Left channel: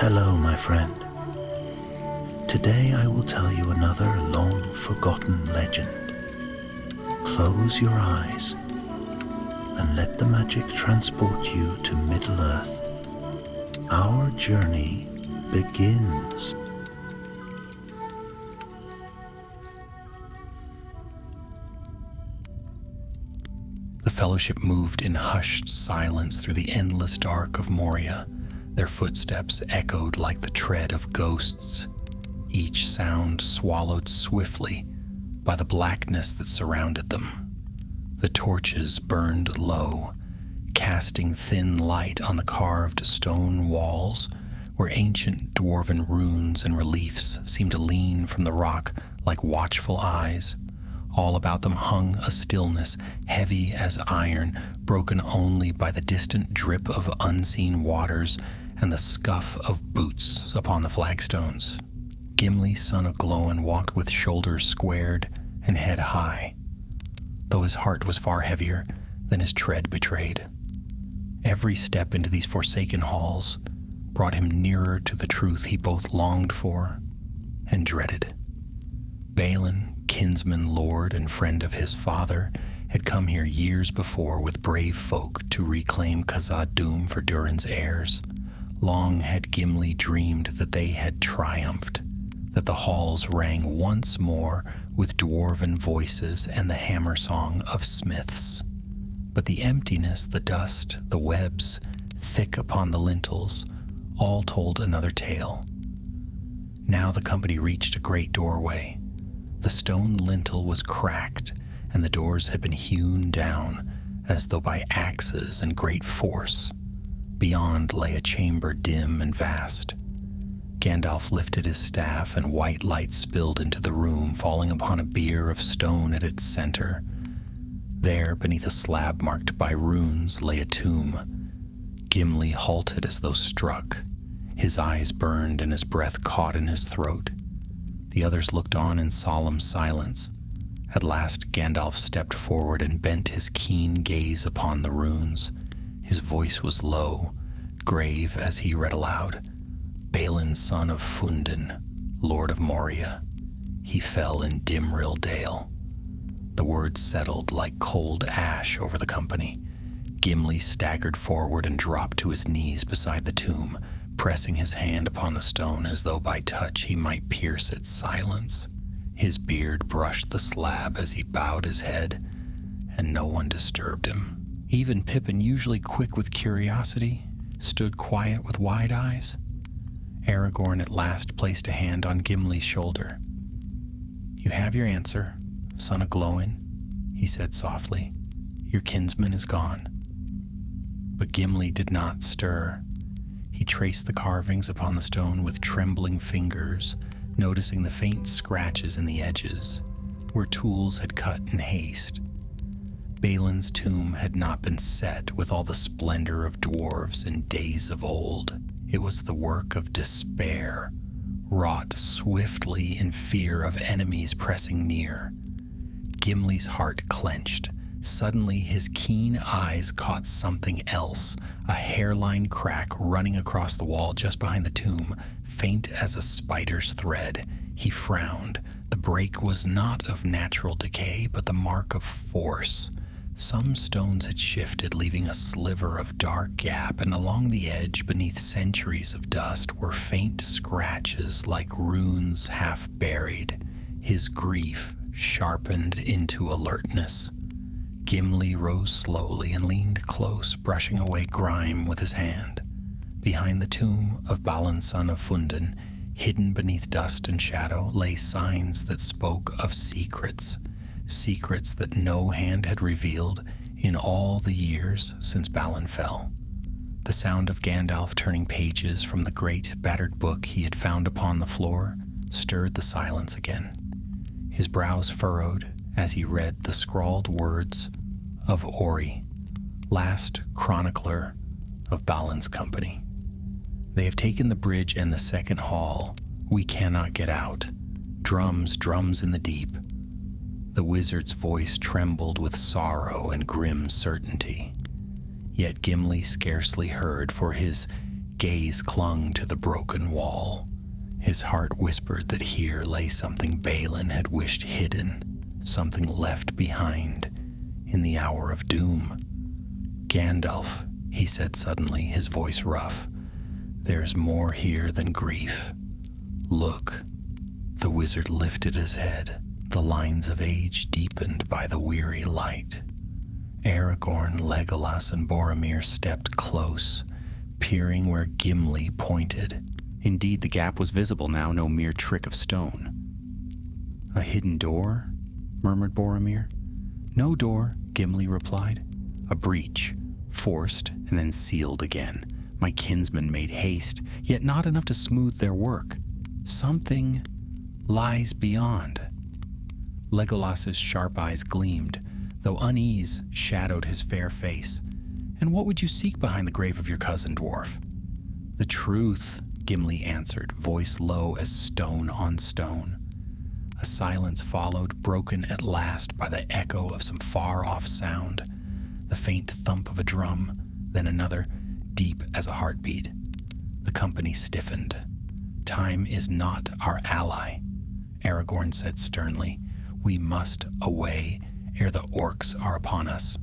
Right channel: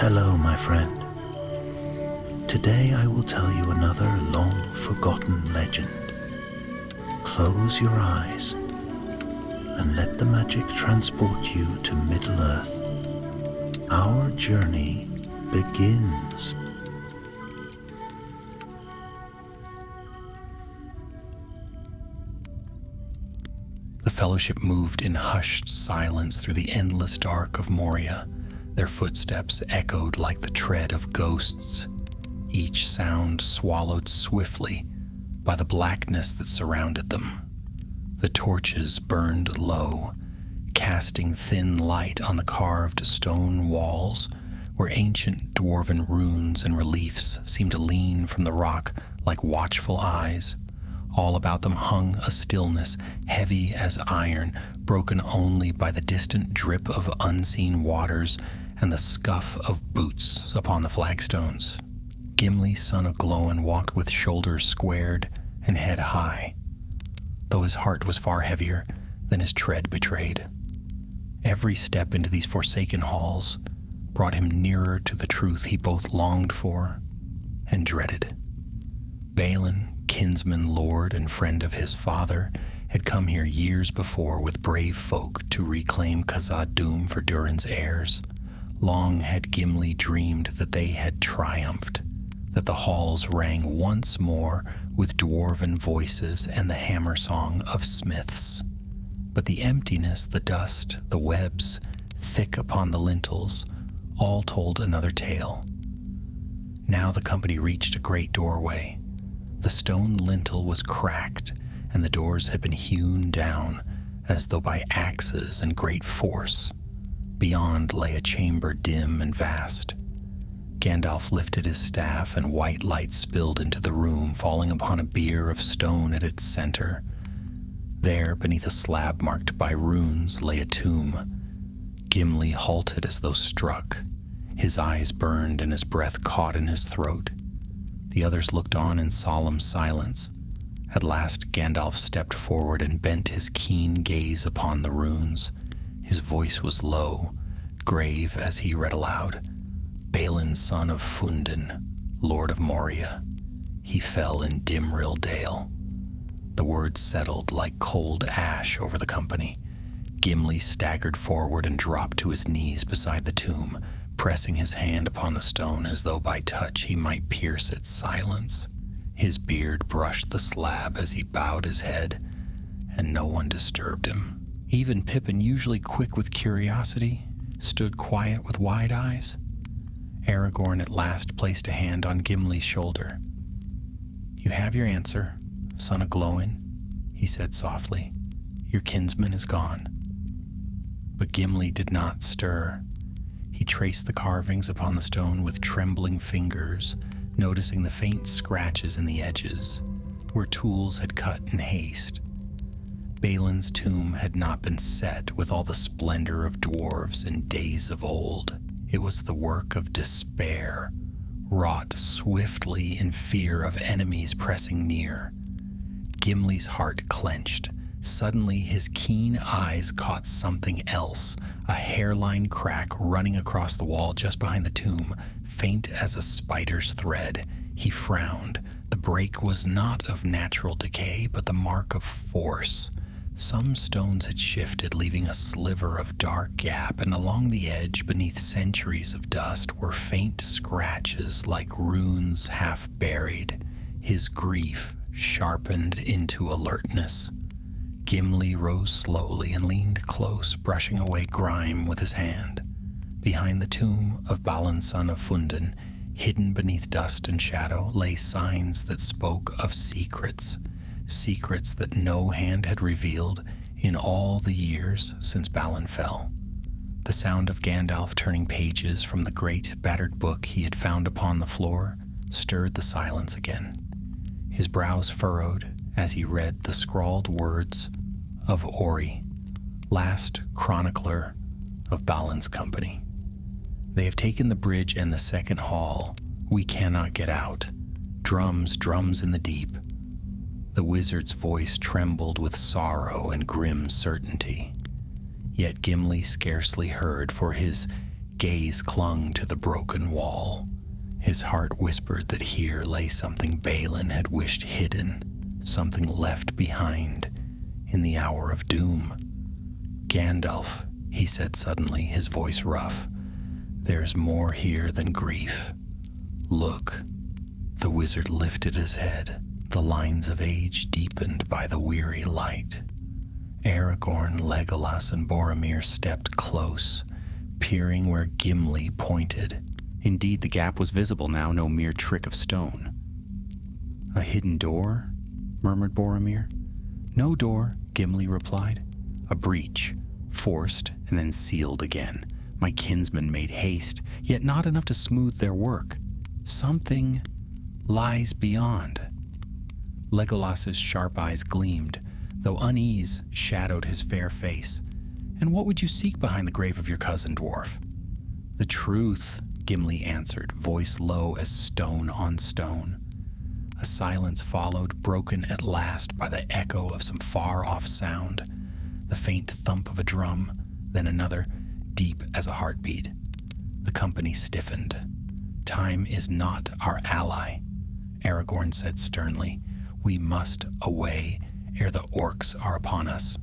Hello, my friend. Today I will tell you another long-forgotten legend. Close your eyes and let the magic transport you to Middle-earth. Our journey begins. The Fellowship moved in hushed silence through the endless dark of Moria. Their footsteps echoed like the tread of ghosts, each sound swallowed swiftly by the blackness that surrounded them. The torches burned low, casting thin light on the carved stone walls where ancient dwarven runes and reliefs seemed to lean from the rock like watchful eyes. All about them hung a stillness heavy as iron, broken only by the distant drip of unseen waters and the scuff of boots upon the flagstones. Gimli, son of Glóin, walked with shoulders squared and head high, though his heart was far heavier than his tread betrayed. Every step into these forsaken halls brought him nearer to the truth he both longed for and dreaded. Balin, kinsman, lord, and friend of his father, had come here years before with brave folk to reclaim Khazad-dûm for Durin's heirs. Long had Gimli dreamed that they had triumphed, that the halls rang once more with dwarven voices and the hammer song of smiths. But the emptiness, the dust, the webs, thick upon the lintels, all told another tale. Now the company reached a great doorway. The stone lintel was cracked, and the doors had been hewn down, as though by axes and great force. Beyond lay a chamber dim and vast. Gandalf lifted his staff, and white light spilled into the room, falling upon a bier of stone at its center. There, beneath a slab marked by runes, lay a tomb. Gimli halted as though struck. His eyes burned, and his breath caught in his throat. The others looked on in solemn silence. At last Gandalf stepped forward and bent his keen gaze upon the runes. His voice was low, grave as he read aloud. Balin, son of Fundin, lord of Moria. He fell in Dimrill Dale. The words settled like cold ash over the company. Gimli staggered forward and dropped to his knees beside the tomb, pressing his hand upon the stone as though by touch he might pierce its silence. His beard brushed the slab as he bowed his head, and no one disturbed him. Even Pippin, usually quick with curiosity, stood quiet with wide eyes. Aragorn at last placed a hand on Gimli's shoulder. "You have your answer, son of Glóin," he said softly. "Your kinsman is gone." But Gimli did not stir. He traced the carvings upon the stone with trembling fingers, noticing the faint scratches in the edges, where tools had cut in haste. Balin's tomb had not been set with all the splendor of dwarves in days of old. It was the work of despair, wrought swiftly in fear of enemies pressing near. Gimli's heart clenched. Suddenly his keen eyes caught something else, a hairline crack running across the wall just behind the tomb, faint as a spider's thread. He frowned. The break was not of natural decay, but the mark of force. Some stones had shifted, leaving a sliver of dark gap, and along the edge, beneath centuries of dust, were faint scratches like runes half buried. His grief sharpened into alertness. Gimli rose slowly and leaned close, brushing away grime with his hand. Behind the tomb of Balin, son of Fundin, hidden beneath dust and shadow, lay signs that spoke of secrets that no hand had revealed in all the years since Balin fell. The sound of Gandalf turning pages from the great battered book he had found upon the floor stirred the silence again. His brows furrowed as he read the scrawled words of Ori, last chronicler of Balin's company. "They have taken the bridge and the second hall. We cannot get out. Drums, drums in the deep." The wizard's voice trembled with sorrow and grim certainty. Yet Gimli scarcely heard, for his gaze clung to the broken wall. His heart whispered that here lay something Balin had wished hidden, something left behind in the hour of doom. "Gandalf," he said suddenly, his voice rough, "there's more here than grief. Look." The wizard lifted his head, the lines of age deepened by the weary light. Aragorn, Legolas, and Boromir stepped close, peering where Gimli pointed. Indeed, the gap was visible now, no mere trick of stone. "A hidden door?" murmured Boromir. "No door," Gimli replied. "A breach, forced and then sealed again. My kinsmen made haste, yet not enough to smooth their work. Something lies beyond." Legolas's sharp eyes gleamed, though unease shadowed his fair face. "And what would you seek behind the grave of your cousin, dwarf?" "The truth," Gimli answered, voice low as stone on stone. A silence followed, broken at last by the echo of some far-off sound, the faint thump of a drum, then another, deep as a heartbeat. The company stiffened. "Time is not our ally," Aragorn said sternly. "We must away ere the orcs are upon us."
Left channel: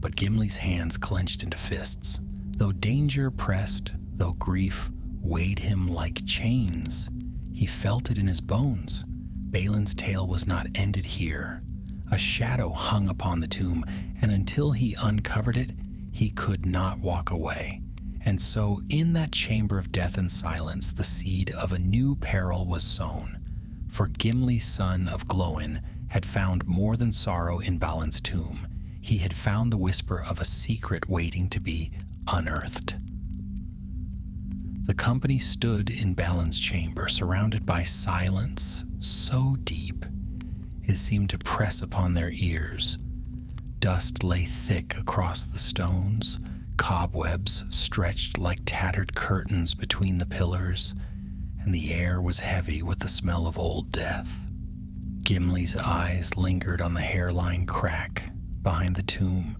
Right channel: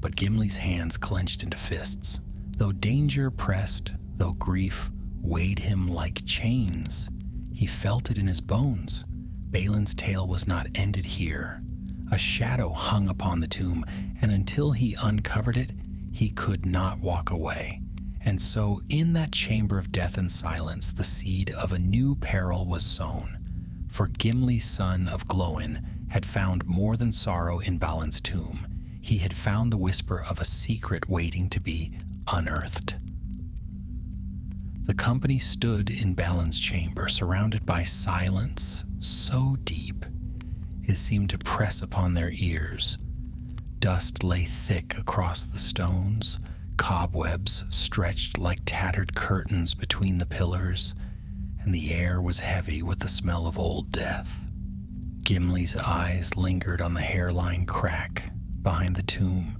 But Gimli's hands clenched into fists. Though danger pressed, though grief weighed him like chains, he felt it in his bones. Balin's tale was not ended here. A shadow hung upon the tomb, and until he uncovered it, he could not walk away. And so, in that chamber of death and silence, the seed of a new peril was sown. For Gimli, son of Glóin, had found more than sorrow in Balin's tomb. He had found the whisper of a secret waiting to be unearthed. The company stood in Balin's chamber, surrounded by silence so deep it seemed to press upon their ears. Dust lay thick across the stones, cobwebs stretched like tattered curtains between the pillars, and the air was heavy with the smell of old death. Gimli's eyes lingered on the hairline crack behind the tomb,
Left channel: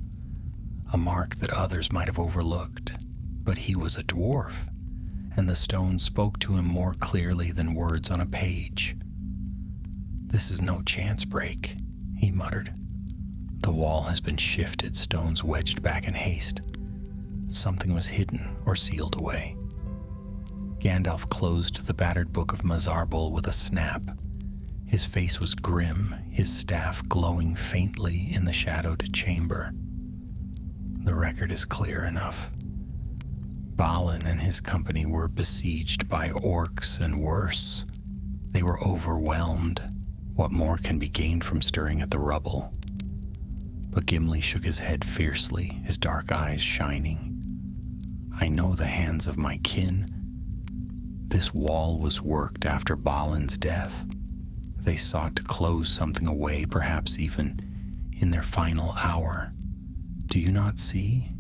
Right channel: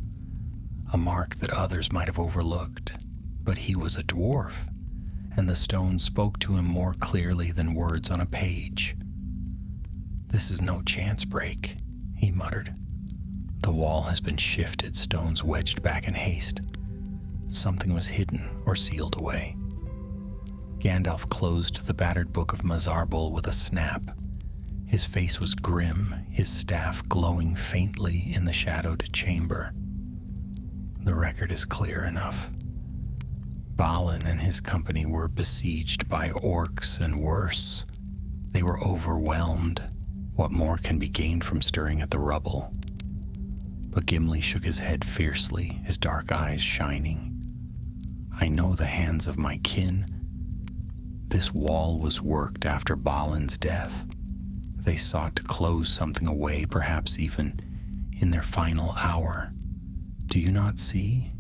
a mark that others might have overlooked. But he was a dwarf, and the stone spoke to him more clearly than words on a page. "This is no chance break," he muttered. "The wall has been shifted, stones wedged back in haste. Something was hidden or sealed away." Gandalf closed the battered book of Mazarbul with a snap. His face was grim, his staff glowing faintly in the shadowed chamber. "The record is clear enough. Balin and his company were besieged by orcs and worse. They were overwhelmed. What more can be gained from stirring at the rubble?" But Gimli shook his head fiercely, his dark eyes shining. "I know the hands of my kin. This wall was worked after Balin's death. They sought to close something away, perhaps even in their final hour. Do you not see?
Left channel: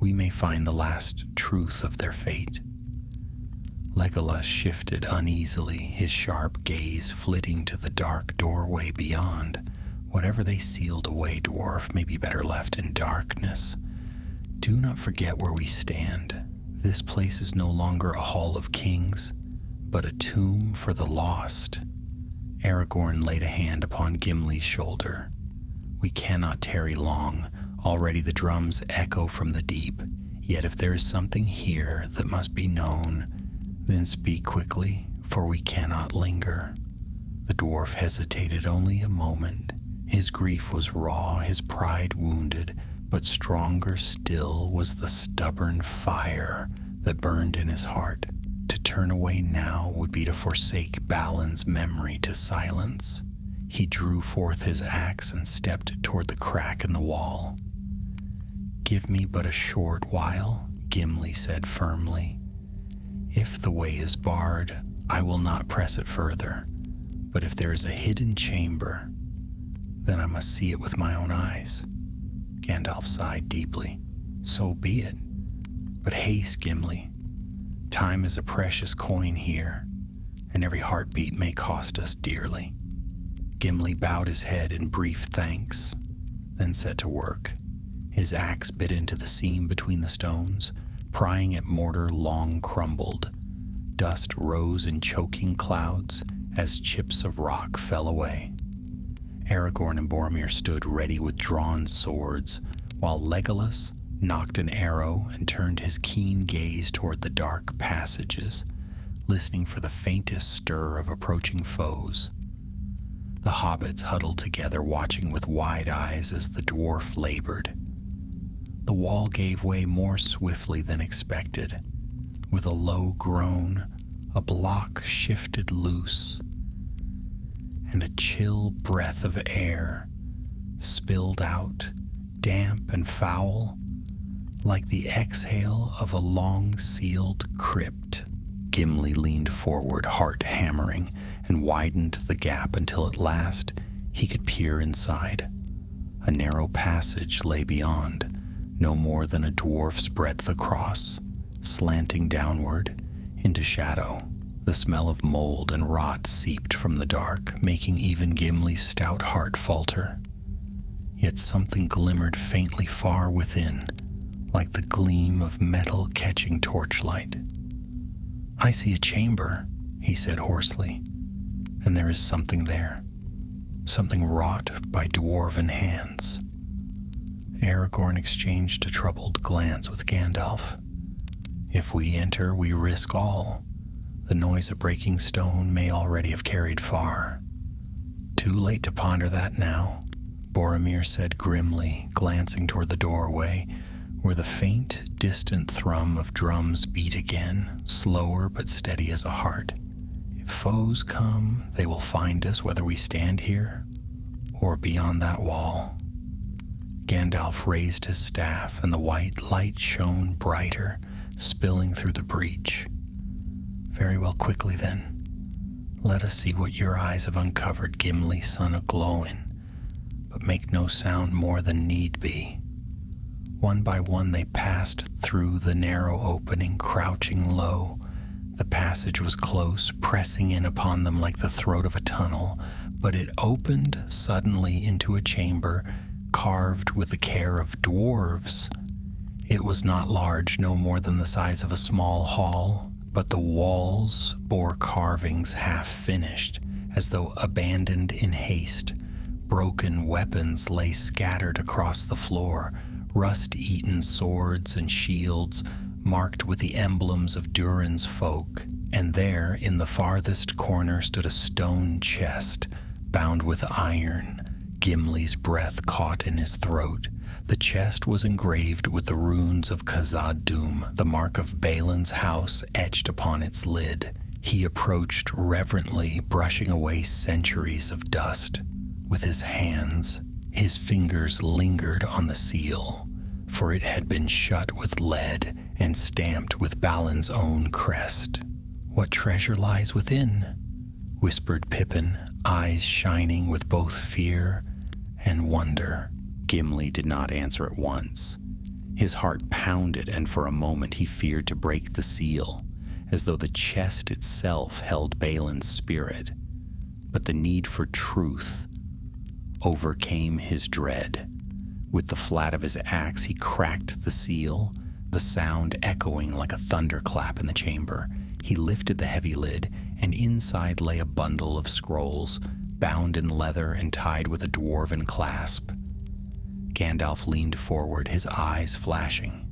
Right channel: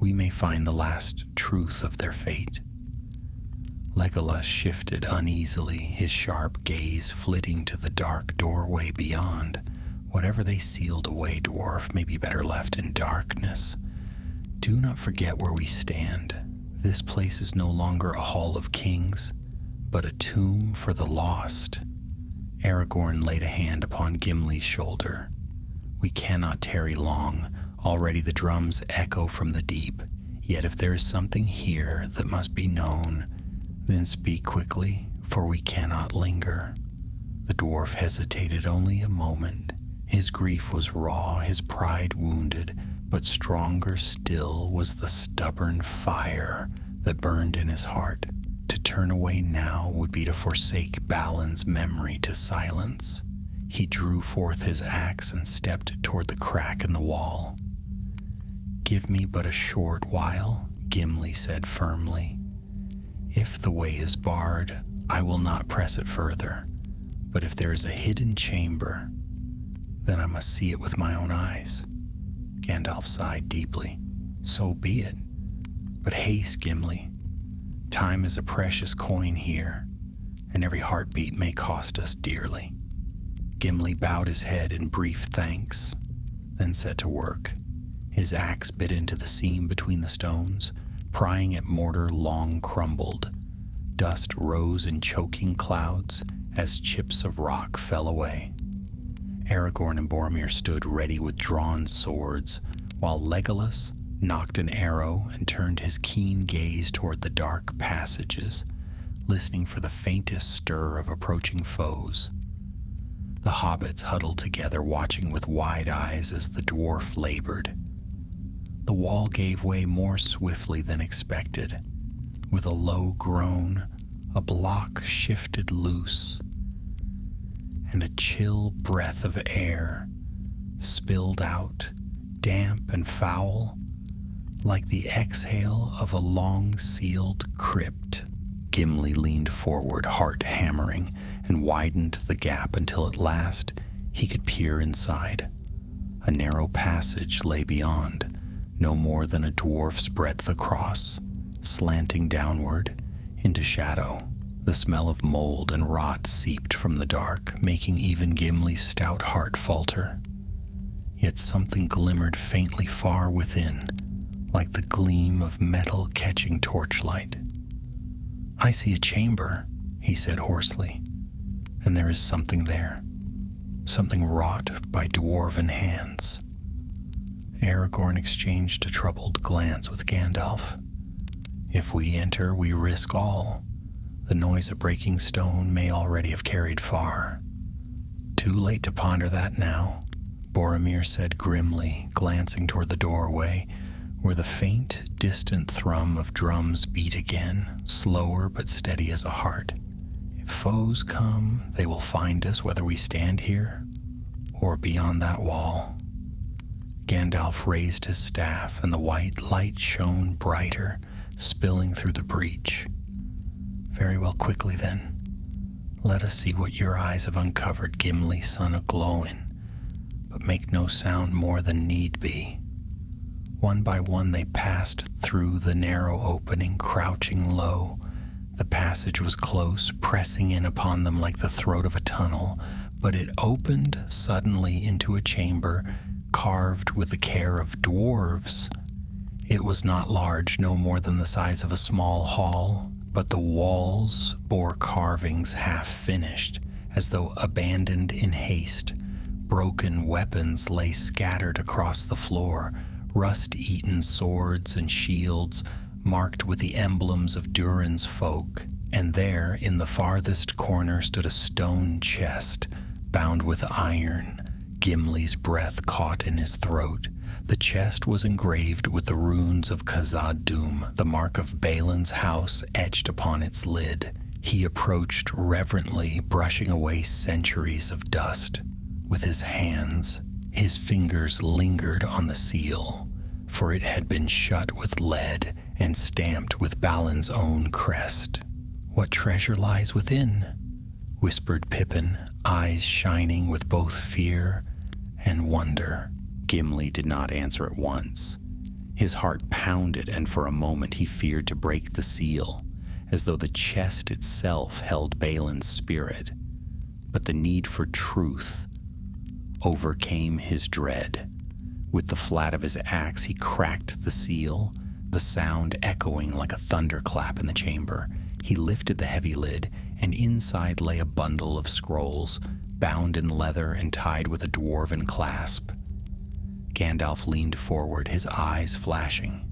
We may find the last truth of their fate." Legolas shifted uneasily, his sharp gaze flitting to the dark doorway beyond. "Whatever they sealed away, dwarf, may be better left in darkness. Do not forget where we stand. This place is no longer a hall of kings, but a tomb for the lost." Aragorn laid a hand upon Gimli's shoulder. "We cannot tarry long. Already the drums echo from the deep. Yet if there is something here that must be known, then speak quickly, for we cannot linger." The dwarf hesitated only a moment. His grief was raw, his pride wounded, but stronger still was the stubborn fire that burned in his heart. To turn away now would be to forsake Balin's memory to silence. He drew forth his axe and stepped toward the crack in the wall. "Give me but a short while," Gimli said firmly. "If the way is barred, I will not press it further. But if there is a hidden chamber, then I must see it with my own eyes." Gandalf sighed deeply. "So be it. But haste, Gimli. Time is a precious coin here, and every heartbeat may cost us dearly." Gimli bowed his head in brief thanks, then set to work. His axe bit into the seam between the stones, Prying at mortar long crumbled. Dust rose in choking clouds as chips of rock fell away. Aragorn and Boromir stood ready with drawn swords, while Legolas knocked an arrow and turned his keen gaze toward the dark passages, listening for the faintest stir of approaching foes. The hobbits huddled together, watching with wide eyes as the dwarf labored. The wall gave way more swiftly than expected. With a low groan, a block shifted loose, and a chill breath of air spilled out, damp and foul, like the exhale of a long-sealed crypt. Gimli leaned forward, heart hammering, and widened the gap until at last he could peer inside. A narrow passage lay beyond, no more than a dwarf's breadth across, slanting downward into shadow. The smell of mold and rot seeped from the dark, making even Gimli's stout heart falter. Yet something glimmered faintly far within, like the gleam of metal catching torchlight. "I see a chamber," he said hoarsely, "and there is something there, something wrought by dwarven hands." Aragorn exchanged a troubled glance with Gandalf. "If we enter, we risk all. The noise of breaking stone may already have carried far." "Too late to ponder that now," Boromir said grimly, glancing toward the doorway, where the faint, distant thrum of drums beat again, slower but steady as a heart. "If foes come, they will find us whether we stand here or beyond that wall." Gandalf raised his staff, and the white light shone brighter, spilling through the breach. "Very well, quickly then. Let us see what your eyes have uncovered, Gimli, son of Glóin, but make no sound more than need be." One by one they passed through the narrow opening, crouching low. The passage was close, pressing in upon them like the throat of a tunnel, but it opened suddenly into a chamber carved with the care of dwarves. It was not large, no more than the size of a small hall, but the walls bore carvings half finished, as though abandoned in haste. Broken weapons lay scattered across the floor, rust-eaten swords and shields marked with the emblems of Durin's folk, and there, in the farthest corner, stood a stone chest bound with iron. Gimli's breath caught in his throat. The chest was engraved with the runes of Khazad-dûm, the mark of Balin's house etched upon its lid. He approached reverently, brushing away centuries of dust. With his hands, his fingers lingered on the seal, for it had been shut with lead and stamped with Balin's own crest. "What treasure lies within?" whispered Pippin, eyes shining with both fear and wonder. Gimli did not answer at once. His heart pounded, and for a moment he feared to break the seal, as though the chest itself held Balin's spirit. But the need for truth overcame his dread. With the flat of his axe he cracked the seal, the sound echoing like a thunderclap in the chamber. He lifted the heavy lid, and inside lay a bundle of scrolls, bound in leather and tied with a dwarven clasp. Gandalf leaned forward, his eyes flashing.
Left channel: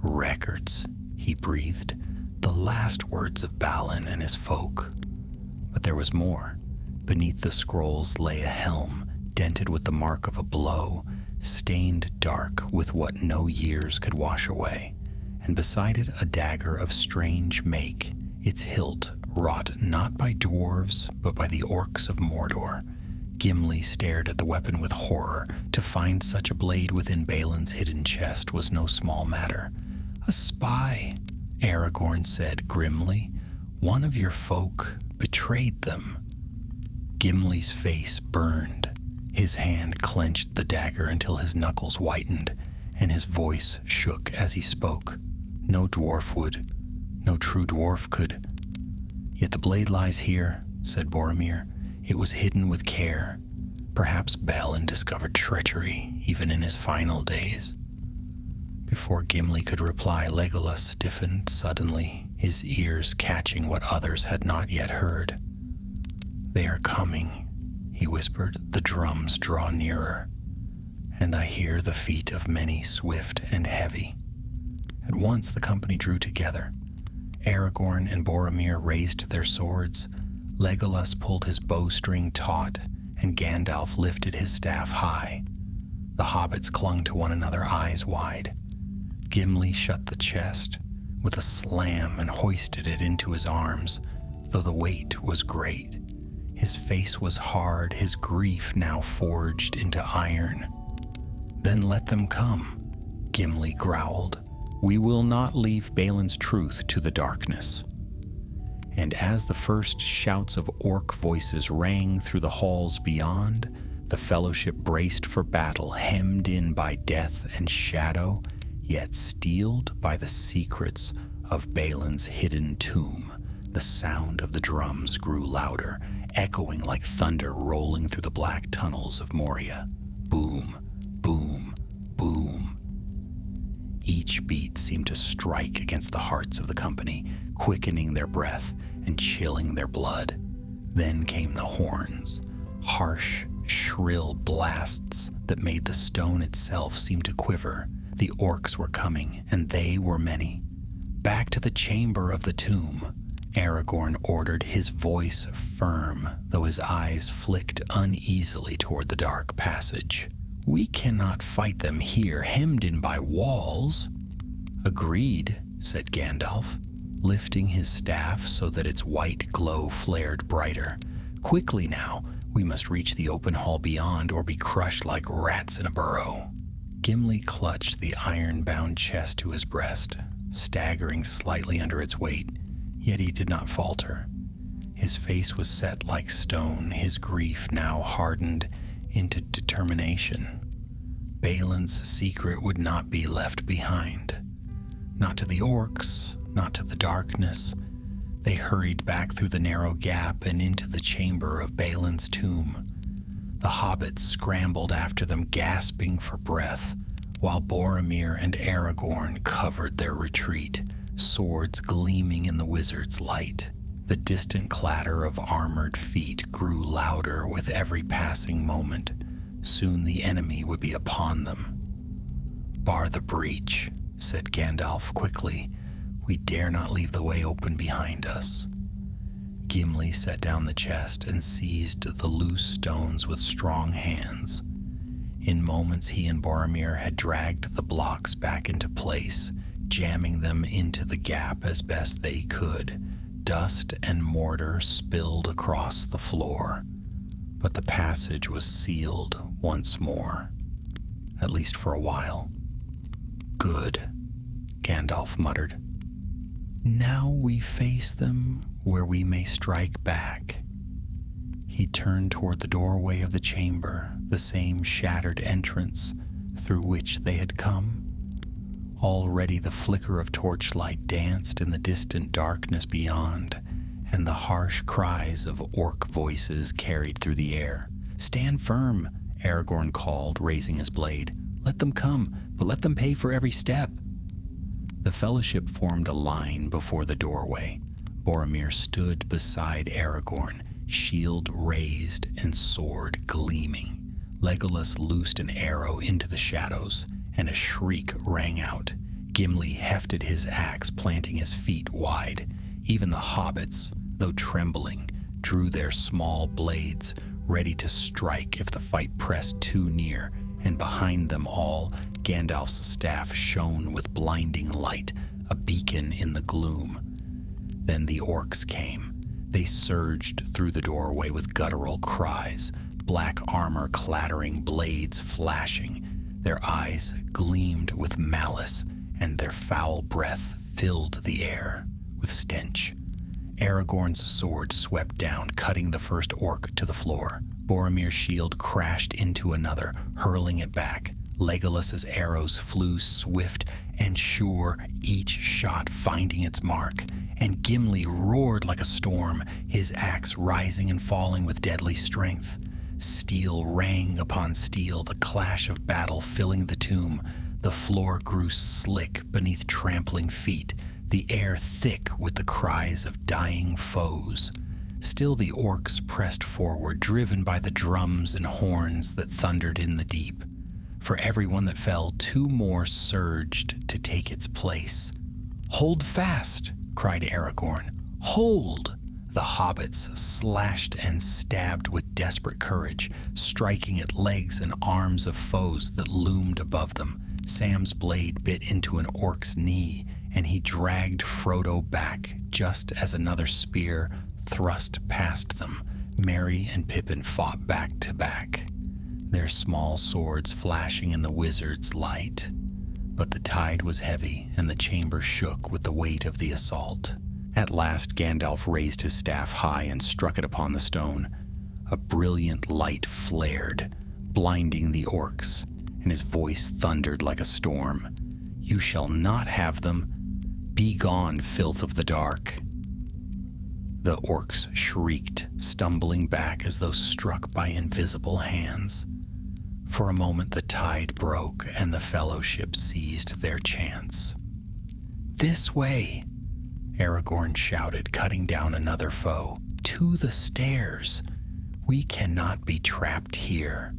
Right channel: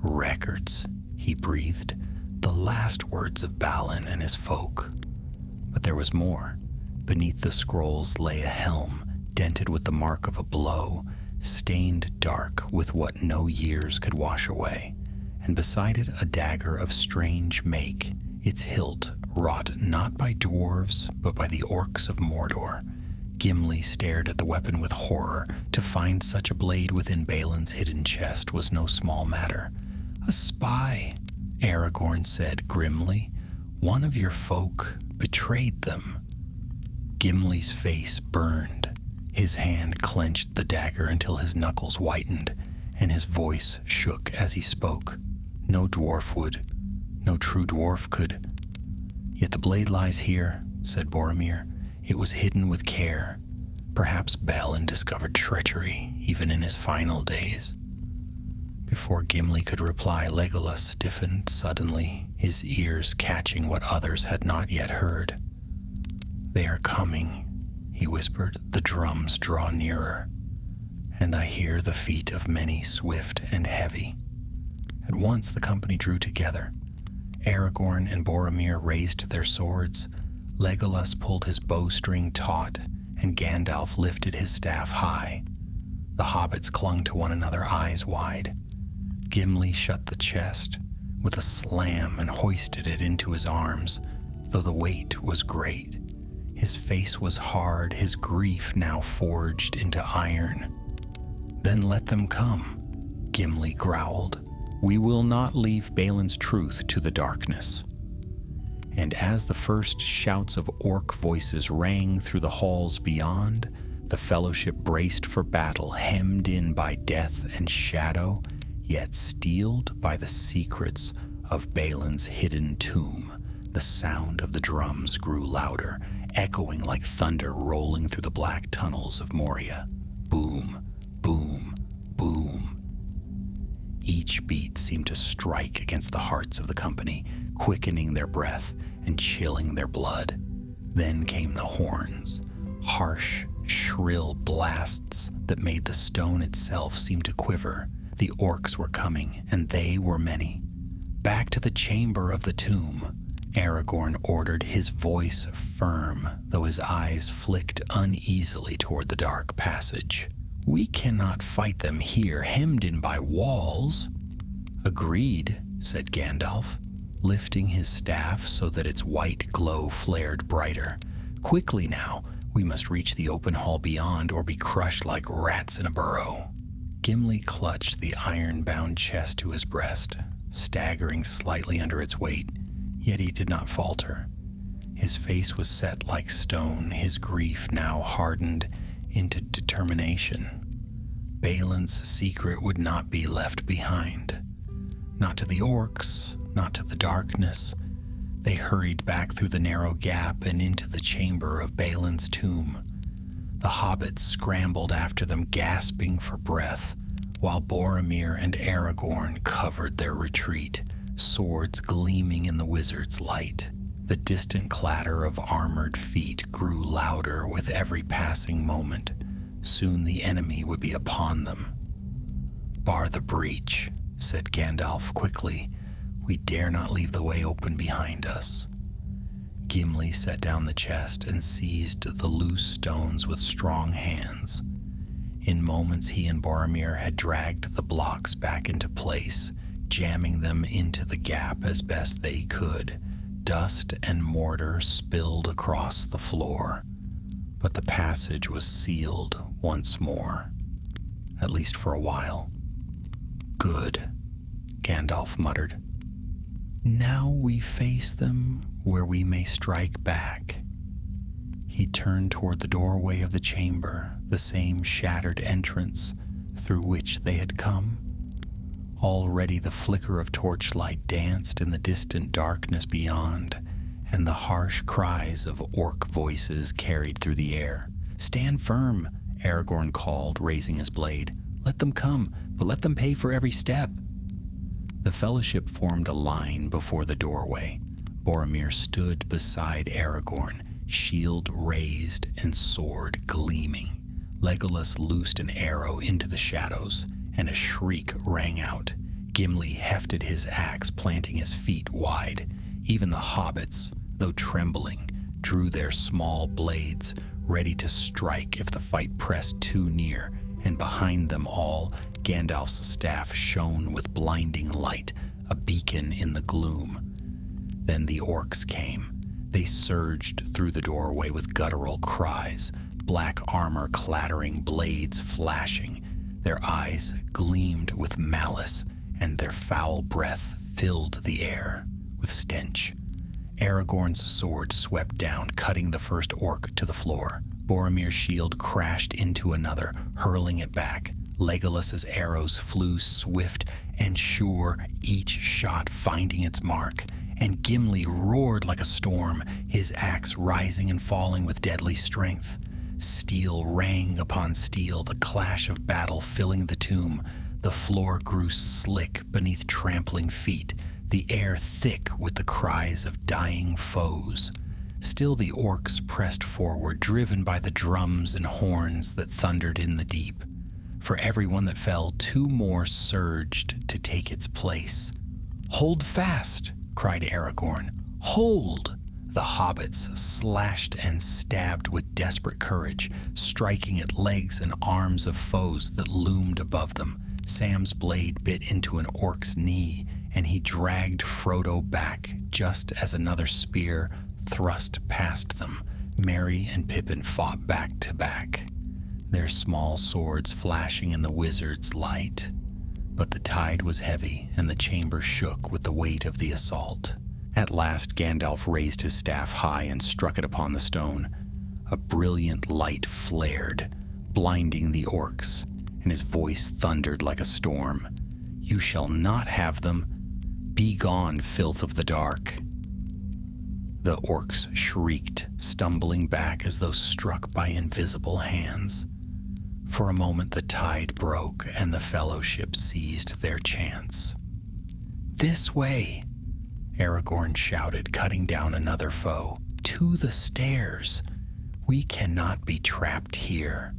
"Records," he breathed, "the last words of Balin and his folk." But there was more. Beneath the scrolls lay a helm, dented with the mark of a blow, stained dark with what no years could wash away, and beside it a dagger of strange make, its hilt wrought not by dwarves, but by the orcs of Mordor. Gimli stared at the weapon with horror. To find such a blade within Balin's hidden chest was no small matter. "A spy," Aragorn said grimly. "One of your folk betrayed them." Gimli's face burned. His hand clenched the dagger until his knuckles whitened, and his voice shook as he spoke. No true dwarf could. "Yet the blade lies here," said Boromir. "It was hidden with care. Perhaps Balin discovered treachery, even in his final days." Before Gimli could reply, Legolas stiffened suddenly, his ears catching what others had not yet heard. "They are coming," he whispered. "The drums draw nearer, and I hear the feet of many swift and heavy." At once the company drew together. Aragorn and Boromir raised their swords, Legolas pulled his bowstring taut, and Gandalf lifted his staff high. The hobbits clung to one another, eyes wide. Gimli shut the chest with a slam and hoisted it into his arms, though the weight was great. His face was hard, his grief now forged into iron. "Then let them come," Gimli growled. "We will not leave Balin's truth to the darkness." And as the first shouts of orc voices rang through the halls beyond, the fellowship braced for battle, hemmed in by death and shadow, yet steeled by the secrets of Balin's hidden tomb. The sound of the drums grew louder, echoing like thunder rolling through the black tunnels of Moria. Boom, boom, boom. Each beat seemed to strike against the hearts of the company, quickening their breath and chilling their blood. Then came the horns, harsh, shrill blasts that made the stone itself seem to quiver. The orcs were coming, and they were many. "Back to the chamber of the tomb," Aragorn ordered, his voice firm, though his eyes flicked uneasily toward the dark passage. "We cannot fight them here, hemmed in by walls." "Agreed," said Gandalf, lifting his staff so that its white glow flared brighter. "Quickly now, we must reach the open hall beyond or be crushed like rats in a burrow." Gimli clutched the iron-bound chest to his breast, staggering slightly under its weight, yet he did not falter. His face was set like stone, his grief now hardened into determination. Balin's secret would not be left behind. Not to the orcs, not to the darkness. They hurried back through the narrow gap and into the chamber of Balin's tomb. The hobbits scrambled after them, gasping for breath, while Boromir and Aragorn covered their retreat, swords gleaming in the wizard's light. The distant clatter of armored feet grew louder with every passing moment. Soon the enemy would be upon them. "Bar the breach," said Gandalf quickly. "We dare not leave the way open behind us." Gimli set down the chest and seized the loose stones with strong hands. In moments he and Boromir had dragged the blocks back into place, jamming them into the gap as best they could. Dust and mortar spilled across the floor, but the passage was sealed once more, at least for a while. "Good," Gandalf muttered. "Now we face them where we may strike back." He turned toward the doorway of the chamber, the same shattered entrance through which they had come. Already the flicker of torchlight danced in the distant darkness beyond, and the harsh cries of orc voices carried through the air. "Stand firm," Aragorn called, raising his blade. "Let them come, but let them pay for every step." The fellowship formed a line before the doorway. Boromir stood beside Aragorn, shield raised and sword gleaming. Legolas loosed an arrow into the shadows, and a shriek rang out. Gimli hefted his axe, planting his feet wide. Even the hobbits, though trembling, drew their small blades, ready to strike if the fight pressed too near, and behind them all, Gandalf's staff shone with blinding light, a beacon in the gloom. Then the orcs came. They surged through the doorway with guttural cries, black armor clattering, blades flashing. Their eyes gleamed with malice, and their foul breath filled the air with stench. Aragorn's sword swept down, cutting the first orc to the floor. Boromir's shield crashed into another, hurling it back. Legolas's arrows flew swift and sure, each shot finding its mark. And Gimli roared like a storm, his axe rising and falling with deadly strength. Steel rang upon steel, the clash of battle filling the tomb. The floor grew slick beneath trampling feet, the air thick with the cries of dying foes. Still the orcs pressed forward, driven by the drums and horns that thundered in the deep. For every one that fell, two more surged to take its place. "Hold fast!" cried Aragorn. "Hold!" The hobbits slashed and stabbed with desperate courage, striking at legs and arms of foes that loomed above them. Sam's blade bit into an orc's knee, and he dragged Frodo back just as another spear thrust past them. Merry and Pippin fought back to back, their small swords flashing in the wizard's light. But the tide was heavy, and the chamber shook with the weight of the assault. At last Gandalf raised his staff high and struck it upon the stone. A brilliant light flared, blinding the orcs, and his voice thundered like a storm. "You shall not have them. Be gone, filth of the dark." The orcs shrieked, stumbling back as though struck by invisible hands. For a moment the tide broke, and the fellowship seized their chance. "This way!" Aragorn shouted, cutting down another foe. "To the stairs! We cannot be trapped here."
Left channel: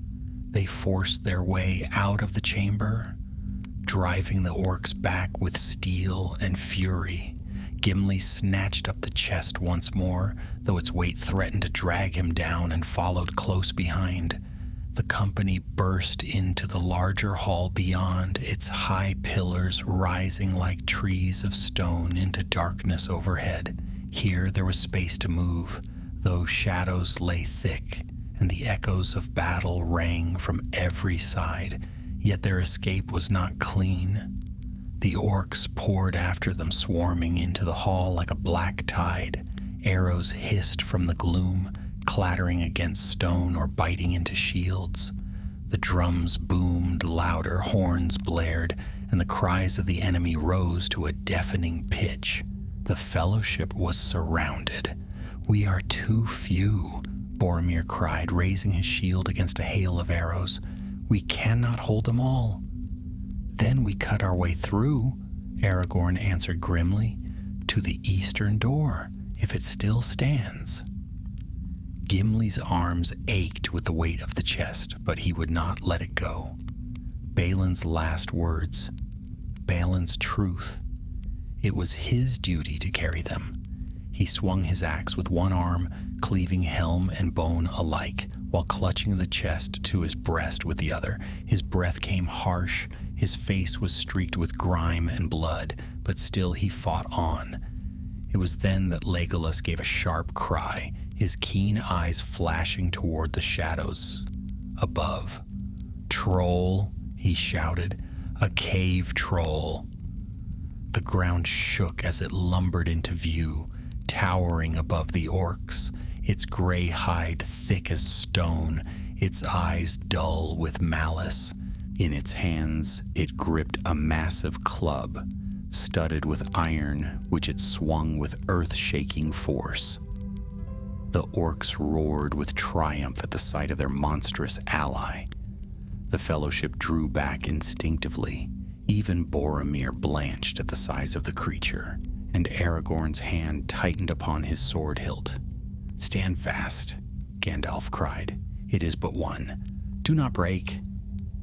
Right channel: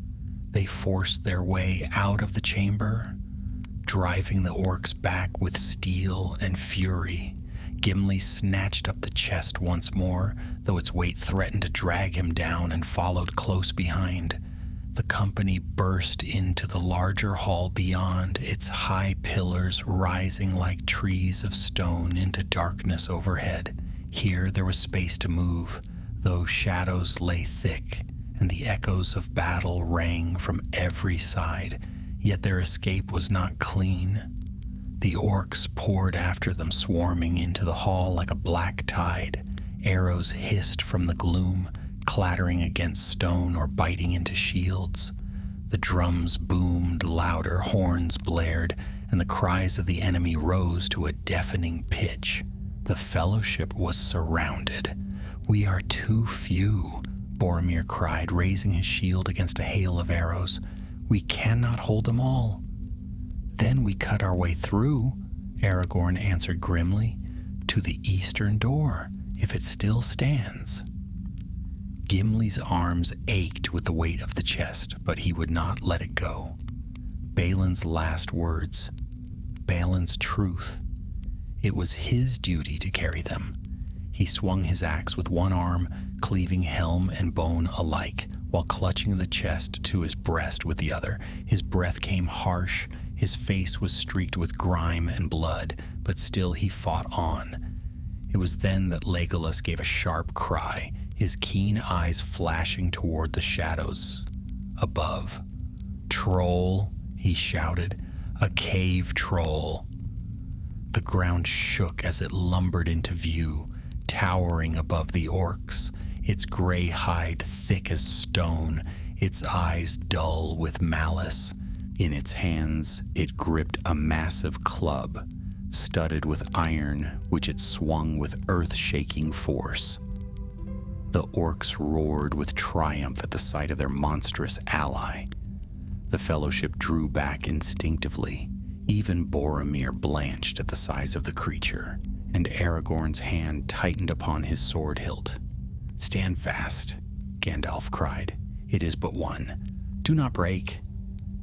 They forced their way out of the chamber, driving the orcs back with steel and fury. Gimli snatched up the chest once more, though its weight threatened to drag him down, and followed close behind. The company burst into the larger hall beyond, its high pillars rising like trees of stone into darkness overhead. Here there was space to move, though shadows lay thick, and the echoes of battle rang from every side, yet their escape was not clean. The orcs poured after them, swarming into the hall like a black tide. Arrows hissed from the gloom, clattering against stone or biting into shields. The drums boomed louder, horns blared, and the cries of the enemy rose to a deafening pitch. The fellowship was surrounded. "We are too few," Boromir cried, raising his shield against a hail of arrows. "We cannot hold them all." "Then we cut our way through," Aragorn answered grimly, "to the eastern door, if it still stands." Gimli's arms ached with the weight of the chest, but he would not let it go. Balin's last words, Balin's truth. It was his duty to carry them. He swung his axe with one arm, cleaving helm and bone alike, while clutching the chest to his breast with the other. His breath came harsh, his face was streaked with grime and blood, but still he fought on. It was then that Legolas gave a sharp cry, his keen eyes flashing toward the shadows above. "Troll," he shouted, "a cave troll." The ground shook as it lumbered into view, towering above the orcs, its gray hide thick as stone, its eyes dull with malice. In its hands, it gripped a massive club, studded with iron, which it swung with earth-shaking force. The orcs roared with triumph at the sight of their monstrous ally. The fellowship drew back instinctively. Even Boromir blanched at the size of the creature, and Aragorn's hand tightened upon his sword hilt. "Stand fast," Gandalf cried. "It is but one. Do not break."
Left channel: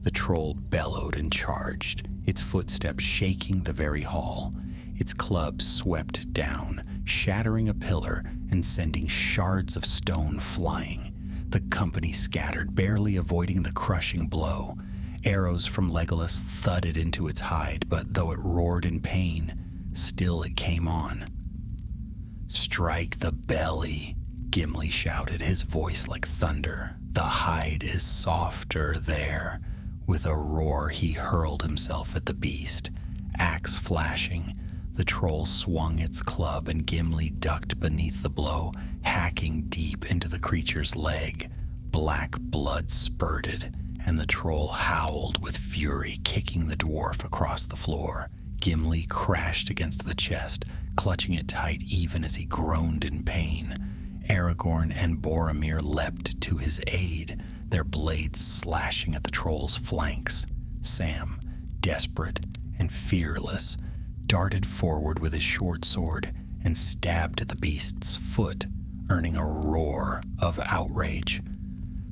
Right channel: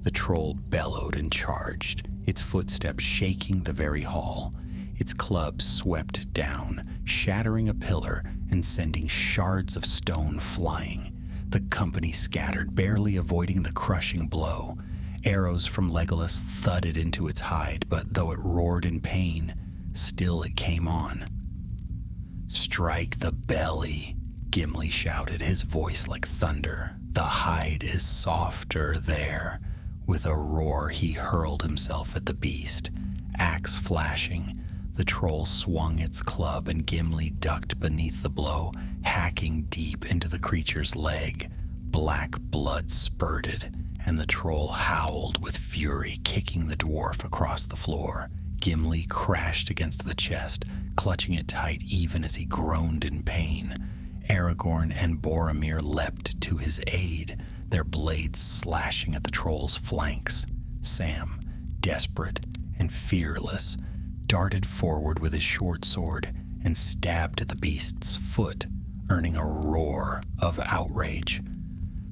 The troll bellowed and charged, its footsteps shaking the very hall. Its club swept down, shattering a pillar and sending shards of stone flying. The company scattered, barely avoiding the crushing blow. Arrows from Legolas thudded into its hide, but though it roared in pain, still it came on. "Strike the belly," Gimli shouted, his voice like thunder. "The hide is softer there." With a roar, he hurled himself at the beast, axe flashing. The troll swung its club, and Gimli ducked beneath the blow, hacking deep into the creature's leg. Black blood spurted, and the troll howled with fury, kicking the dwarf across the floor. Gimli crashed against the chest, clutching it tight even as he groaned in pain. Aragorn and Boromir leapt to his aid, their blades slashing at the troll's flanks. Sam, desperate and fearless, darted forward with his short sword and stabbed at the beast's foot, earning a roar of outrage.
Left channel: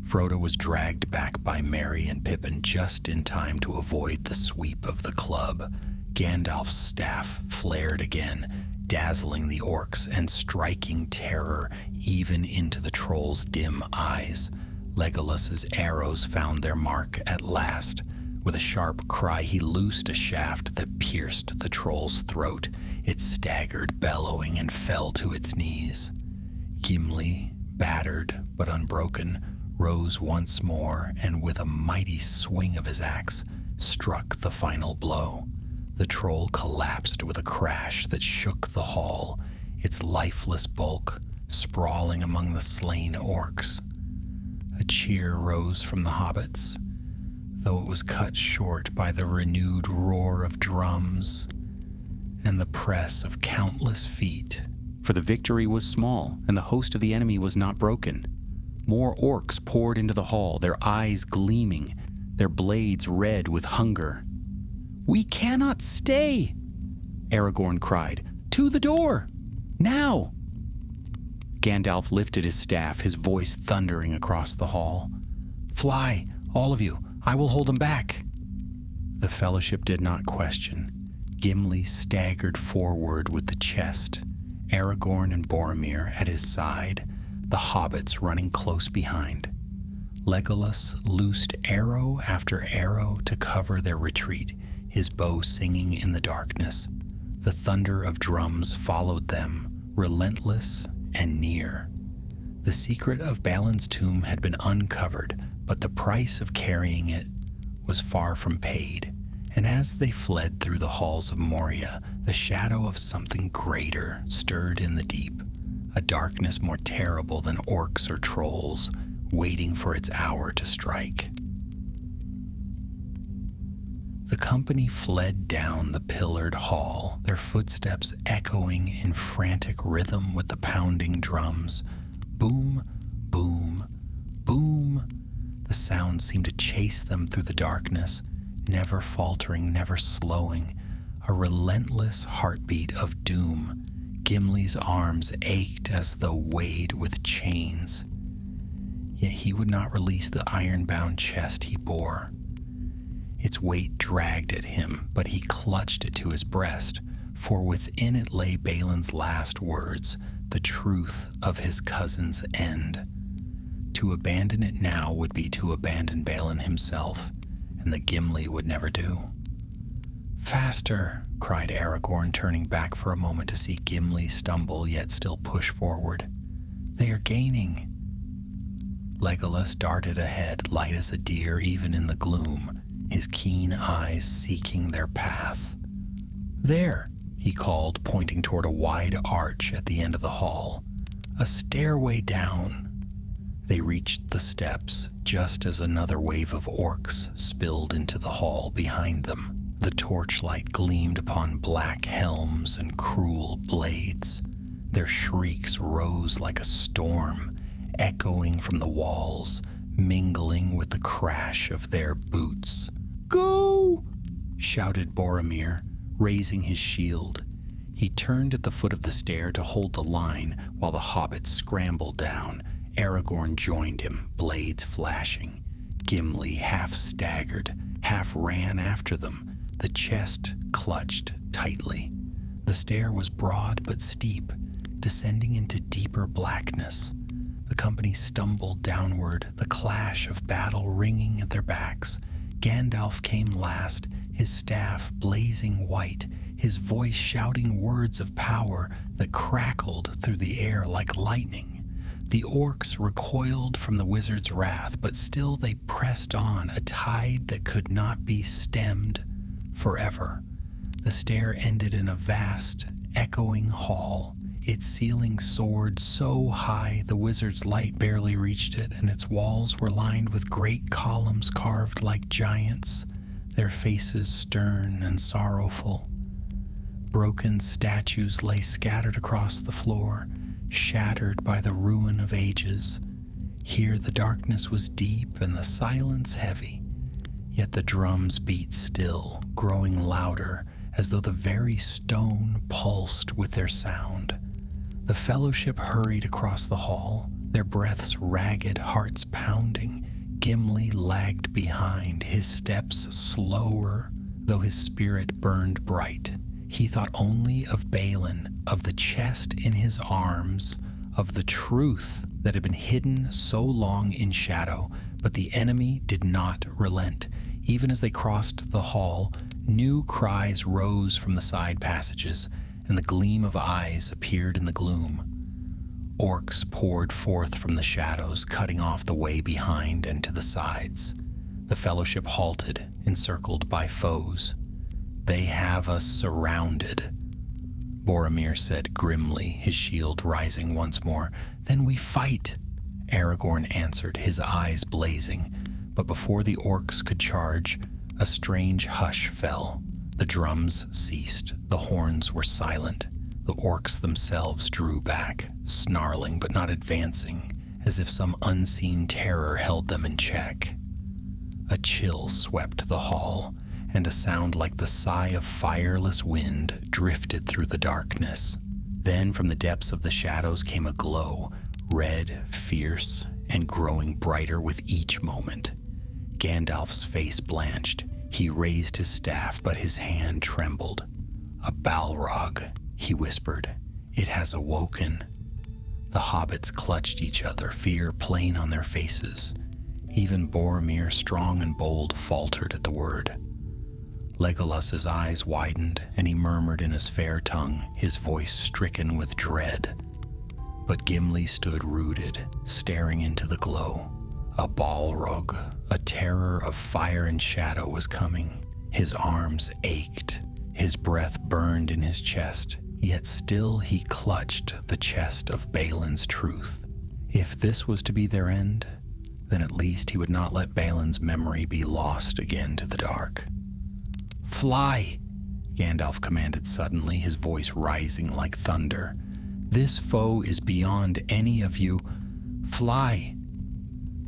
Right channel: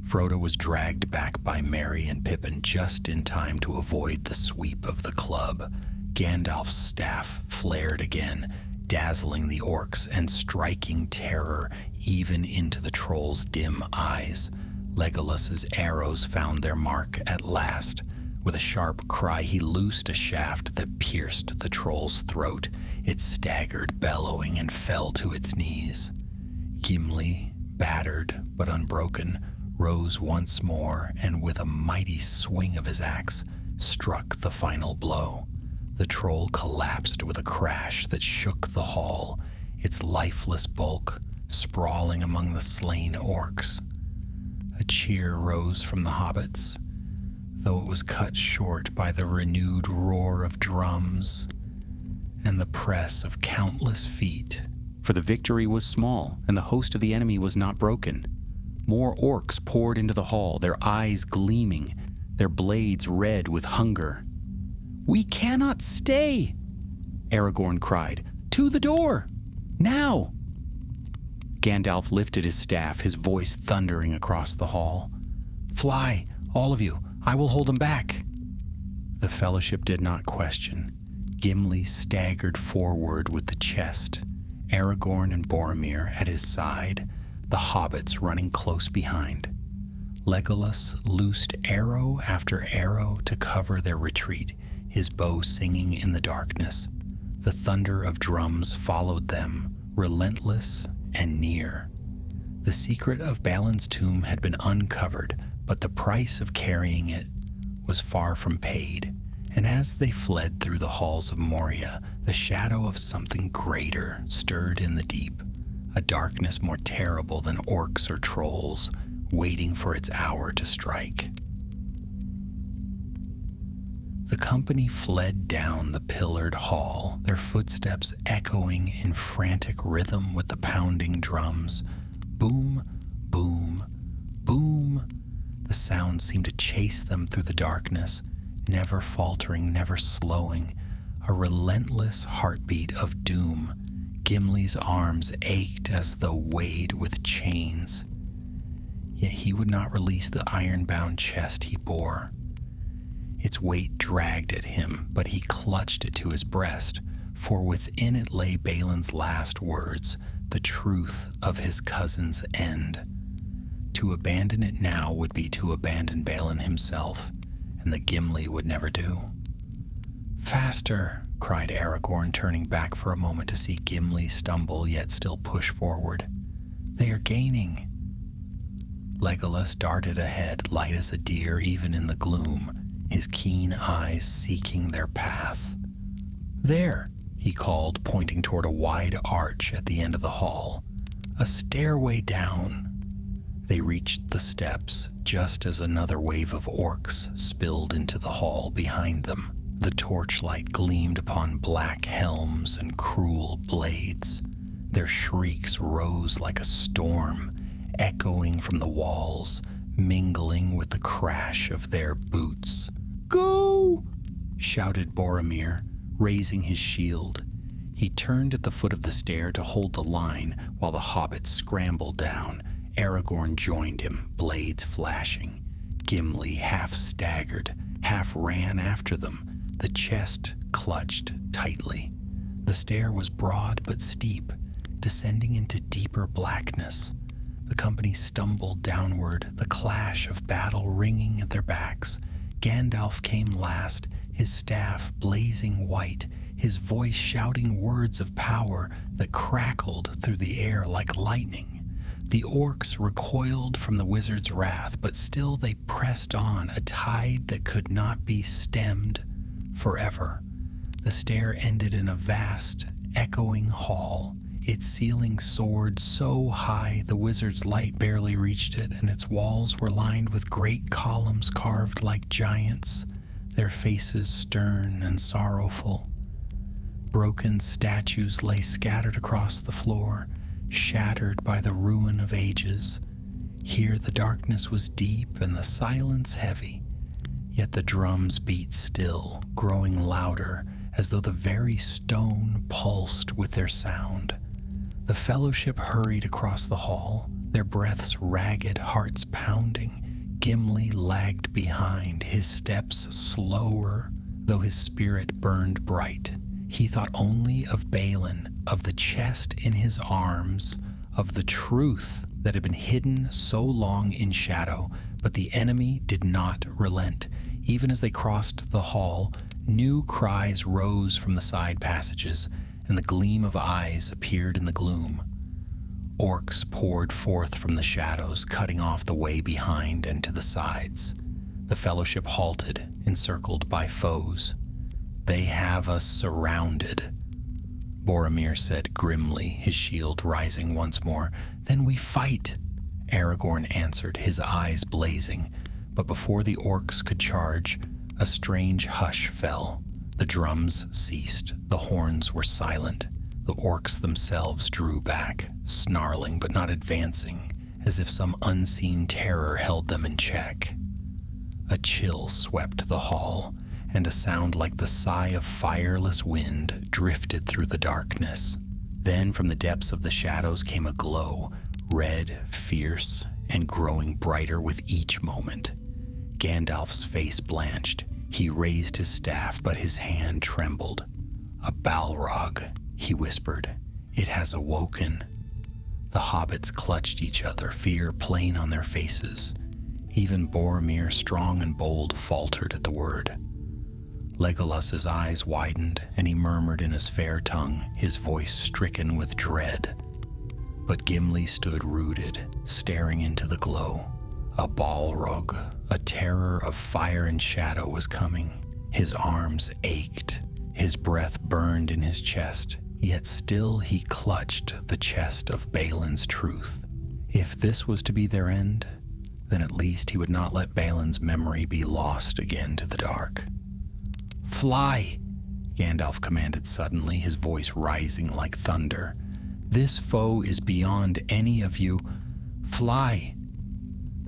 Frodo was dragged back by Merry and Pippin just in time to avoid the sweep of the club. Gandalf's staff flared again, dazzling the orcs and striking terror even into the troll's dim eyes. Legolas's arrows found their mark at last. With a sharp cry, he loosed a shaft that pierced the troll's throat. It staggered, bellowing, and fell to its knees. Gimli, battered but unbroken, rose once more and with a mighty swing of his axe struck the final blow. The troll collapsed with a crash that shook the hall, its lifeless bulk sprawling among the slain orcs. A cheer rose from the hobbits, though it was cut short by the renewed roar of drums and the press of countless feet. For the victory was small, and the host of the enemy was not broken. More orcs poured into the hall, their eyes gleaming, their blades red with hunger. "We cannot stay!" Aragorn cried. "To the door! Now!" Gandalf lifted his staff, his voice thundering across the hall. "Fly, all of you! I will hold them back!" The Fellowship did not question. Gimli staggered forward with the chest, Aragorn and Boromir at his side, the hobbits running close behind. Legolas loosed arrow after arrow to cover their retreat, his bow singing in the darkness. The thunder of drums followed them, relentless and near. The secret of Balin's tomb had been uncovered, but the price of carrying it was far from paid. And as they fled through the halls of Moria, the shadow of something greater stirred in the deep, a darkness more terrible than orcs or trolls, waiting for its hour to strike. The company fled down the pillared hall, their footsteps echoing in frantic rhythm with the pounding drums. Boom, boom, boom. The sound seemed to chase them through the darkness, never faltering, never slowing, a relentless heartbeat of doom. Gimli's arms ached as though weighed with chains. Yet he would not release the iron-bound chest he bore. Its weight dragged at him, but he clutched it to his breast, for within it lay Balin's last words, the truth of his cousin's end. To abandon it now would be to abandon Balin himself, and the Gimli would never do. "Faster!" cried Aragorn, turning back for a moment to see Gimli stumble yet still push forward. "They are gaining!" Legolas darted ahead, light as a deer even in the gloom, his keen eyes seeking their path. "There!" he called, pointing toward a wide arch at the end of the hall. "A stairway down!" They reached the steps just as another wave of orcs spilled into the hall behind them. The torchlight gleamed upon black helms and cruel blades. Their shrieks rose like a storm, echoing from the walls, mingling with the crash of their boots. "Go!" shouted Boromir, raising his shield. He turned at the foot of the stair to hold the line while the hobbits scrambled down. Aragorn joined him, blades flashing. Gimli half staggered, half ran after them, the chest clutched tightly. The stair was broad but steep, descending into deeper blackness. The company stumbled downward, the clash of battle ringing at their backs. Gandalf came last, his staff blazing white, his voice shouting words of power that crackled through the air like lightning. The orcs recoiled from the wizard's wrath, but still they pressed on, a tide that could not be stemmed forever. The stair ended in a vast, echoing hall. Its ceiling soared so high the wizard's light barely reached it, and its walls were lined with great columns carved like giants, their faces stern and sorrowful. Broken statues lay scattered across the floor, shattered by the ruin of ages. Here the darkness was deep and the silence heavy, Yet the drums beat still, growing louder, as though the very stone pulsed with their sound. The fellowship hurried across the hall, their breaths ragged, hearts pounding. Gimli lagged behind, his steps slower, though his spirit burned bright. He thought only of Balin, of the chest in his arms, of the truth that had been hidden so long in shadow. But the enemy did not relent. Even as they crossed the hall, new cries rose from the side passages, and the gleam of eyes appeared in the gloom. Orcs poured forth from the shadows, cutting off the way behind and to the sides. The fellowship halted, encircled by foes. "They have us surrounded," Boromir said grimly, his shield rising once more. "Then we fight," Aragorn answered, his eyes blazing. But before the orcs could charge, a strange hush fell. The drums ceased, the horns were silent. The orcs themselves drew back, snarling but not advancing, as if some unseen terror held them in check. A chill swept the hall, and a sound like the sigh of fireless wind drifted through the darkness. Then from the depths of the shadows came a glow, red, fierce, and growing brighter with each moment. Gandalf's face blanched. He raised his staff, but his hand trembled. "A Balrog," he whispered. "It has awoken." The hobbits clutched each other, fear plain on their faces. Even Boromir, strong and bold, faltered at the word. Legolas's eyes widened, and he murmured in his fair tongue, his voice stricken with dread. But Gimli stood rooted, staring into the glow. A Balrog, a terror of fire and shadow, was coming. His arms ached, his breath burned in his chest, yet still he clutched the chest of Balin's truth. If this was to be their end, then at least he would not let Balin's memory be lost again to the dark. "Fly!" Gandalf commanded suddenly, his voice rising like thunder. "This foe is beyond any of you. Fly!"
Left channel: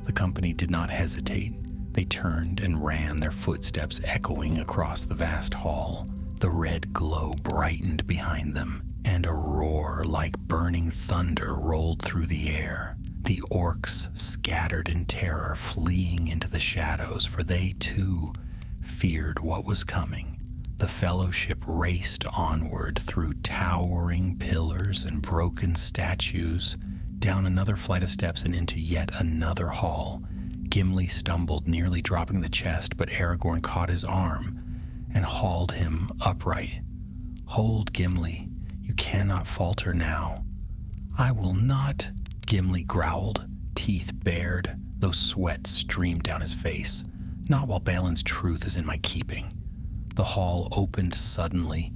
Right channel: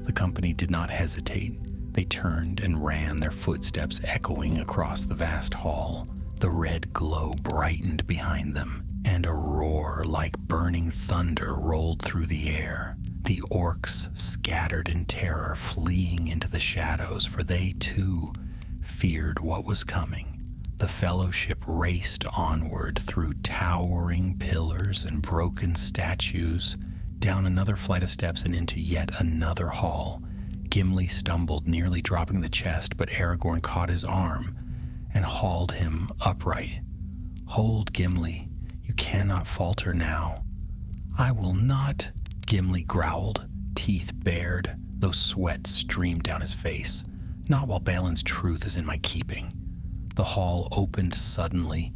The company did not hesitate. They turned and ran, their footsteps echoing across the vast hall. The red glow brightened behind them, and a roar like burning thunder rolled through the air. The orcs scattered in terror, fleeing into the shadows, for they too feared what was coming. The fellowship raced onward through towering pillars and broken statues, down another flight of steps and into yet another hall. Gimli stumbled, nearly dropping the chest, but Aragorn caught his arm and hauled him upright. "Hold, Gimli. You cannot falter now." "I will not," Gimli growled, teeth bared, though sweat streamed down his face. "Not while Balin's truth is in my keeping." The hall opened suddenly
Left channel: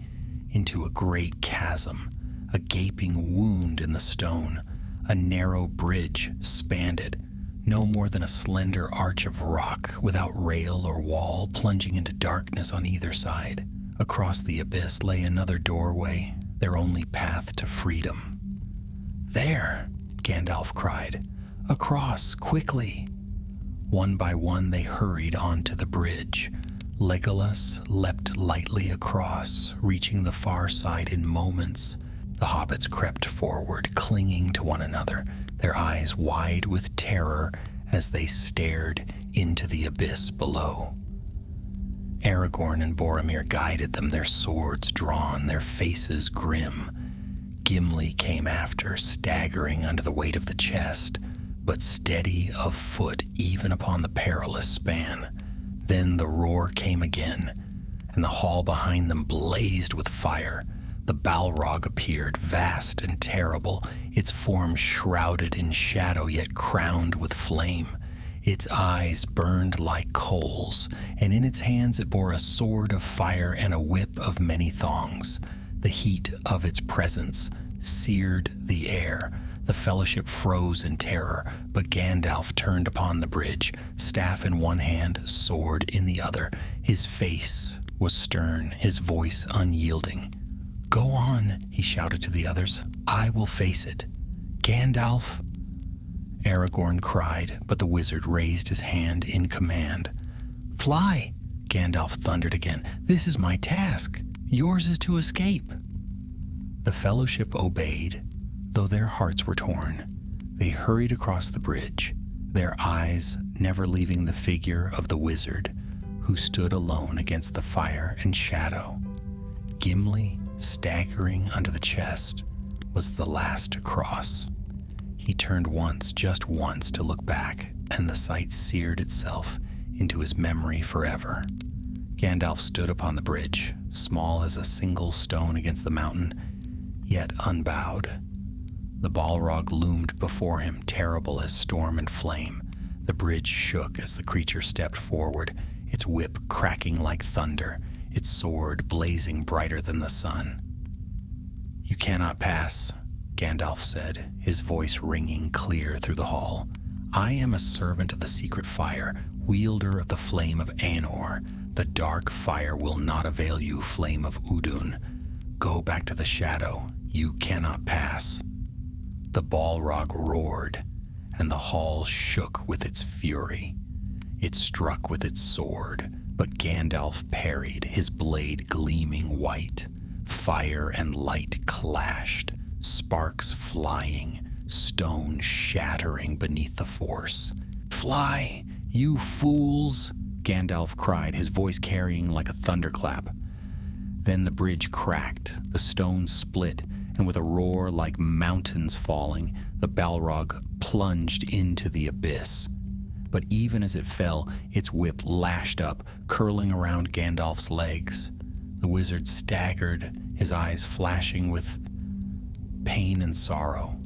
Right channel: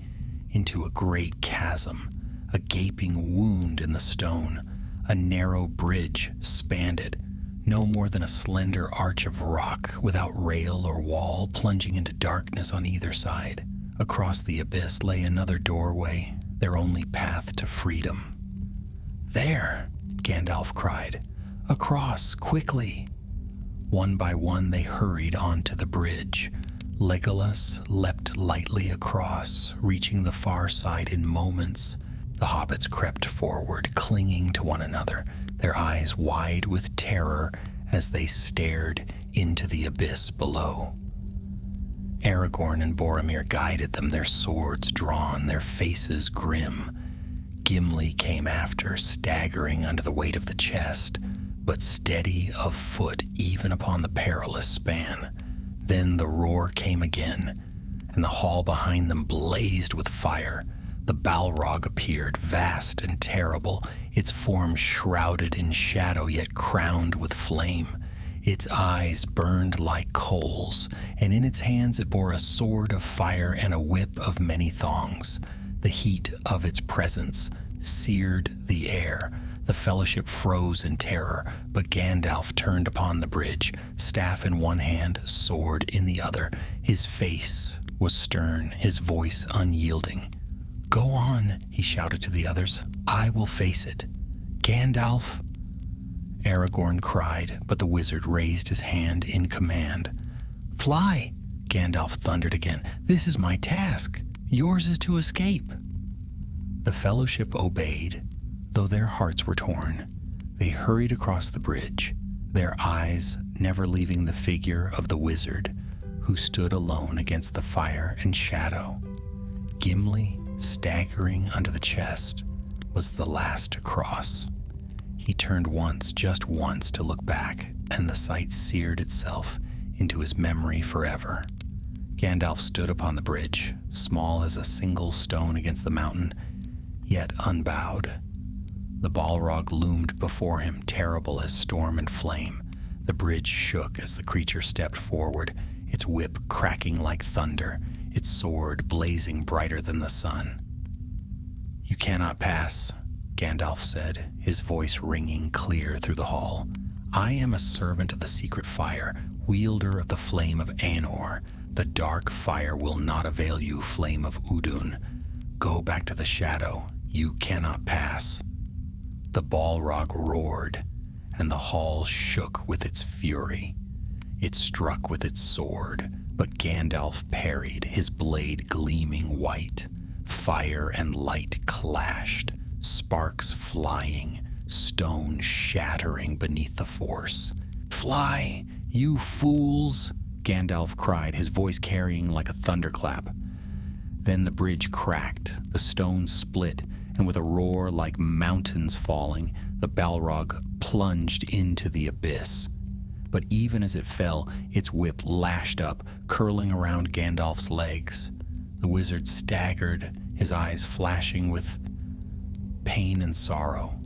into a great chasm, a gaping wound in the stone. A narrow bridge spanned it, no more than a slender arch of rock, without rail or wall, plunging into darkness on either side. Across the abyss lay another doorway, their only path to freedom. "There!" Gandalf cried. "Across, quickly!" One by one they hurried onto the bridge. Legolas leapt lightly across, reaching the far side in moments. The hobbits crept forward, clinging to one another, their eyes wide with terror as they stared into the abyss below. Aragorn and Boromir guided them, their swords drawn, their faces grim. Gimli came after, staggering under the weight of the chest, but steady of foot even upon the perilous span. Then the roar came again, and the hall behind them blazed with fire. The Balrog appeared, vast and terrible, its form shrouded in shadow yet crowned with flame. Its eyes burned like coals, and in its hands it bore a sword of fire and a whip of many thongs. The heat of its presence seared the air. The fellowship froze in terror, but Gandalf turned upon the bridge, staff in one hand, sword in the other. His face was stern, his voice unyielding. "Go on," he shouted to the others. "I will face it." "Gandalf!" Aragorn cried, but the wizard raised his hand in command. Fly, Gandalf thundered again. This is my task. Yours is to escape. The fellowship obeyed, though their hearts were torn. They hurried across the bridge, their eyes never leaving the figure of the wizard who stood alone against the fire and shadow. Gimli, staggering under the chest, was the last to cross. He turned once, just once, to look back, and the sight seared itself into his memory forever. Gandalf stood upon the bridge, small as a single stone against the mountain, yet unbowed. The Balrog loomed before him, terrible as storm and flame. The bridge shook as the creature stepped forward, its whip cracking like thunder, its sword blazing brighter than the sun. "You cannot pass," Gandalf said, his voice ringing clear through the hall. "I am a servant of the secret fire, wielder of the flame of Anor. The dark fire will not avail you, flame of Udun. Go back to the shadow. You cannot pass." The Balrog roared, and the hall shook with its fury. It struck with its sword, but Gandalf parried, his blade gleaming white. Fire and light clashed, sparks flying, stone shattering beneath the force. "Fly, you fools!" Gandalf cried, his voice carrying like a thunderclap. Then the bridge cracked, the stones split, and with a roar like mountains falling, the Balrog plunged into the abyss. But even as it fell, its whip lashed up, curling around Gandalf's legs. The wizard staggered, his eyes flashing with pain and sorrow.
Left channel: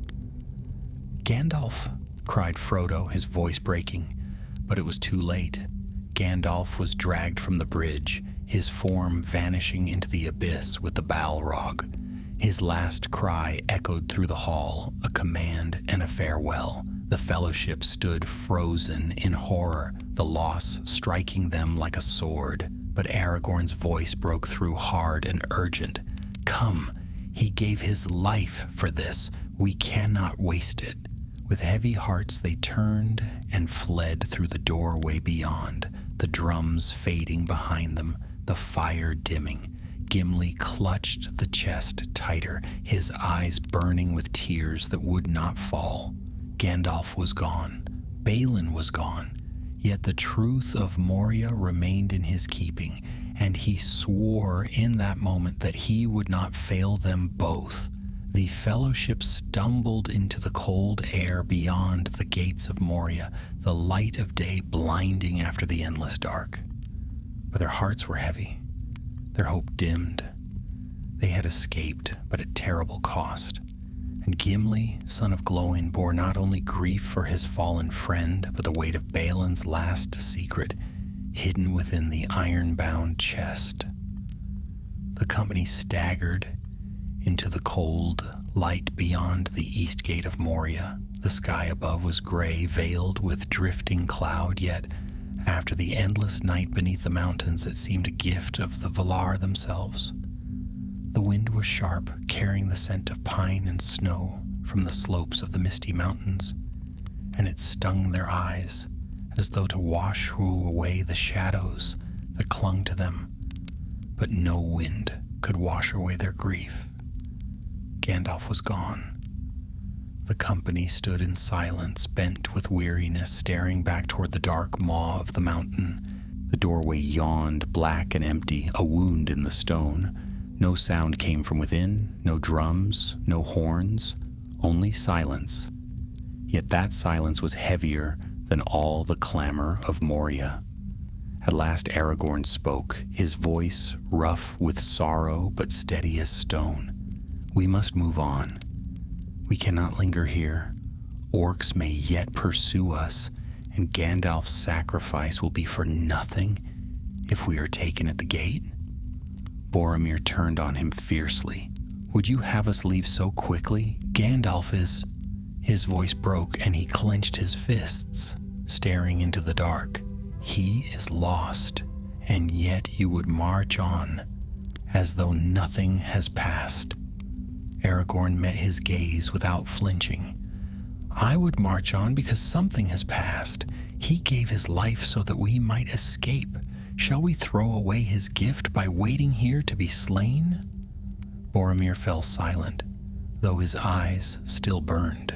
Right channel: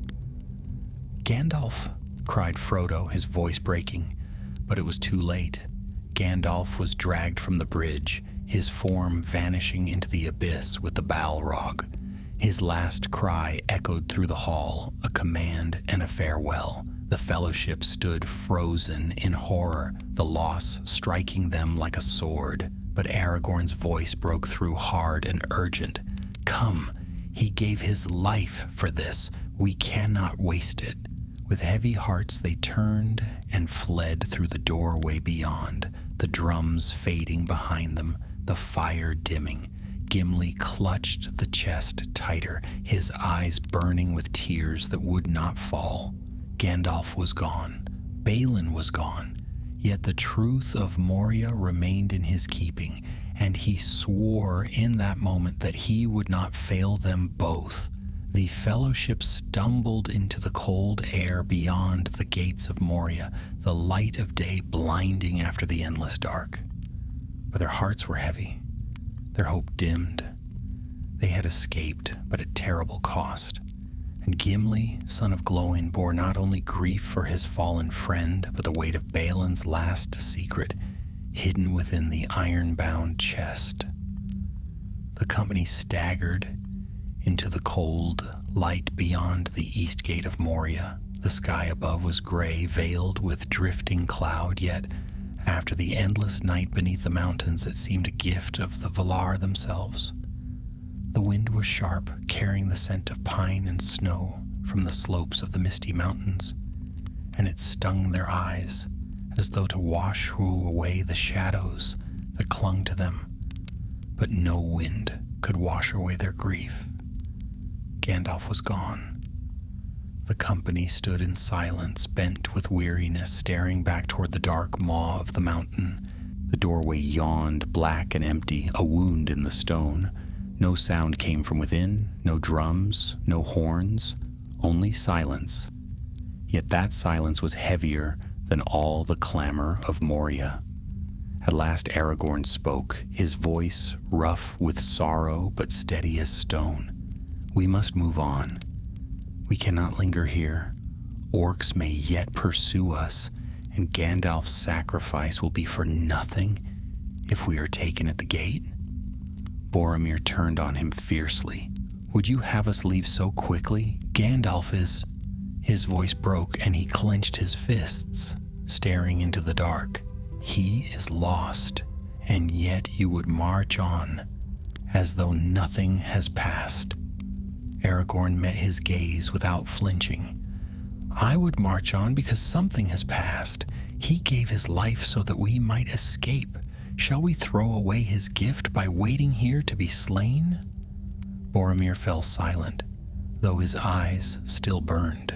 "Gandalf!" cried Frodo, his voice breaking, but it was too late. Gandalf was dragged from the bridge, his form vanishing into the abyss with the Balrog. His last cry echoed through the hall, a command and a farewell. The fellowship stood frozen in horror, the loss striking them like a sword. But Aragorn's voice broke through hard and urgent. "Come, he gave his life for this. We cannot waste it." With heavy hearts they turned and fled through the doorway beyond, the drums fading behind them, the fire dimming. Gimli clutched the chest tighter, his eyes burning with tears that would not fall. Gandalf was gone. Balin was gone. Yet the truth of Moria remained in his keeping, and he swore in that moment that he would not fail them both. The fellowship stumbled into the cold air beyond the gates of Moria, the light of day blinding after the endless dark. But their hearts were heavy. Their hope dimmed. They had escaped, but at terrible cost. And Gimli, son of Glóin, bore not only grief for his fallen friend, but the weight of Balin's last secret, hidden within the iron-bound chest. The company staggered into the cold light beyond the east gate of Moria. The sky above was gray, veiled with drifting cloud, yet after the endless night beneath the mountains, it seemed a gift of the Valar themselves. The wind was sharp, carrying the scent of pine and snow from the slopes of the misty mountains, and it stung their eyes as though to wash away the shadows that clung to them. But no wind could wash away their grief. Gandalf was gone. The company stood in silence, bent with weariness, staring back toward the dark maw of the mountain. The doorway yawned, black and empty, a wound in the stone. No sound came from within, no drums, no horns, only silence. Yet that silence was heavier than all the clamor of Moria. At last Aragorn spoke, his voice rough with sorrow but steady as stone. "We must move on. We cannot linger here. Orcs may yet pursue us, and Gandalf's sacrifice will be for nothing if we are taken at the gate." Boromir turned on him fiercely. "Would you have us leave so quickly? Gandalf is..." His voice broke, and he clenched his fists, staring into the dark. "He is lost, and yet you would march on, as though nothing has passed." Aragorn met his gaze without flinching. "I would march on because something has passed. He gave his life so that we might escape. Shall we throw away his gift by waiting here to be slain?" Boromir fell silent, though his eyes still burned.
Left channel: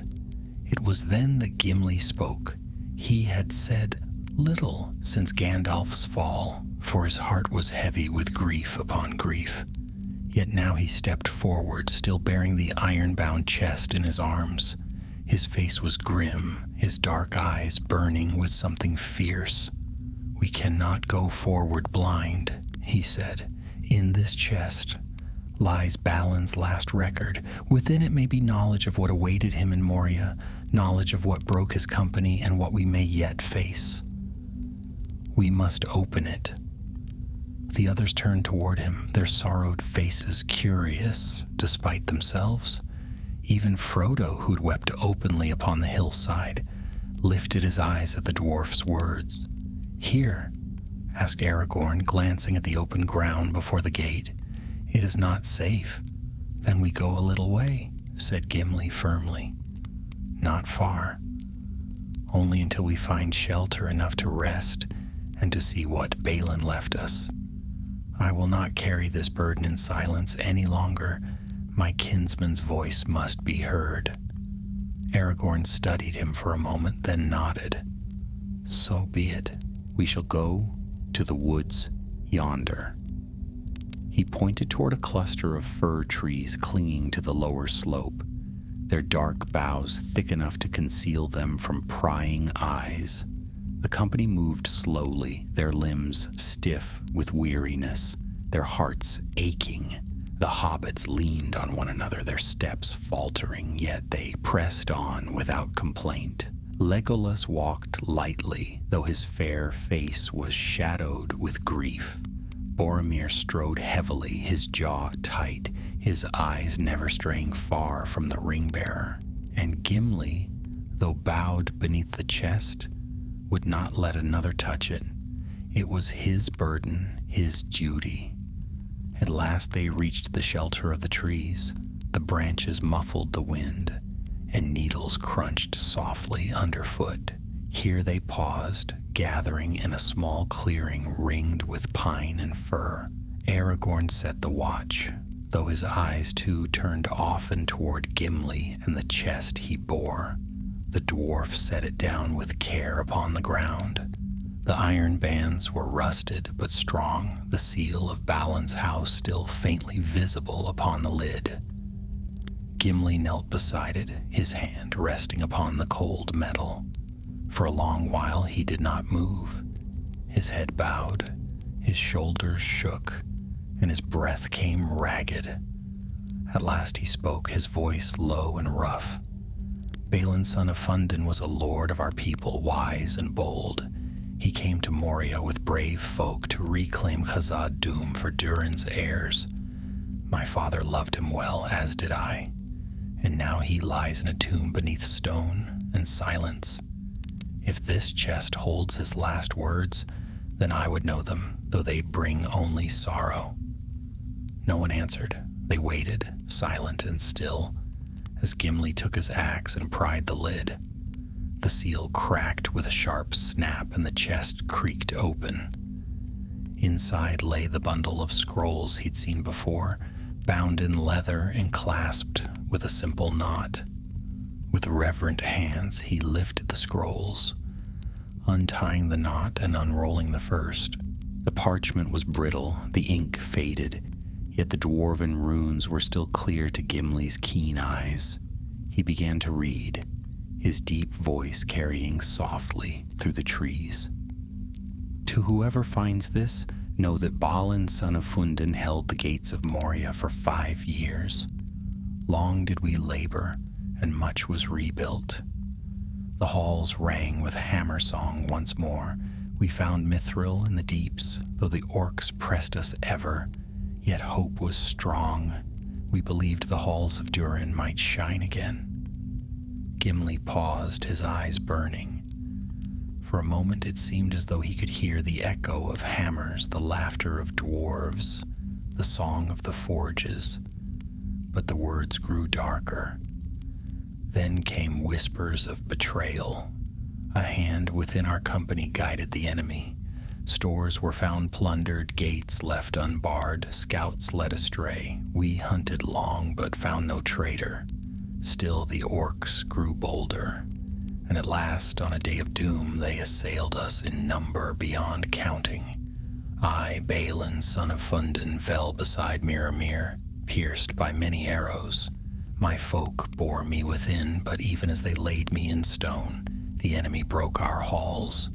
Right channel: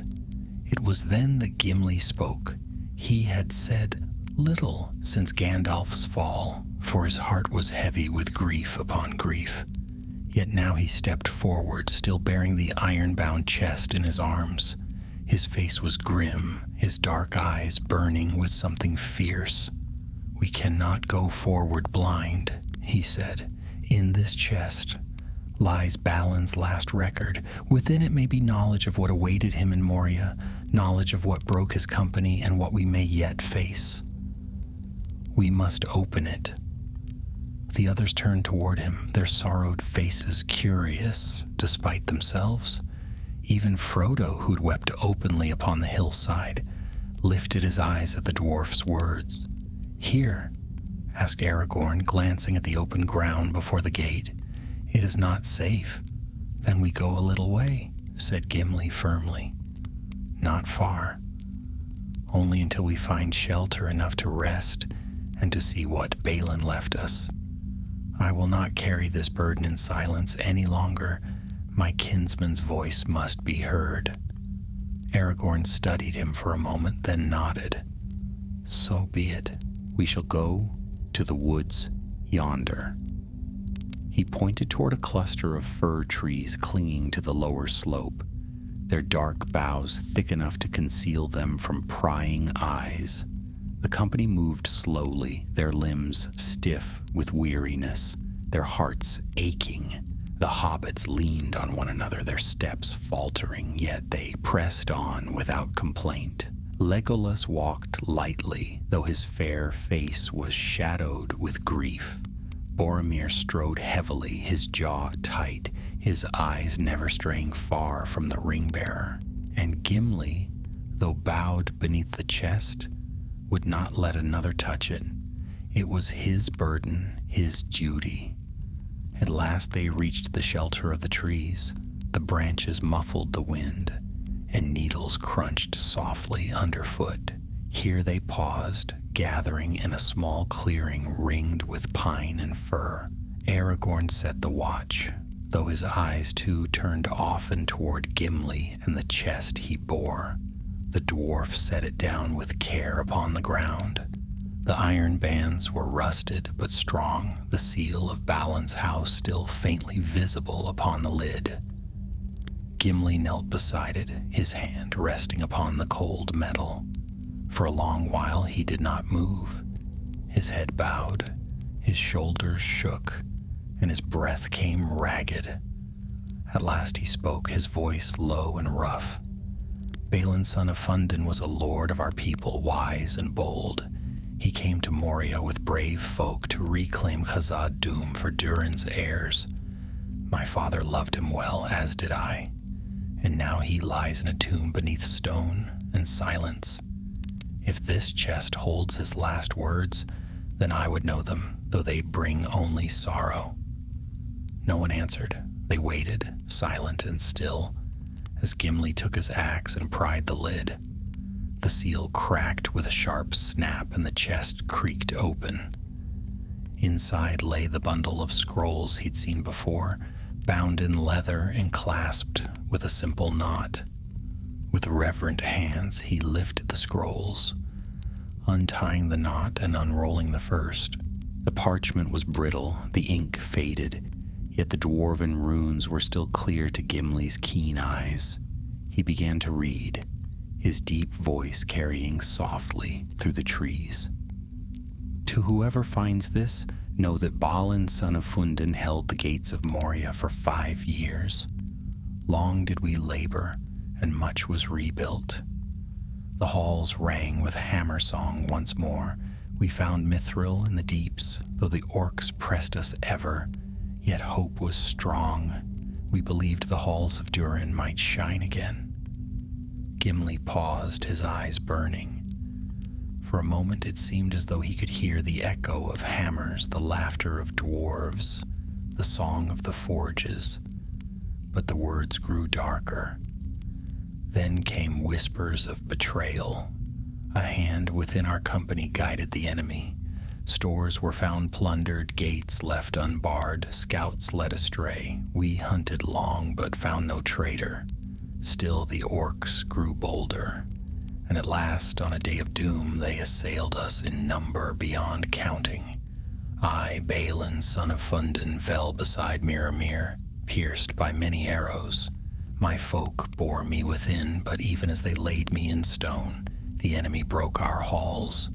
It was then that Gimli spoke. He had said little since Gandalf's fall, for his heart was heavy with grief upon grief. Yet now he stepped forward, still bearing the iron-bound chest in his arms. His face was grim, his dark eyes burning with something fierce. "We cannot go forward blind," he said. "In this chest lies Balin's last record. Within it may be knowledge of what awaited him in Moria, knowledge of what broke his company and what we may yet face. We must open it." The others turned toward him, their sorrowed faces curious despite themselves. Even Frodo, who'd wept openly upon the hillside, lifted his eyes at the dwarf's words. "Here?" asked Aragorn, glancing at the open ground before the gate. "It is not safe." "Then we go a little way," said Gimli firmly. "Not far. Only until we find shelter enough to rest and to see what Balin left us. I will not carry this burden in silence any longer. My kinsman's voice must be heard." Aragorn studied him for a moment, then nodded. "So be it. We shall go to the woods yonder." He pointed toward a cluster of fir trees clinging to the lower slope, their dark boughs thick enough to conceal them from prying eyes. The company moved slowly, their limbs stiff with weariness, their hearts aching. The hobbits leaned on one another, their steps faltering, yet they pressed on without complaint. Legolas walked lightly, though his fair face was shadowed with grief. Boromir strode heavily, his jaw tight, his eyes never straying far from the ring-bearer. And Gimli, though bowed beneath the chest, would not let another touch it. It was his burden, his duty. At last they reached the shelter of the trees. The branches muffled the wind, and needles crunched softly underfoot. Here they paused, gathering in a small clearing ringed with pine and fir. Aragorn set the watch, though his eyes too turned often toward Gimli and the chest he bore. The dwarf set it down with care upon the ground. The iron bands were rusted but strong, the seal of Balin's house still faintly visible upon the lid. Gimli knelt beside it, his hand resting upon the cold metal. For a long while he did not move. His head bowed, his shoulders shook, and his breath came ragged. At last he spoke, his voice low and rough. "Balin, son of Fundin, was a lord of our people, wise and bold. He came to Moria with brave folk to reclaim Khazad-dûm for Durin's heirs. My father loved him well, as did I, and now he lies in a tomb beneath stone and silence. If this chest holds his last words, then I would know them, though they bring only sorrow." No one answered. They waited, silent and still, as Gimli took his axe and pried the lid. The seal cracked with a sharp snap and the chest creaked open. Inside lay the bundle of scrolls he'd seen before, bound in leather and clasped with a simple knot. With reverent hands he lifted the scrolls, untying the knot and unrolling the first. The parchment was brittle, the ink faded, yet the dwarven runes were still clear to Gimli's keen eyes. He began to read, his deep voice carrying softly through the trees. "To whoever finds this, know that Balin, son of Fundin, held the gates of Moria for 5 years. Long did we labor, and much was rebuilt. The halls rang with hammer song once more. We found Mithril in the deeps, though the orcs pressed us ever. Yet hope was strong. We believed the halls of Durin might shine again." Gimli paused, his eyes burning. For a moment it seemed as though he could hear the echo of hammers, the laughter of dwarves, the song of the forges. But the words grew darker. Then came whispers of betrayal. A hand within our company guided the enemy. Stores were found plundered, gates left unbarred, scouts led astray. We hunted long, but found no traitor. Still the orcs grew bolder, and at last, on a day of doom, they assailed us in number beyond counting. I, Balin, son of Fundin, fell beside Miramir, pierced by many arrows. My folk bore me within, but even as they laid me in stone, the enemy broke our halls.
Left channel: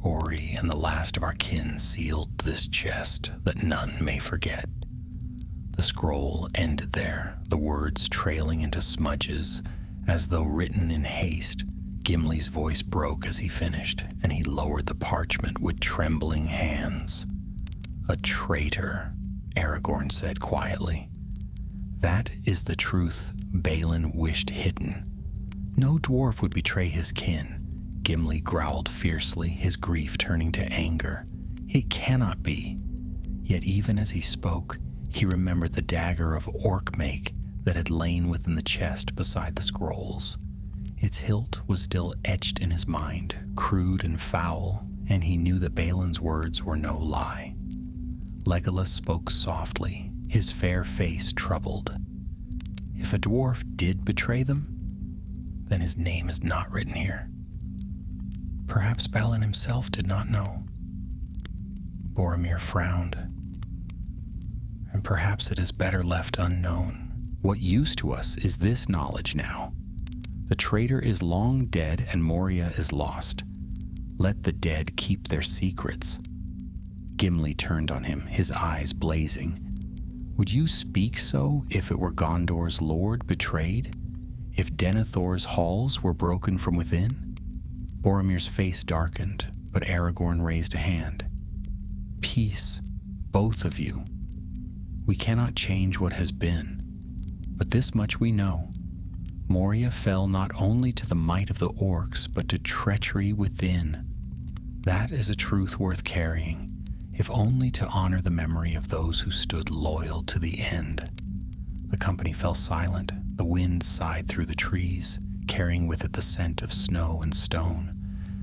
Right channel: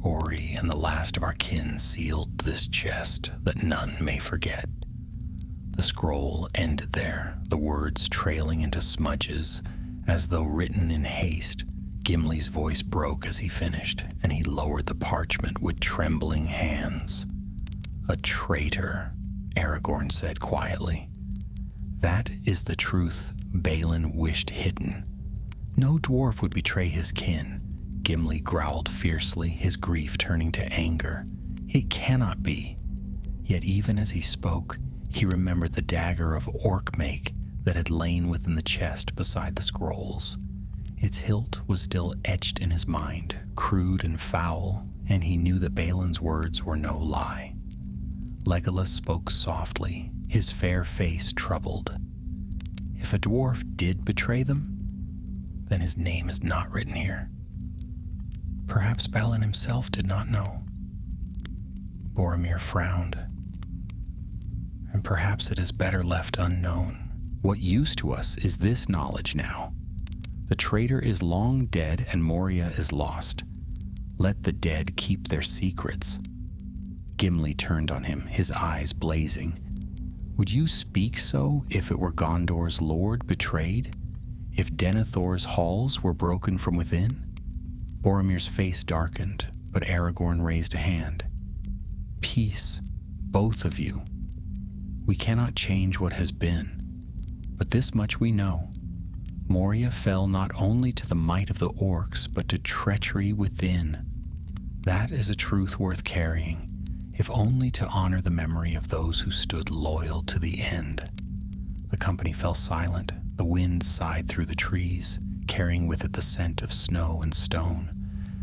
Ori and the last of our kin sealed this chest that none may forget. The scroll ended there, the words trailing into smudges, as though written in haste. Gimli's voice broke as he finished, and he lowered the parchment with trembling hands. "A traitor," Aragorn said quietly. "That is the truth Balin wished hidden. No dwarf would betray his kin." Gimli growled fiercely, his grief turning to anger. "It cannot be." Yet even as he spoke, he remembered the dagger of orc make that had lain within the chest beside the scrolls. Its hilt was still etched in his mind, crude and foul, and he knew that Balin's words were no lie. Legolas spoke softly, his fair face troubled. "If a dwarf did betray them, then his name is not written here." Perhaps Balin himself did not know. Boromir frowned. "And perhaps it is better left unknown. What use to us is this knowledge now? The traitor is long dead and Moria is lost. Let the dead keep their secrets." Gimli turned on him, his eyes blazing. "Would you speak so if it were Gondor's lord betrayed? If Denethor's halls were broken from within?" Boromir's face darkened, but Aragorn raised a hand. "Peace, both of you. We cannot change what has been, but this much we know. Moria fell not only to the might of the orcs, but to treachery within. That is a truth worth carrying, if only to honor the memory of those who stood loyal to the end." The company fell silent. The wind sighed through the trees, carrying with it the scent of snow and stone.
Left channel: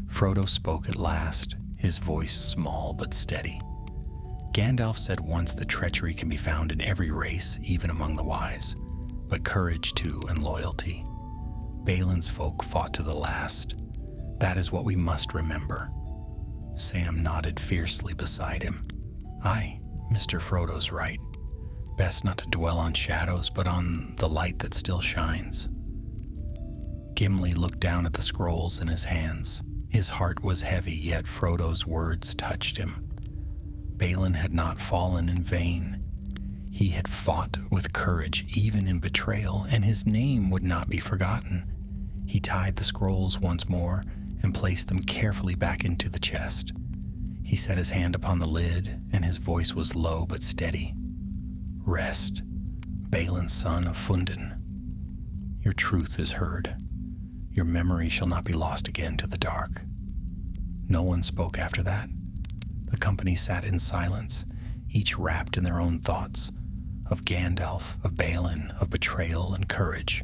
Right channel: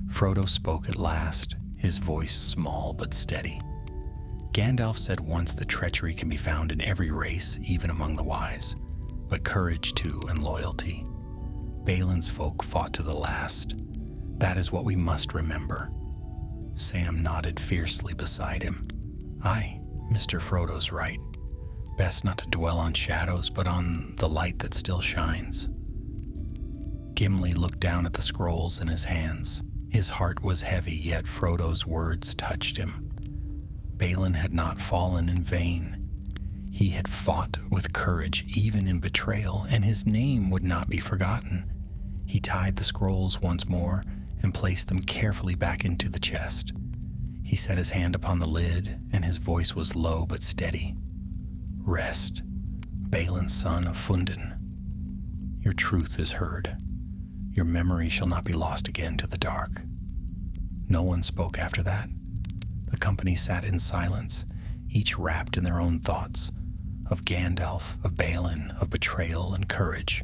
Frodo spoke at last, his voice small but steady. "Gandalf said once that treachery can be found in every race, even among the wise, but courage too and loyalty. Balin's folk fought to the last. That is what we must remember." Sam nodded fiercely beside him. "Aye, Mr. Frodo's right. Best not to dwell on shadows, but on the light that still shines." Gimli looked down at the scrolls in his hands. His heart was heavy, yet Frodo's words touched him. Balin had not fallen in vain. He had fought with courage, even in betrayal, and his name would not be forgotten. He tied the scrolls once more and placed them carefully back into the chest. He set his hand upon the lid, and his voice was low but steady. "Rest, Balin, son of Fundin. Your truth is heard. Your memory shall not be lost again to the dark." No one spoke after that. The company sat in silence, each wrapped in their own thoughts, of Gandalf, of Balin, of betrayal and courage.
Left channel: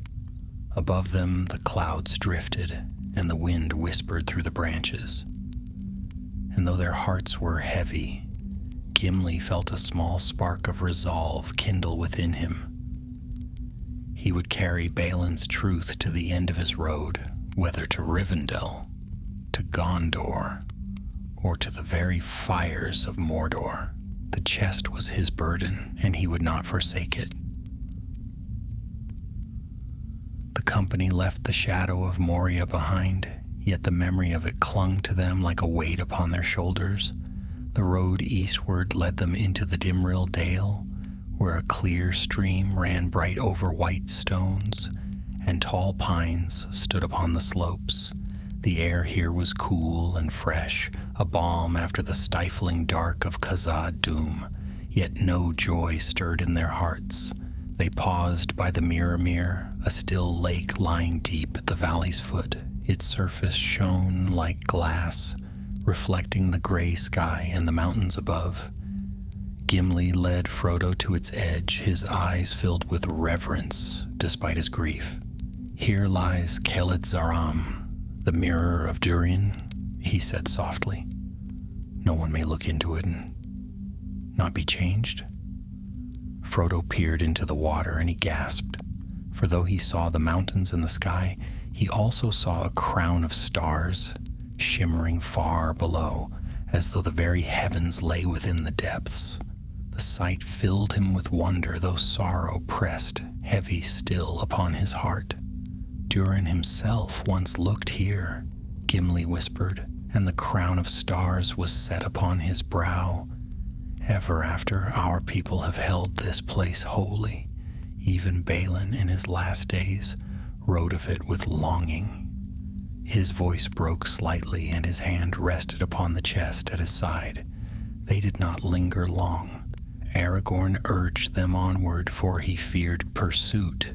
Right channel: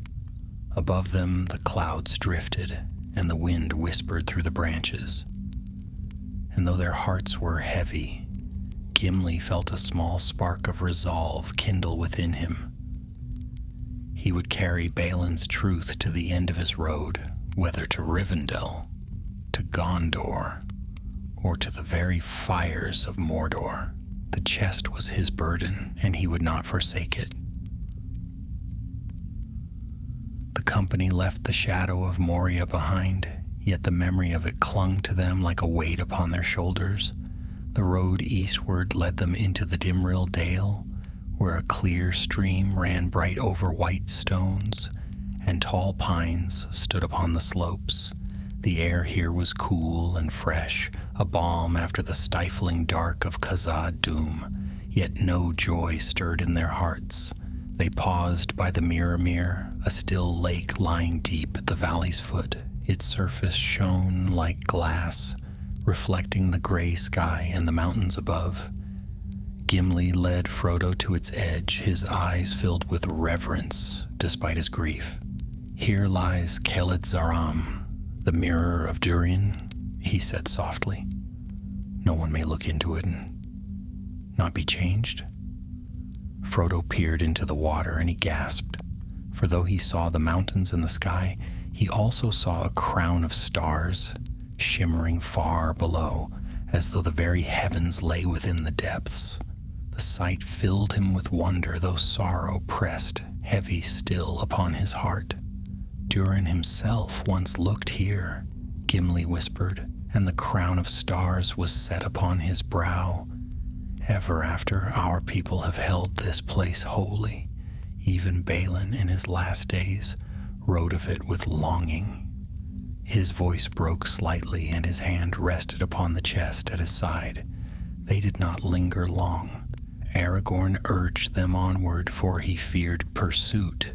Above them the clouds drifted, and the wind whispered through the branches. And though their hearts were heavy, Gimli felt a small spark of resolve kindle within him. He would carry Balin's truth to the end of his road, whether to Rivendell, to Gondor, or to the very fires of Mordor. The chest was his burden, and he would not forsake it. The company left the shadow of Moria behind, yet the memory of it clung to them like a weight upon their shoulders. The road eastward led them into the Dimrill Dale, where a clear stream ran bright over white stones, and tall pines stood upon the slopes. The air here was cool and fresh, a balm after the stifling dark of Khazad Dûm, yet no joy stirred in their hearts. They paused by the Miramir, a still lake lying deep at the valley's foot. Its surface shone like glass, reflecting the gray sky and the mountains above. Gimli led Frodo to its edge, his eyes filled with reverence despite his grief. "Here lies Keled Zaram, the mirror of Durin," he said softly. no one may look into it and not be changed? Frodo peered into the water and he gasped, for though he saw the mountains and the sky, he also saw a crown of stars shimmering far below, as though the very heavens lay within the depths. The sight filled him with wonder, though sorrow pressed heavy still upon his heart. Durin himself once looked here, Gimli whispered, and the crown of stars was set upon his brow. Ever after our people have held this place holy. Even Balin in his last days wrote of it with longing. His voice broke slightly and his hand rested upon the chest at his side. They did not linger long. Aragorn urged them onward, for he feared pursuit.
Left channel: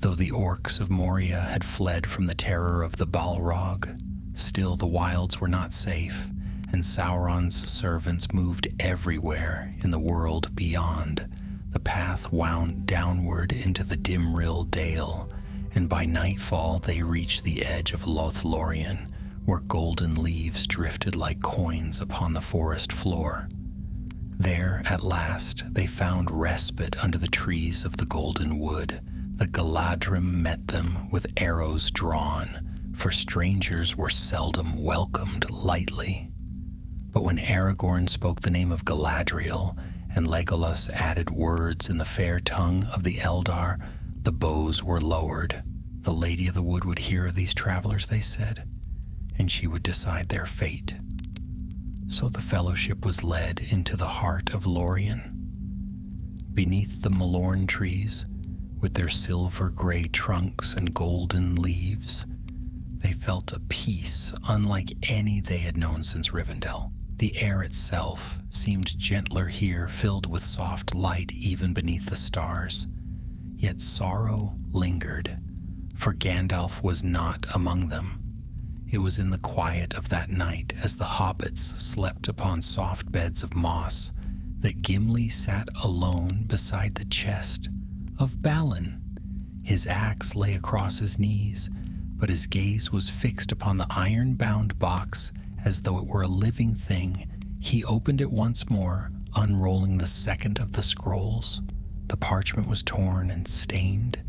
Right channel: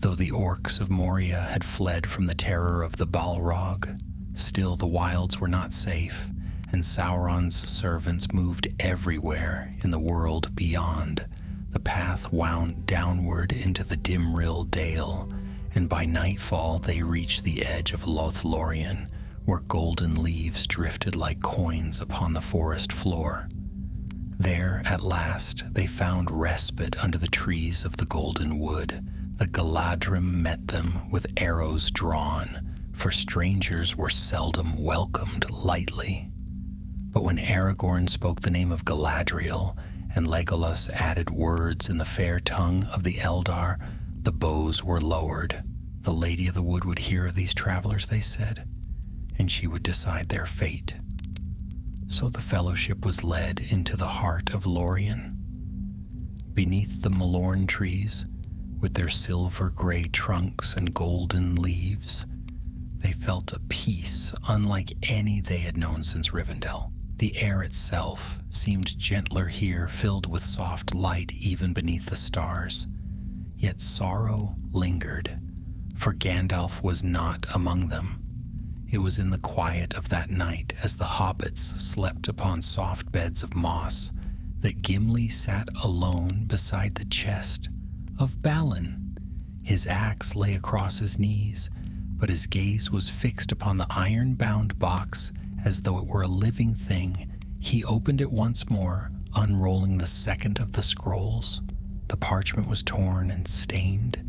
Though the orcs of Moria had fled from the terror of the Balrog, still the wilds were not safe, and Sauron's servants moved everywhere in the world beyond. The path wound downward into the Dimrill Dale, and by nightfall they reached the edge of Lothlorien, where golden leaves drifted like coins upon the forest floor. There, at last, they found respite under the trees of the Golden Wood. The Galadrim met them with arrows drawn, for strangers were seldom welcomed lightly. But when Aragorn spoke the name of Galadriel, and Legolas added words in the fair tongue of the Eldar, the bows were lowered. The Lady of the Wood would hear of these travelers, they said, and she would decide their fate. So the fellowship was led into the heart of Lorien. Beneath the Malorn trees, with their silver-gray trunks and golden leaves, they felt a peace unlike any they had known since Rivendell. The air itself seemed gentler here, filled with soft light even beneath the stars. Yet sorrow lingered, for Gandalf was not among them. It was in the quiet of that night, as the hobbits slept upon soft beds of moss, that Gimli sat alone beside the chest of Balin. His axe lay across his knees, but his gaze was fixed upon the iron-bound box as though it were a living thing. He opened it once more, unrolling the second of the scrolls. The parchment was torn and stained.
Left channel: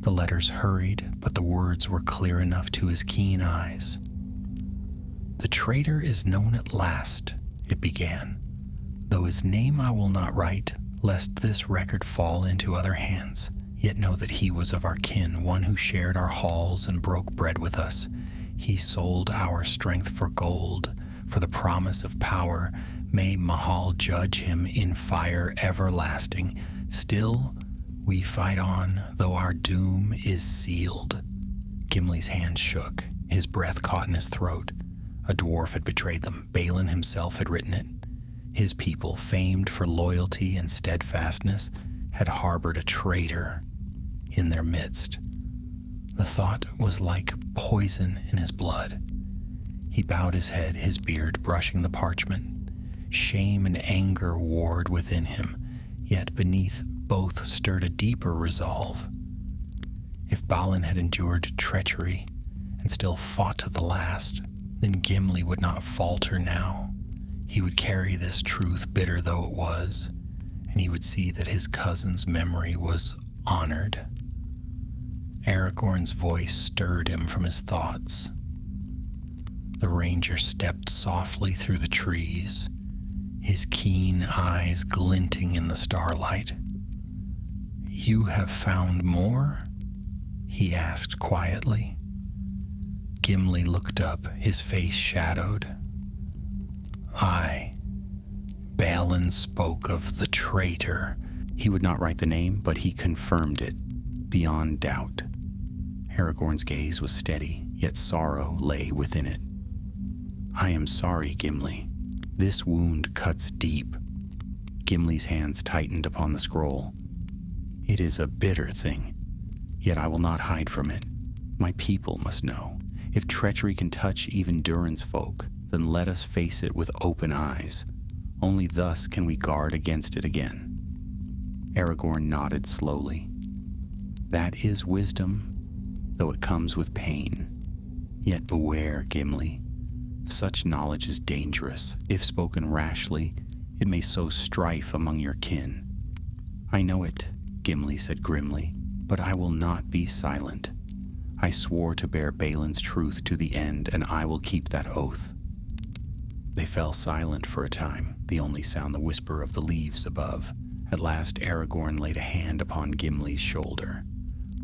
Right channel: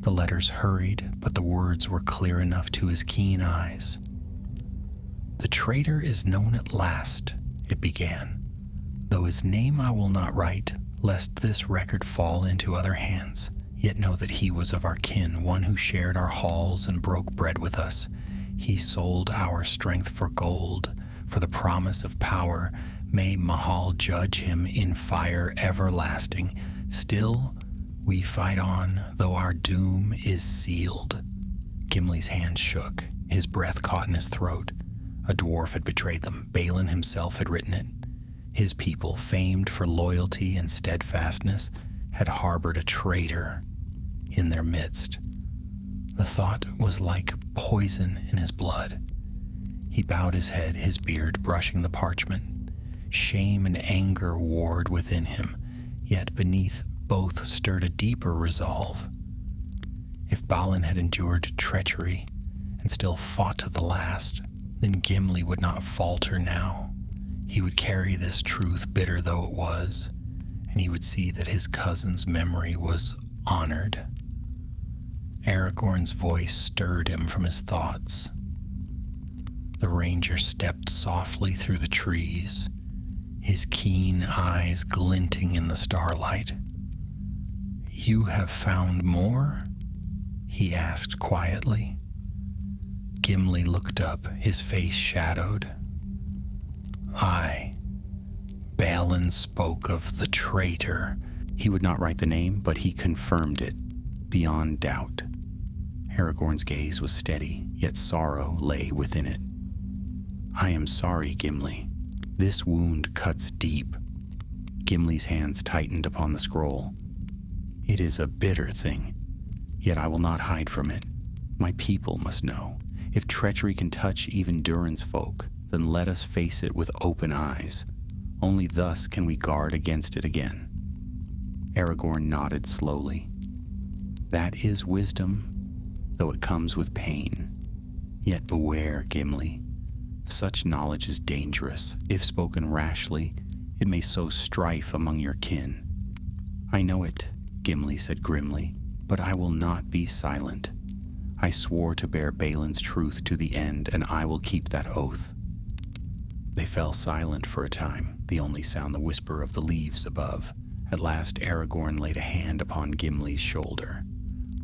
The letters hurried, but the words were clear enough to his keen eyes. "The traitor is known at last," it began, "though his name I will not write, lest this record fall into other hands. Yet know that he was of our kin, one who shared our halls and broke bread with us. He sold our strength for gold, for the promise of power. May Mahal judge him in fire everlasting. Still, we fight on, though our doom is sealed." Gimli's hand shook. His breath caught in his throat. A dwarf had betrayed them. Balin himself had written it. His people, famed for loyalty and steadfastness, had harbored a traitor in their midst. The thought was like poison in his blood. He bowed his head, his beard brushing the parchment. Shame and anger warred within him, yet beneath both stirred a deeper resolve. If Balin had endured treachery and still fought to the last, then Gimli would not falter now. He would carry this truth, bitter though it was, and he would see that his cousin's memory was honored. Aragorn's voice stirred him from his thoughts. The ranger stepped softly through the trees, his keen eyes glinting in the starlight. "You have found more?" he asked quietly. Gimli looked up, his face shadowed. "Aye. Balin spoke of the traitor." He would not write the name, but he confirmed it, beyond doubt. Aragorn's gaze was steady, yet sorrow lay within it. "I am sorry, Gimli. This wound cuts deep." Gimli's hands tightened upon the scroll. "It is a bitter thing, yet I will not hide from it. My people must know. If treachery can touch even Durin's folk, then let us face it with open eyes. Only thus can we guard against it again." Aragorn nodded slowly. "That is wisdom, though it comes with pain. Yet beware, Gimli. Such knowledge is dangerous. If spoken rashly, it may sow strife among your kin." "I know it," Gimli said grimly, "but I will not be silent. I swore to bear Balin's truth to the end, and I will keep that oath." They fell silent for a time, the only sound the whisper of the leaves above. At last Aragorn laid a hand upon Gimli's shoulder.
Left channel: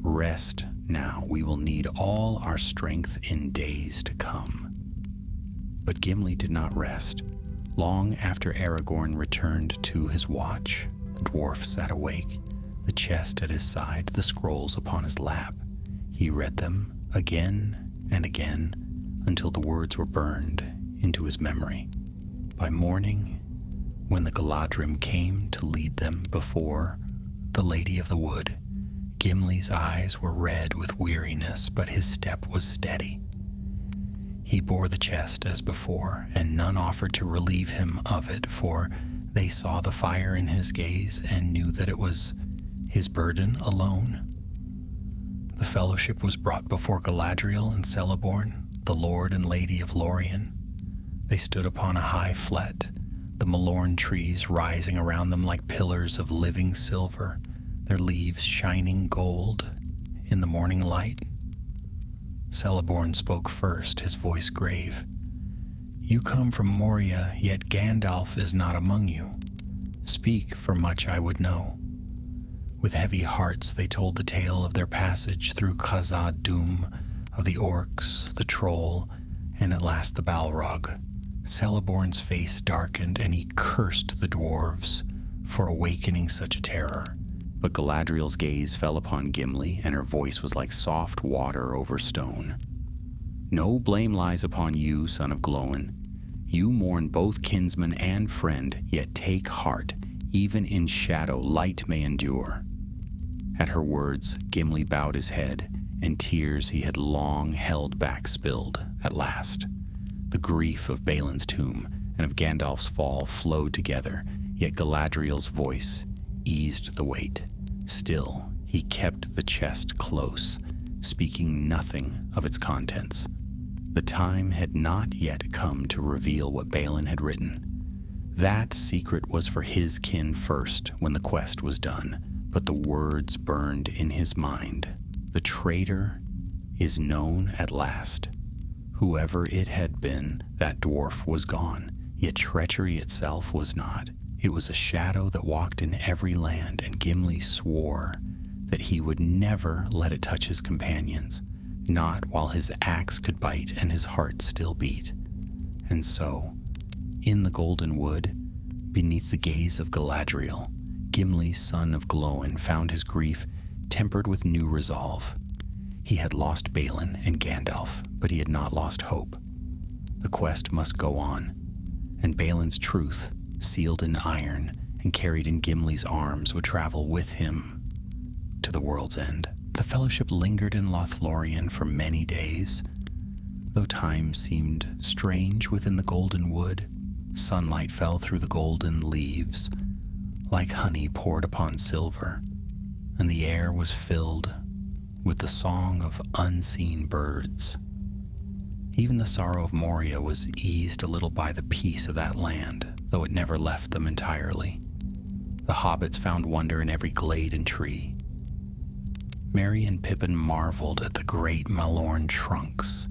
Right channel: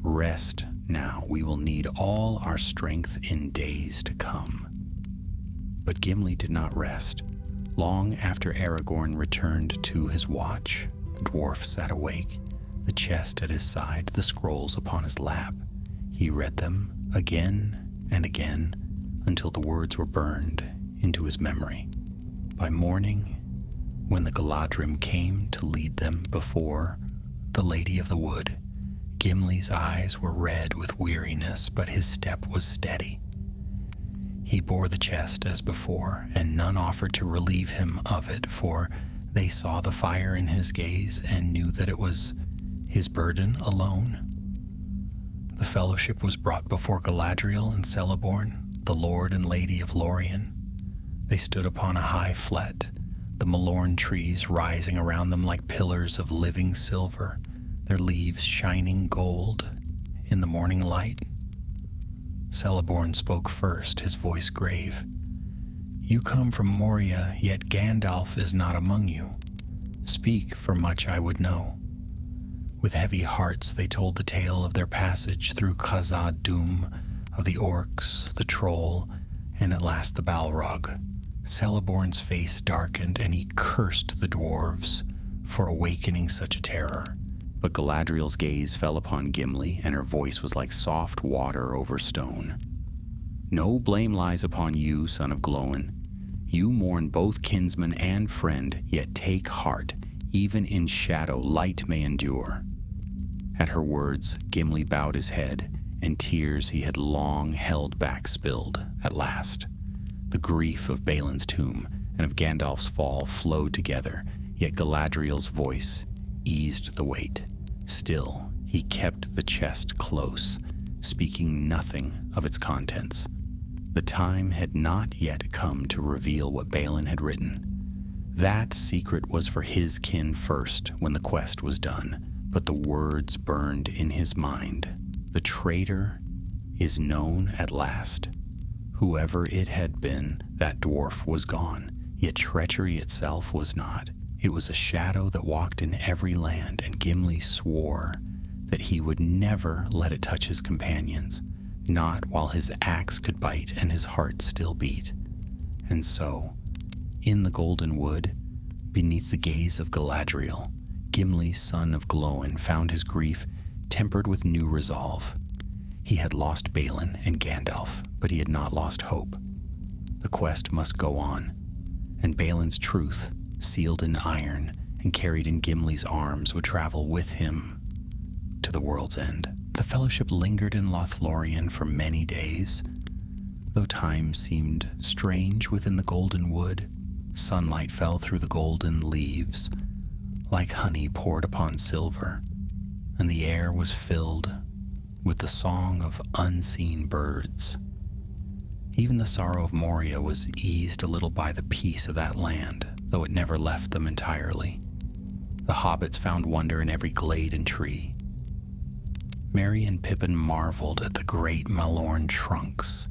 "Rest now. We will need all our strength in days to come." But Gimli did not rest. Long after Aragorn returned to his watch, the dwarf sat awake, the chest at his side, the scrolls upon his lap. He read them again and again until the words were burned into his memory. By morning, when the Galadrim came to lead them before the Lady of the Wood, Gimli's eyes were red with weariness, but his step was steady. He bore the chest as before, and none offered to relieve him of it, for they saw the fire in his gaze and knew that it was his burden alone. The fellowship was brought before Galadriel and Celeborn, the Lord and Lady of Lorien. They stood upon a high flet, the Malorn trees rising around them like pillars of living silver, their leaves shining gold in the morning light. Celeborn spoke first, his voice grave. "You come from Moria, yet Gandalf is not among you. Speak, for much I would know." With heavy hearts they told the tale of their passage through Khazad-dûm, of the orcs, the troll, and at last the Balrog. Celeborn's face darkened, and he cursed the dwarves for awakening such a terror. But Galadriel's gaze fell upon Gimli, and her voice was like soft water over stone. "No blame lies upon you, son of Glóin. You mourn both kinsman and friend, yet take heart. Even in shadow, light may endure." At her words, Gimli bowed his head, and tears he had long held back spilled at last. The grief of Balin's tomb and of Gandalf's fall flowed together, yet Galadriel's voice eased the weight. Still, he kept the chest close, speaking nothing of its contents. The time had not yet come to reveal what Balin had written. That secret was for his kin first, when the quest was done, but the words burned in his mind. The traitor is known at last. Whoever it had been, that dwarf was gone, yet treachery itself was not. It was a shadow that walked in every land, and Gimli swore that he would never let it touch his companions, not while his axe could bite and his heart still beat. And so, in the Golden Wood, beneath the gaze of Galadriel, Gimli, son of Glóin, found his grief tempered with new resolve. He had lost Balin and Gandalf, but he had not lost hope. The quest must go on, and Balin's truth, sealed in iron and carried in Gimli's arms, would travel with him to the world's end. The fellowship lingered in Lothlorien for many days. Though time seemed strange within the Golden Wood, sunlight fell through the golden leaves like honey poured upon silver, and the air was filled with the song of unseen birds. Even the sorrow of Moria was eased a little by the peace of that land, though it never left them entirely. The hobbits found wonder in every glade and tree. Merry and Pippin marveled at the great Malorn trunks,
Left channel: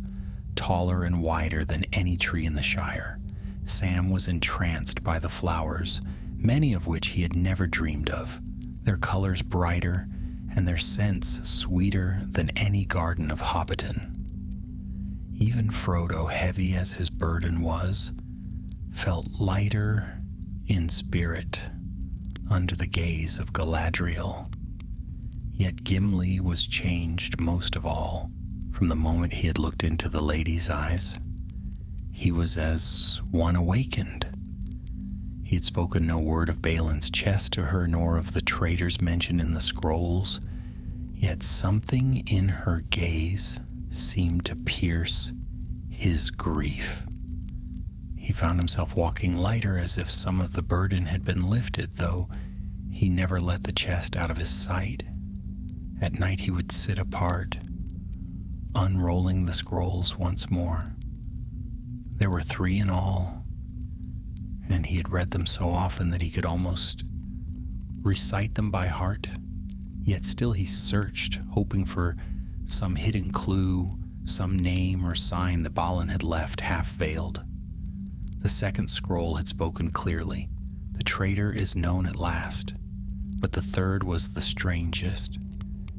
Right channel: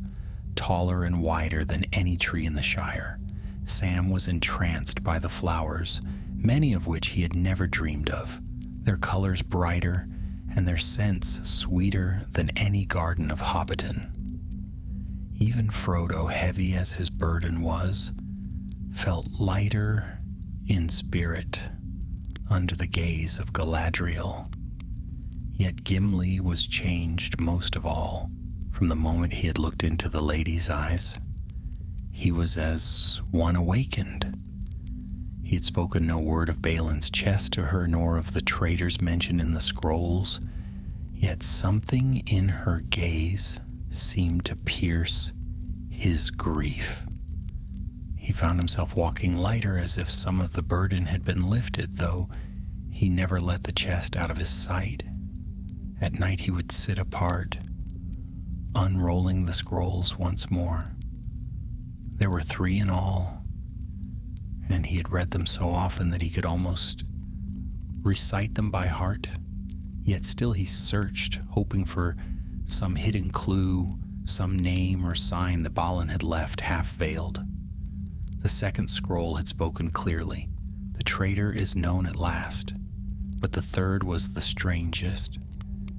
taller and wider than any tree in the Shire. Sam was entranced by the flowers, many of which he had never dreamed of, their colors brighter and their scents sweeter than any garden of Hobbiton. Even Frodo, heavy as his burden was, felt lighter in spirit under the gaze of Galadriel. Yet Gimli was changed most of all from the moment he had looked into the lady's eyes. He was as one awakened. He had spoken no word of Balin's chest to her, nor of the traitors mentioned in the scrolls, yet something in her gaze seemed to pierce his grief. He found himself walking lighter, as if some of the burden had been lifted, though he never let the chest out of his sight. At night he would sit apart, unrolling the scrolls once more. There were 3 in all, and he had read them so often that he could almost recite them by heart. Yet still he searched, hoping for some hidden clue, some name or sign that Balin had left half-veiled. The second scroll had spoken clearly. The traitor is known at last. But the third was the strangest,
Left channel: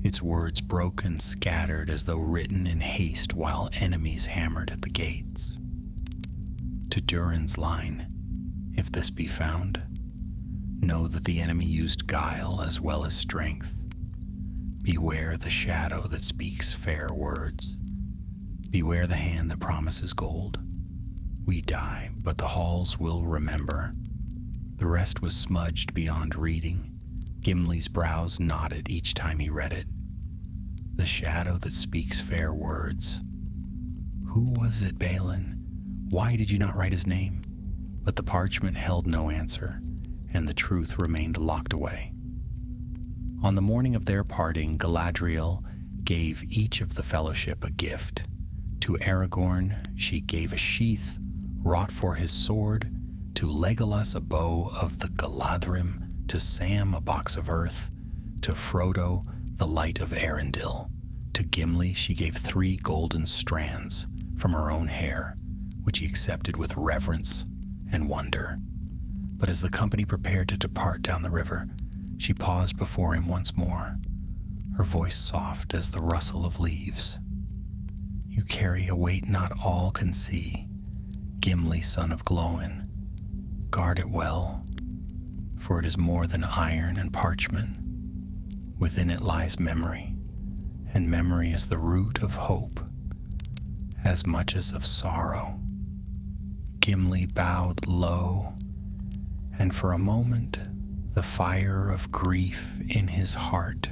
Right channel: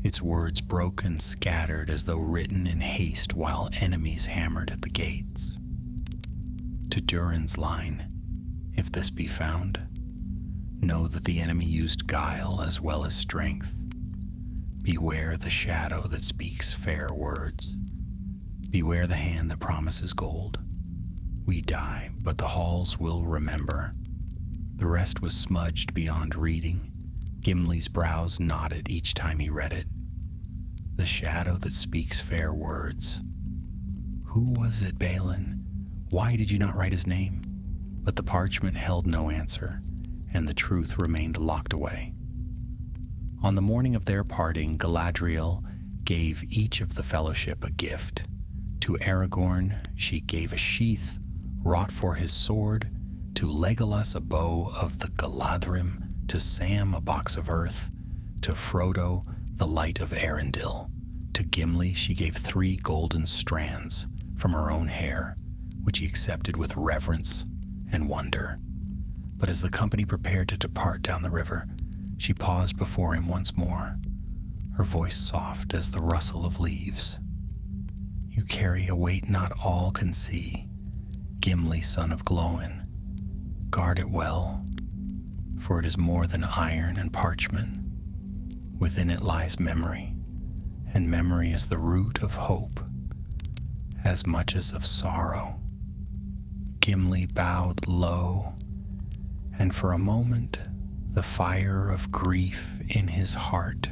its words broken, scattered as though written in haste while enemies hammered at the gates. To Durin's line, if this be found, know that the enemy used guile as well as strength. Beware the shadow that speaks fair words. Beware the hand that promises gold. We die, but the halls will remember. The rest was smudged beyond reading. Gimli's brows knotted each time he read it. The shadow that speaks fair words. Who was it, Balin? Why did you not write his name? But the parchment held no answer, and the truth remained locked away. On the morning of their parting, Galadriel gave each of the fellowship a gift. To Aragorn she gave a sheath wrought for his sword, to Legolas a bow of the Galadrim, to Sam a box of earth, to Frodo the light of Arendil. To Gimli she gave 3 golden strands from her own hair, which he accepted with reverence and wonder. But as the company prepared to depart down the river, she paused before him once more, her voice soft as the rustle of leaves. You carry a weight not all can see, Gimli, son of Glóin. Guard it well, for it is more than iron and parchment. Within it lies memory, and memory is the root of hope, as much as of sorrow. Gimli bowed low, and for a moment the fire of grief in his heart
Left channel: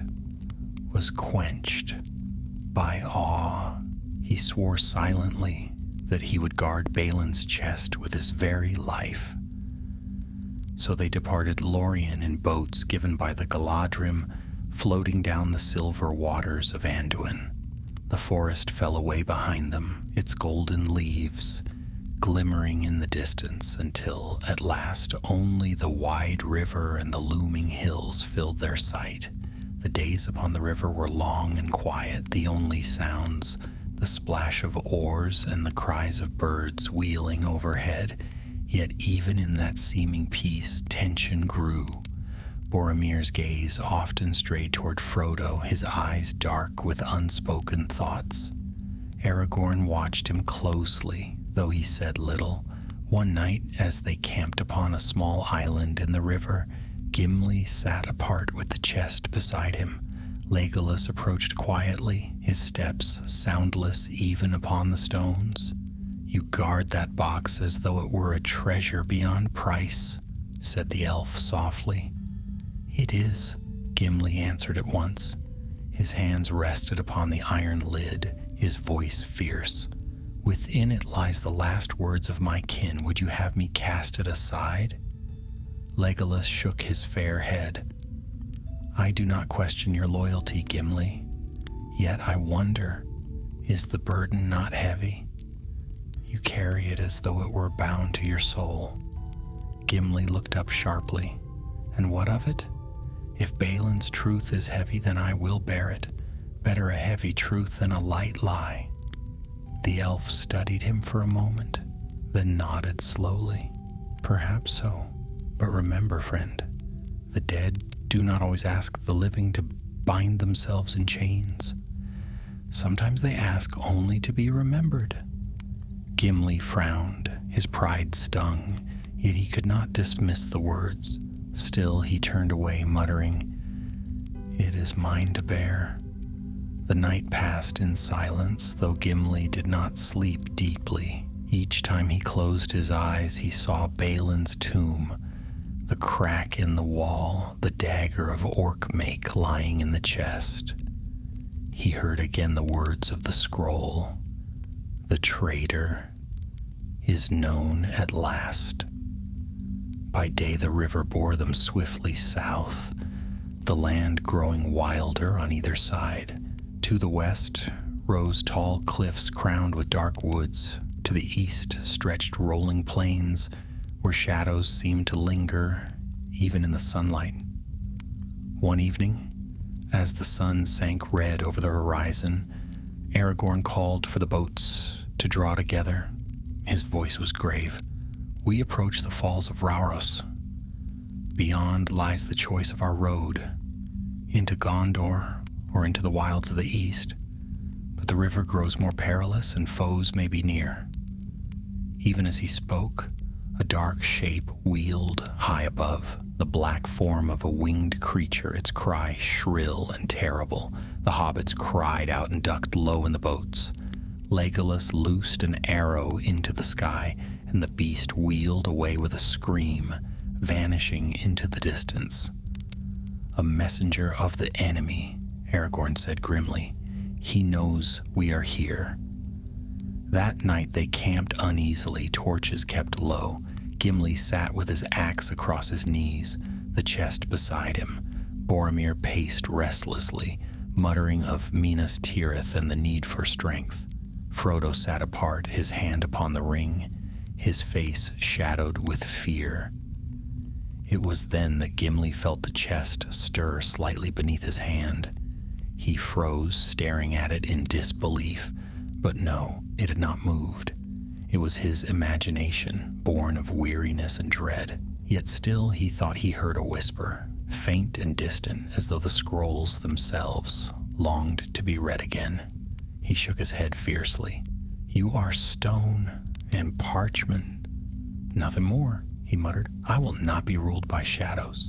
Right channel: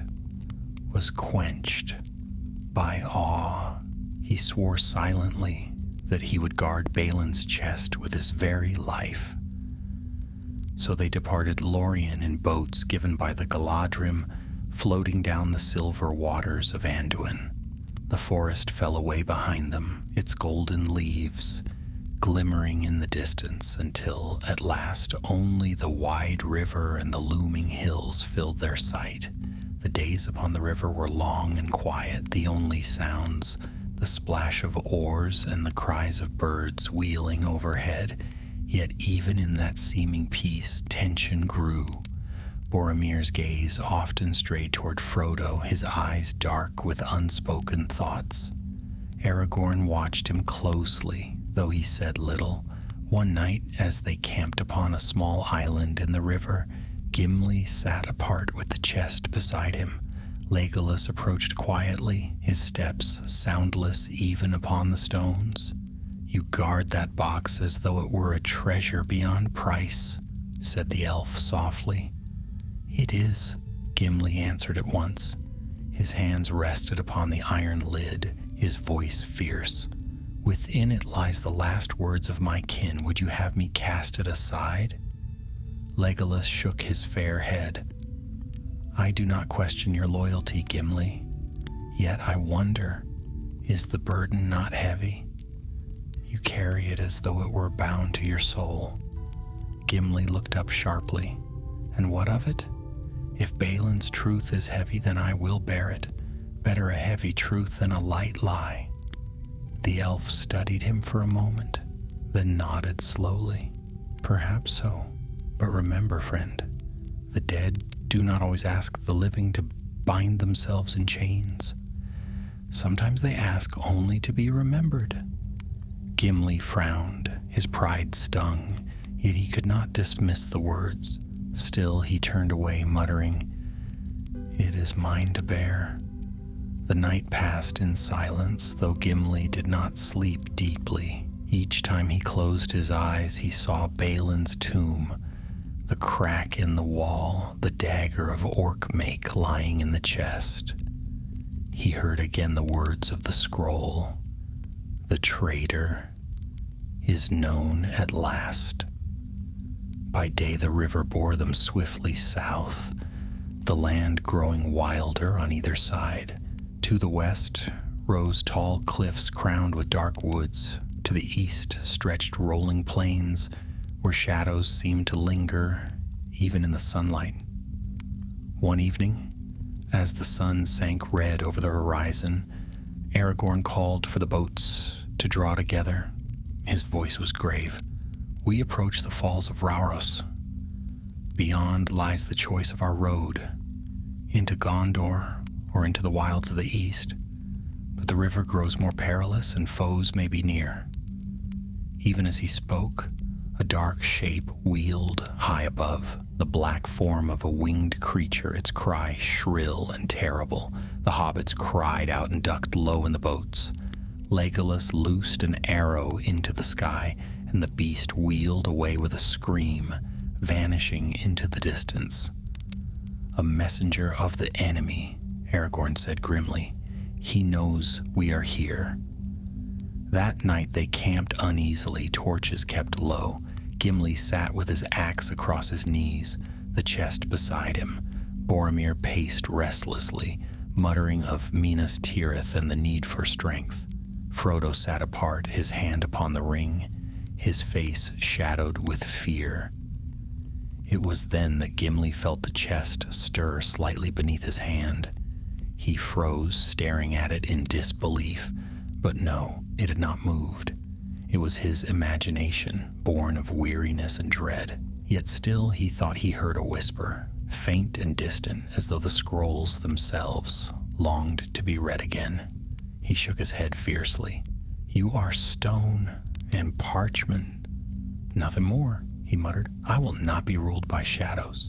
was quenched by awe. He swore silently that he would guard Balin's chest with his very life. So they departed Lorien in boats given by the Galadrim, floating down the silver waters of Anduin. The forest fell away behind them, its golden leaves glimmering in the distance, until at last only the wide river and the looming hills filled their sight. The days upon the river were long and quiet, the only sounds the splash of oars and the cries of birds wheeling overhead. Yet even in that seeming peace, tension grew. Boromir's gaze often strayed toward Frodo, his eyes dark with unspoken thoughts. Aragorn watched him closely, though he said little. One night, as they camped upon a small island in the river, Gimli sat apart with the chest beside him. Legolas approached quietly, his steps soundless even upon the stones. You guard that box as though it were a treasure beyond price, said the elf softly. It is, Gimli answered at once. His hands rested upon the iron lid, his voice fierce. Within it lies the last words of my kin. Would you have me cast it aside? Legolas shook his fair head. I do not question your loyalty, Gimli. Yet I wonder, is the burden not heavy? You carry it as though it were bound to your soul. Gimli looked up sharply. And what of it? If Balin's truth is heavy, then I will bear it. Better a heavy truth than a light lie. The elf studied him for a moment, then nodded slowly. Perhaps so. But remember, friend, the dead do not always ask the living to bind themselves in chains. Sometimes they ask only to be remembered. Gimli frowned, his pride stung, yet he could not dismiss the words. Still he turned away, muttering, It is mine to bear. The night passed in silence, though Gimli did not sleep deeply. Each time he closed his eyes, he saw Balin's tomb, the crack in the wall, the dagger of orc make lying in the chest. He heard again the words of the scroll. The traitor is known at last. By day the river bore them swiftly south, the land growing wilder on either side. To the west rose tall cliffs crowned with dark woods. To the east stretched rolling plains where shadows seemed to linger even in the sunlight. One evening, as the sun sank red over the horizon, Aragorn called for the boats to draw together. His voice was grave. "We approach the falls of Rauros. Beyond lies the choice of our road, into Gondor or into the wilds of the east, but the river grows more perilous and foes may be near." Even as he spoke, a dark shape wheeled high above, the black form of a winged creature, its cry shrill and terrible. The hobbits cried out and ducked low in the boats. Legolas loosed an arrow into the sky, and the beast wheeled away with a scream, vanishing into the distance. "A messenger of the enemy," Aragorn said grimly. "He knows we are here." That night they camped uneasily, torches kept low. Gimli sat with his axe across his knees, the chest beside him. Boromir paced restlessly, muttering of Minas Tirith and the need for strength. Frodo sat apart, his hand upon the ring, his face shadowed with fear. It was then that Gimli felt the chest stir slightly beneath his hand. He froze, staring at it in disbelief, but no, it had not moved. It was his imagination, born of weariness and dread. Yet still he thought he heard a whisper, faint and distant, as though the scrolls themselves longed to be read again. He shook his head fiercely. "You are stone and parchment. Nothing more," he muttered. "I will not be ruled by shadows."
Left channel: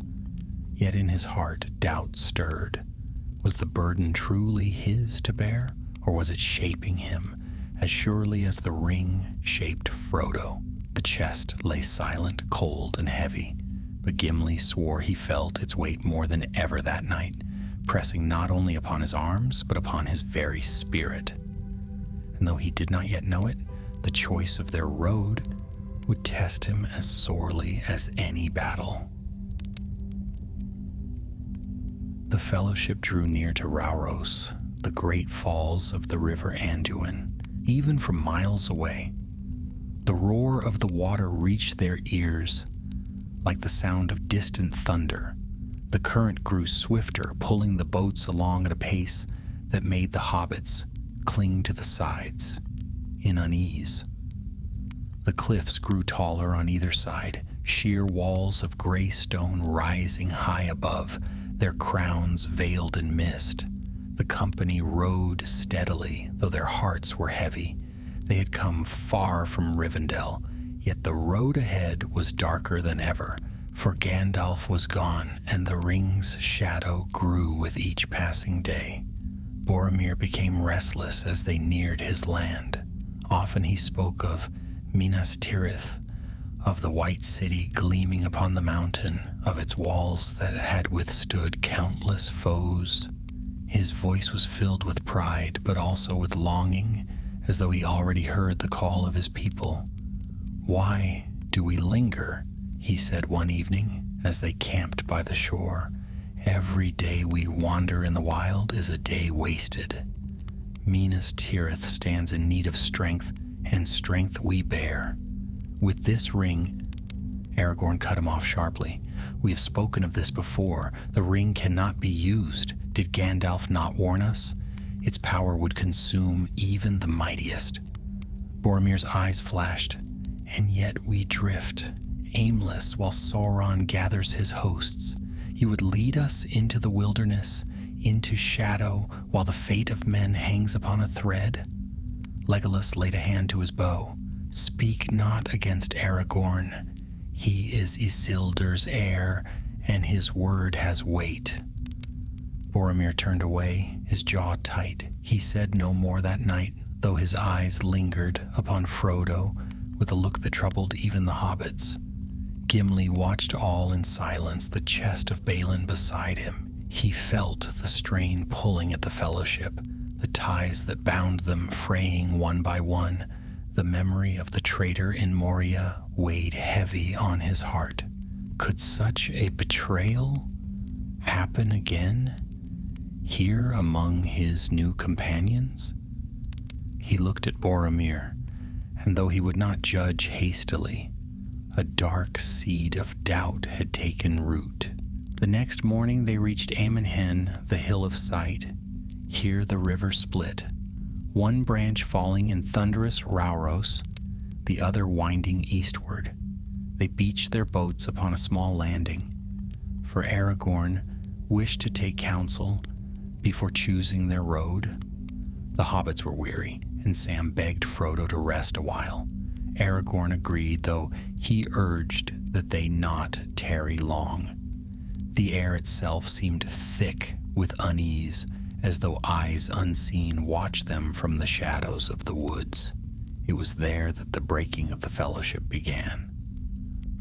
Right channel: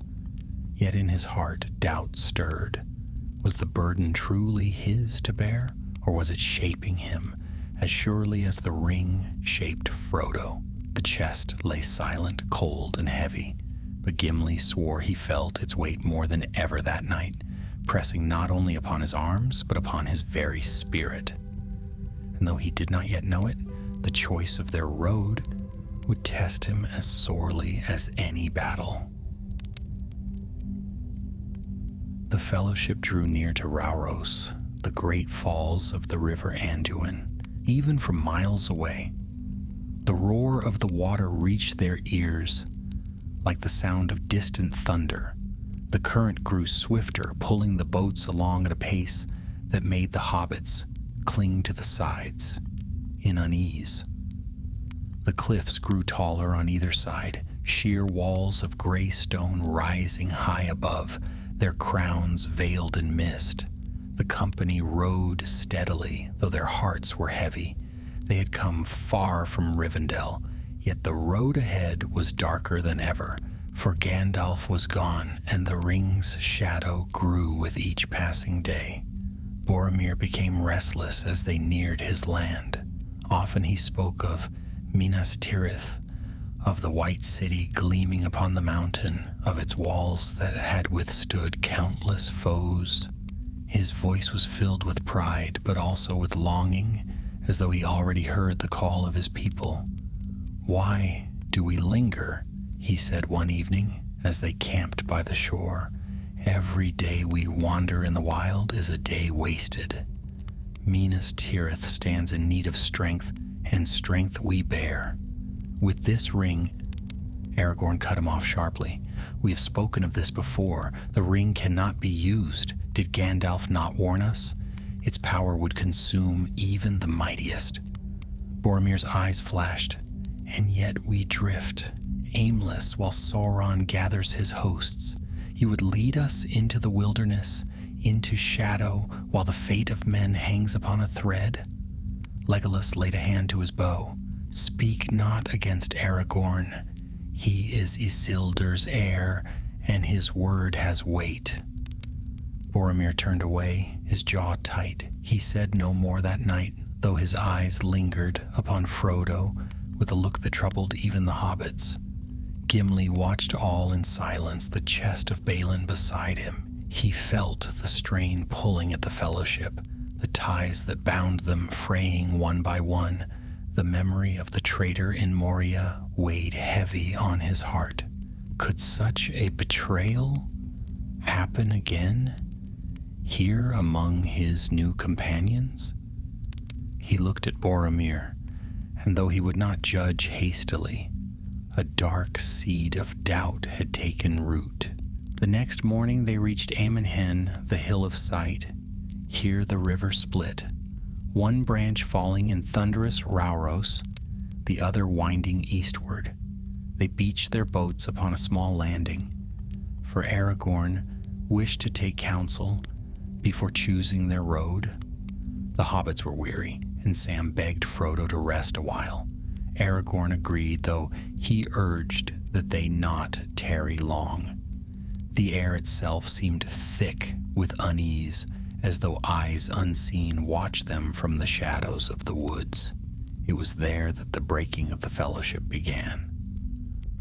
Yet in his heart doubt stirred. Was the burden truly his to bear, or was it shaping him as surely as the ring shaped Frodo? The chest lay silent, cold, and heavy, but Gimli swore he felt its weight more than ever that night, pressing not only upon his arms, but upon his very spirit. And though he did not yet know it, the choice of their road would test him as sorely as any battle. The Fellowship drew near to Rauros, the great falls of the river Anduin. Even from miles away, the roar of the water reached their ears like the sound of distant thunder. The current grew swifter, pulling the boats along at a pace that made the hobbits cling to the sides in unease. The cliffs grew taller on either side, sheer walls of gray stone rising high above, their crowns veiled in mist. The company rowed steadily, though their hearts were heavy. They had come far from Rivendell, yet the road ahead was darker than ever, for Gandalf was gone, and the ring's shadow grew with each passing day. Boromir became restless as they neared his land. Often he spoke of Minas Tirith, of the white city gleaming upon the mountain, of its walls that had withstood countless foes. His voice was filled with pride, but also with longing, as though he already heard the call of his people. "Why do we linger?" he said one evening, as they camped by the shore. "Every day we wander in the wild is a day wasted. Minas Tirith stands in need of strength, and strength we bear. With this ring..." Aragorn cut him off sharply. "We have spoken of this before. The ring cannot be used. Did Gandalf not warn us? Its power would consume even the mightiest." Boromir's eyes flashed. "And yet we drift, aimless, while Sauron gathers his hosts. You would lead us into the wilderness, into shadow, while the fate of men hangs upon a thread?" Legolas laid a hand to his bow. "Speak not against Aragorn. He is Isildur's heir, and his word has weight." Boromir turned away, his jaw tight. He said no more that night, though his eyes lingered upon Frodo with a look that troubled even the hobbits. Gimli watched all in silence, the chest of Balin beside him. He felt the strain pulling at the Fellowship, the ties that bound them fraying one by one. The memory of the traitor in Moria weighed heavy on his heart. Could such a betrayal happen again, here among his new companions? He looked at Boromir, and though he would not judge hastily, a dark seed of doubt had taken root. The next morning they reached Ammenhen, the hill of sight. Here the river split, one branch falling in thunderous Rauros, the other winding eastward. They beached their boats upon a small landing, for Aragorn wished to take counsel before choosing their road. The hobbits were weary, and Sam begged Frodo to rest a while. Aragorn agreed, though he urged that they not tarry long. The air itself seemed thick with unease, as though eyes unseen watched them from the shadows of the woods. It was there that the breaking of the fellowship began.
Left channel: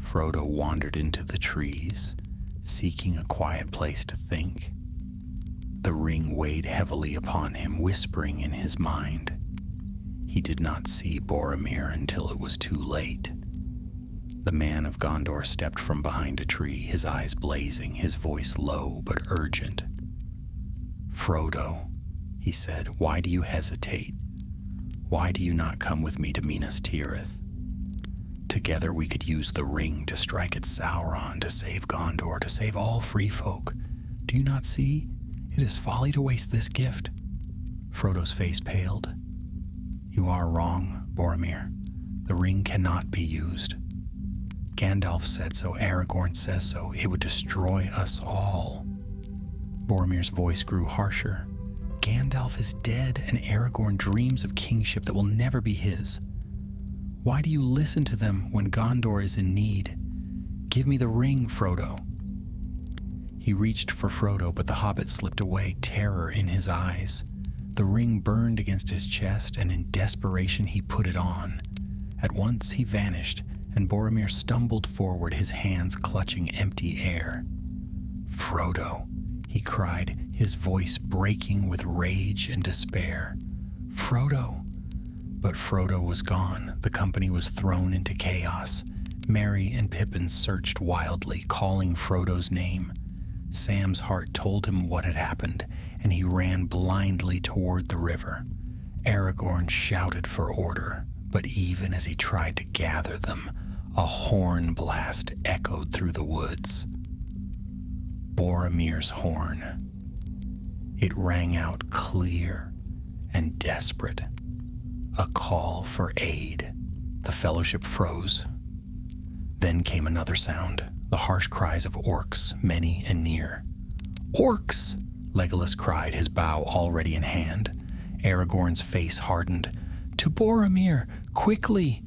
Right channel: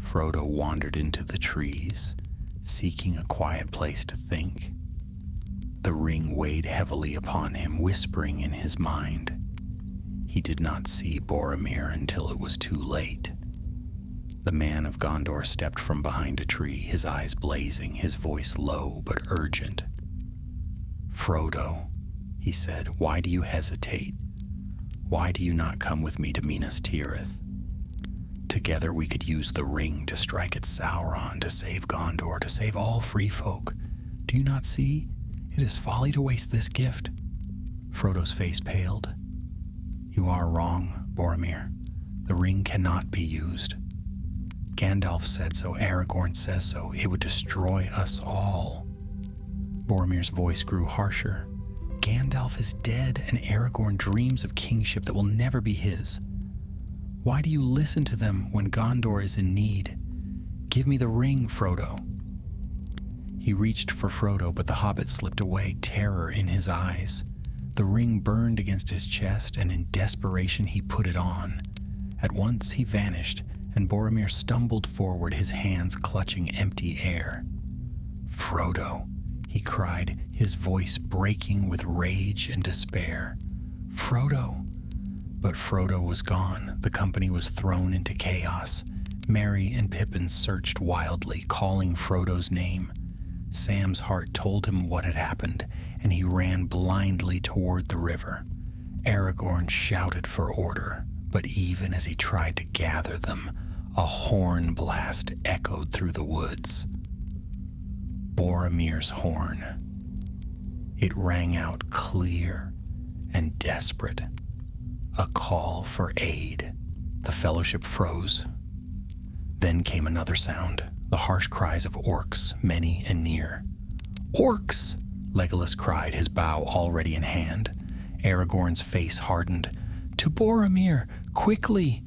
Frodo wandered into the trees, seeking a quiet place to think. The ring weighed heavily upon him, whispering in his mind. He did not see Boromir until it was too late. The man of Gondor stepped from behind a tree, his eyes blazing, his voice low but urgent. "Frodo," he said, "why do you hesitate? Why do you not come with me to Minas Tirith? Together we could use the ring to strike at Sauron, to save Gondor, to save all free folk. Do you not see? It is folly to waste this gift." Frodo's face paled. "You are wrong, Boromir. The ring cannot be used. Gandalf said so, Aragorn says so. It would destroy us all." Boromir's voice grew harsher. "Gandalf is dead, and Aragorn dreams of kingship that will never be his. Why do you listen to them when Gondor is in need? Give me the ring, Frodo." He reached for Frodo, but the hobbit slipped away, terror in his eyes. The ring burned against his chest, and in desperation he put it on. At once he vanished, and Boromir stumbled forward, his hands clutching empty air. "Frodo," he cried, his voice breaking with rage and despair. "Frodo!" But Frodo was gone. The company was thrown into chaos. Merry and Pippin searched wildly, calling Frodo's name. Sam's heart told him what had happened, and he ran blindly toward the river. Aragorn shouted for order, but even as he tried to gather them, a horn blast echoed through the woods. Boromir's horn. It rang out clear and desperate, a call for aid. The fellowship froze. Then came another sound, the harsh cries of orcs, many and near. "Orcs!" Legolas cried, his bow already in hand. Aragorn's face hardened. "To Boromir! Quickly!"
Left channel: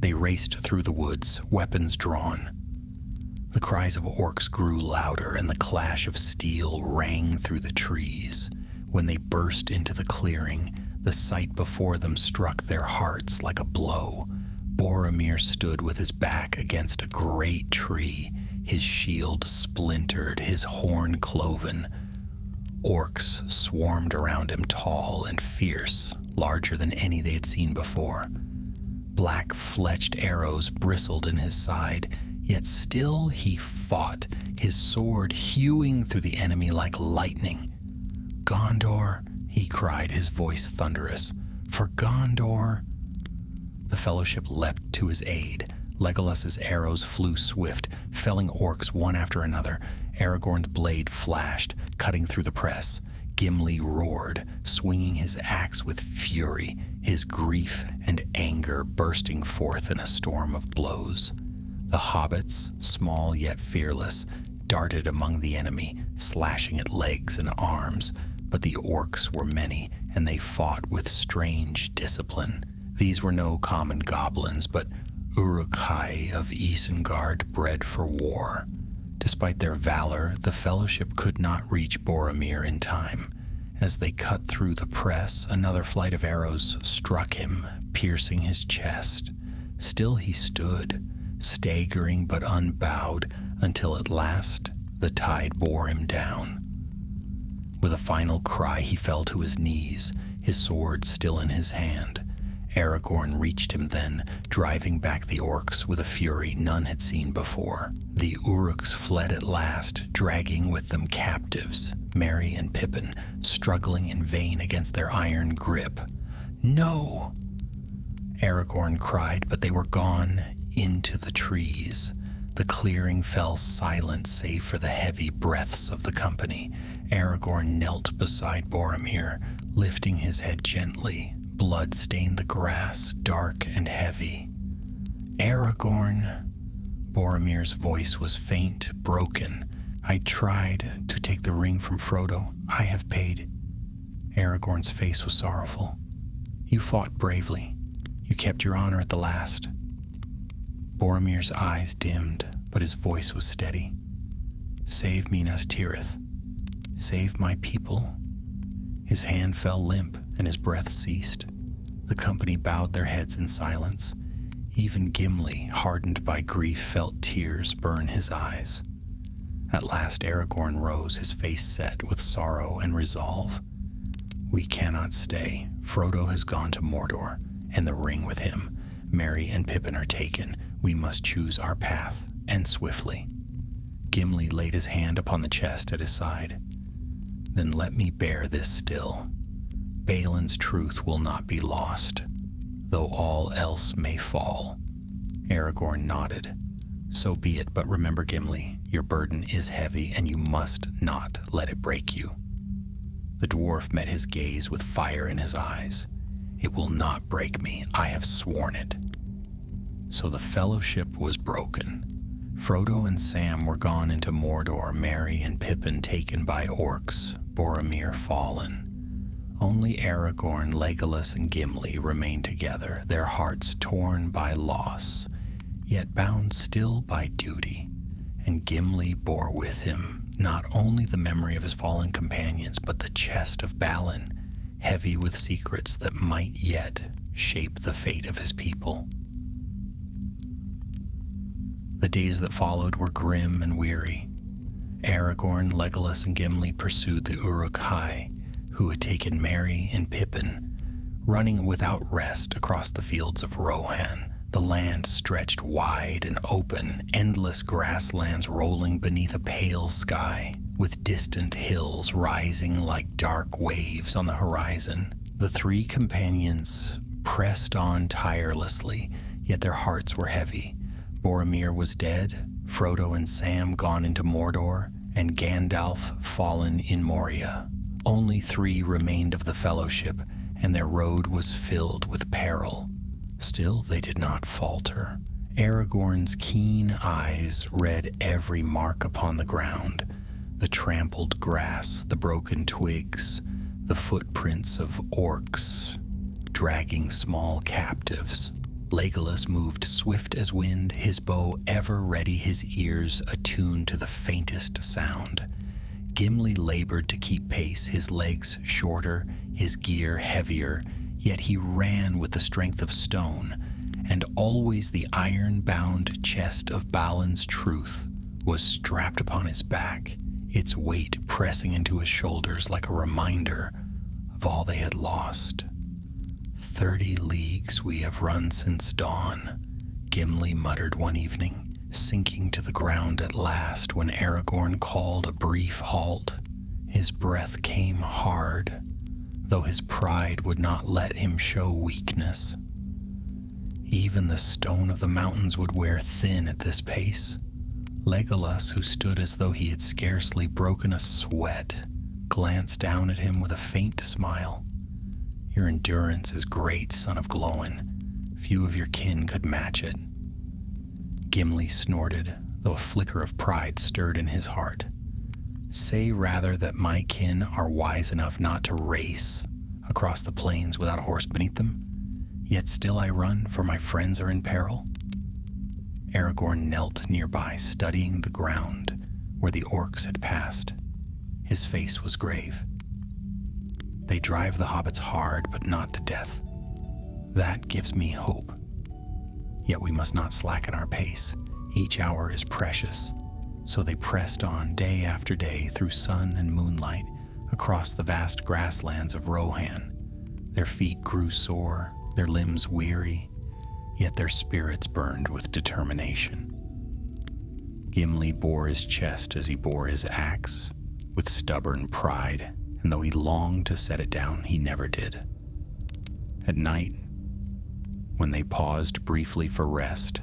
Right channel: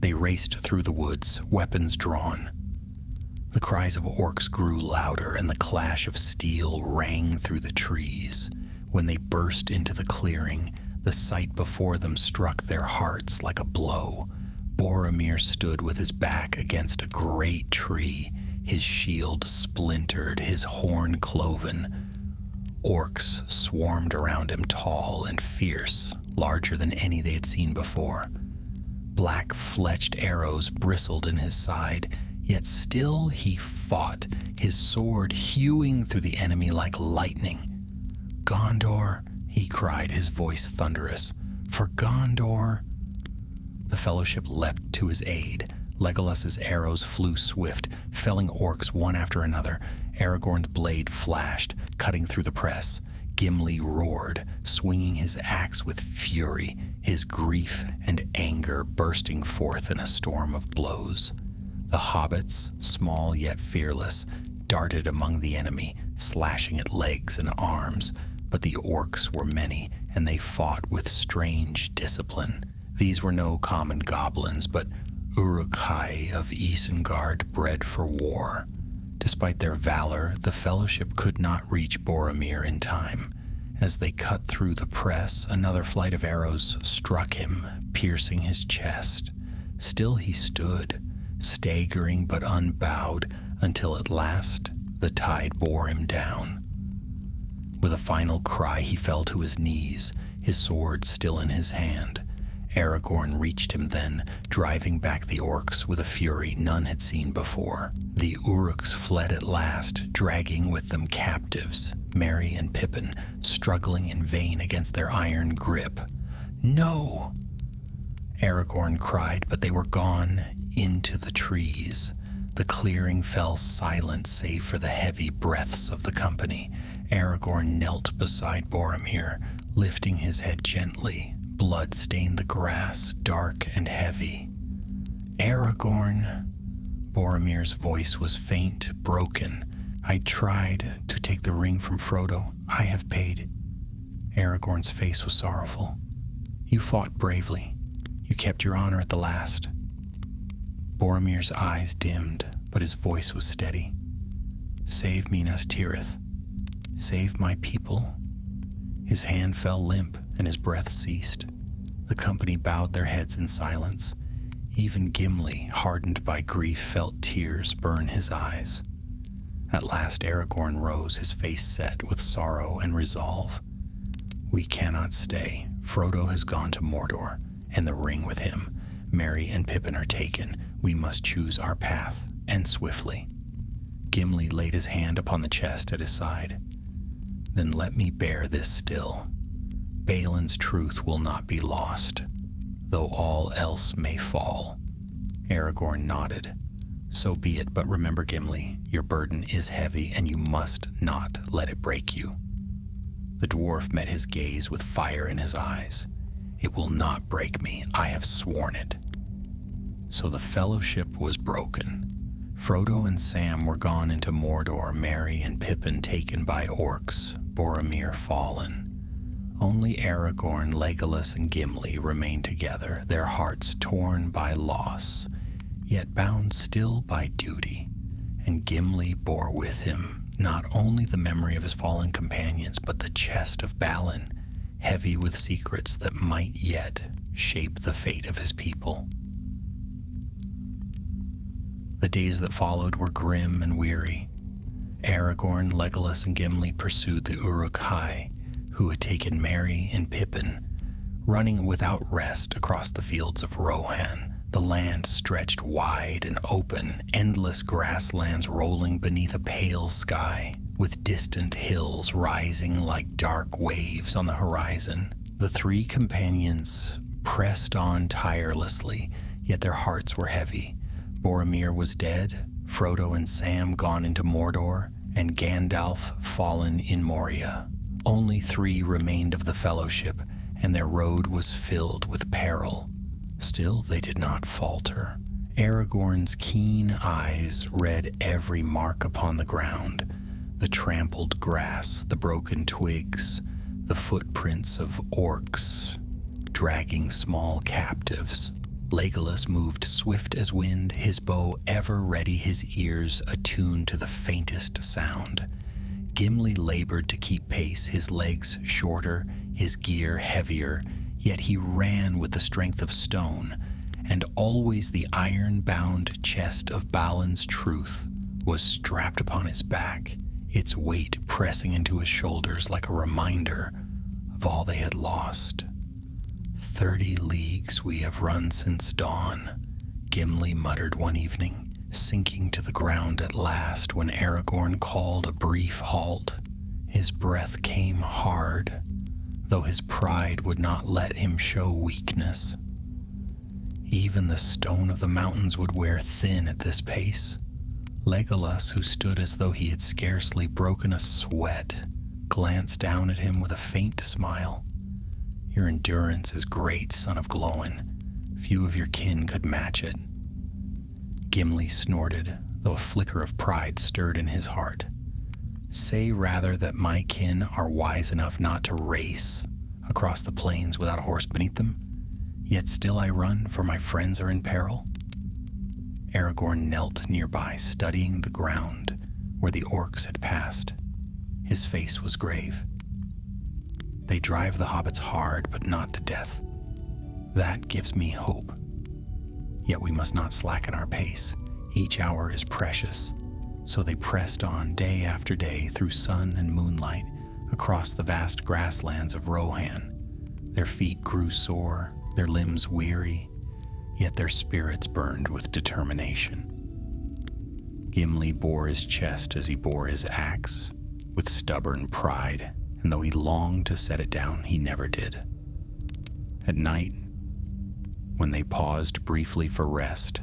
They raced through the woods, weapons drawn. The cries of orcs grew louder, and the clash of steel rang through the trees. When they burst into the clearing, the sight before them struck their hearts like a blow. Boromir stood with his back against a great tree, his shield splintered, his horn cloven. Orcs swarmed around him, tall and fierce, larger than any they had seen before. Black-fletched arrows bristled in his side, yet still he fought, his sword hewing through the enemy like lightning. "Gondor!" he cried, his voice thunderous. "For Gondor!" The fellowship leapt to his aid. Legolas's arrows flew swift, felling orcs one after another. Aragorn's blade flashed, cutting through the press. Gimli roared, swinging his axe with fury, his grief and anger bursting forth in a storm of blows. The hobbits, small yet fearless, darted among the enemy, slashing at legs and arms, but the orcs were many, and they fought with strange discipline. These were no common goblins, but Uruk-hai of Isengard bred for war. Despite their valor, the fellowship could not reach Boromir in time. As they cut through the press, another flight of arrows struck him, piercing his chest. Still he stood, staggering but unbowed, until at last the tide bore him down. With a final cry, he fell to his knees, his sword still in his hand. Aragorn reached him then, driving back the orcs with a fury none had seen before. The Uruks fled at last, dragging with them captives, Merry and Pippin, struggling in vain against their iron grip. "No!" Aragorn cried, but they were gone into the trees. The clearing fell silent save for the heavy breaths of the company. Aragorn knelt beside Boromir, lifting his head gently. Blood stained the grass, dark and heavy. Aragorn. Boromir's voice was faint, broken. I tried to take the ring from Frodo. I have paid. Aragorn's face was sorrowful. You fought bravely. You kept your honor at the last. Boromir's eyes dimmed, but his voice was steady. Save Minas Tirith. Save my people. His hand fell limp, and his breath ceased. The company bowed their heads in silence. Even Gimli, hardened by grief, felt tears burn his eyes. At last Aragorn rose, his face set with sorrow and resolve. We cannot stay. Frodo has gone to Mordor, and the ring with him. Merry and Pippin are taken. We must choose our path, and swiftly. Gimli laid his hand upon the chest at his side. Then let me bear this still. Balin's truth will not be lost, though all else may fall. Aragorn nodded. So be it, but remember, Gimli, your burden is heavy, and you must not let it break you. The dwarf met his gaze with fire in his eyes. It will not break me. I have sworn it. So the fellowship was broken. Frodo and Sam were gone into Mordor, Merry and Pippin taken by orcs, Boromir fallen. Only Aragorn, Legolas, and Gimli remained together, their hearts torn by loss, yet bound still by duty. And Gimli bore with him not only the memory of his fallen companions, but the chest of Balin, heavy with secrets that might yet shape the fate of his people. The days that followed were grim and weary. Aragorn, Legolas, and Gimli pursued the Uruk-hai, who had taken Merry and Pippin, running without rest across the fields of Rohan. The land stretched wide and open, endless grasslands rolling beneath a pale sky, with distant hills rising like dark waves on the horizon. The three companions pressed on tirelessly, yet their hearts were heavy. Boromir was dead, Frodo and Sam gone into Mordor, and Gandalf fallen in Moria. Only three remained of the fellowship, and their road was filled with peril. Still they did not falter. Aragorn's keen eyes read every mark upon the ground, the trampled grass, the broken twigs, the footprints of orcs dragging small captives. Legolas moved swift as wind, his bow ever ready, his ears attuned to the faintest sound. Gimli labored to keep pace, his legs shorter, his gear heavier, yet he ran with the strength of stone, and always the iron-bound chest of Balin's truth was strapped upon his back, its weight pressing into his shoulders like a reminder of all they had lost. 30 leagues we have run since dawn, Gimli muttered one evening, sinking to the ground at last when Aragorn called a brief halt. His breath came hard, though his pride would not let him show weakness. Even the stone of the mountains would wear thin at this pace. Legolas, who stood as though he had scarcely broken a sweat, glanced down at him with a faint smile. Your endurance is great, son of Glóin. Few of your kin could match it. Gimli snorted, though a flicker of pride stirred in his heart. Say rather that my kin are wise enough not to race across the plains without a horse beneath them, yet still I run, for my friends are in peril. Aragorn knelt nearby, studying the ground where the orcs had passed. His face was grave. They drive the hobbits hard, but not to death. That gives me hope. Yet we must not slacken our pace. Each hour is precious. So they pressed on day after day through sun and moonlight across the vast grasslands of Rohan. Their feet grew sore, their limbs weary, yet their spirits burned with determination. Gimli bore his chest as he bore his axe, with stubborn pride, and though he longed to set it down, he never did. At night, When they paused briefly for rest,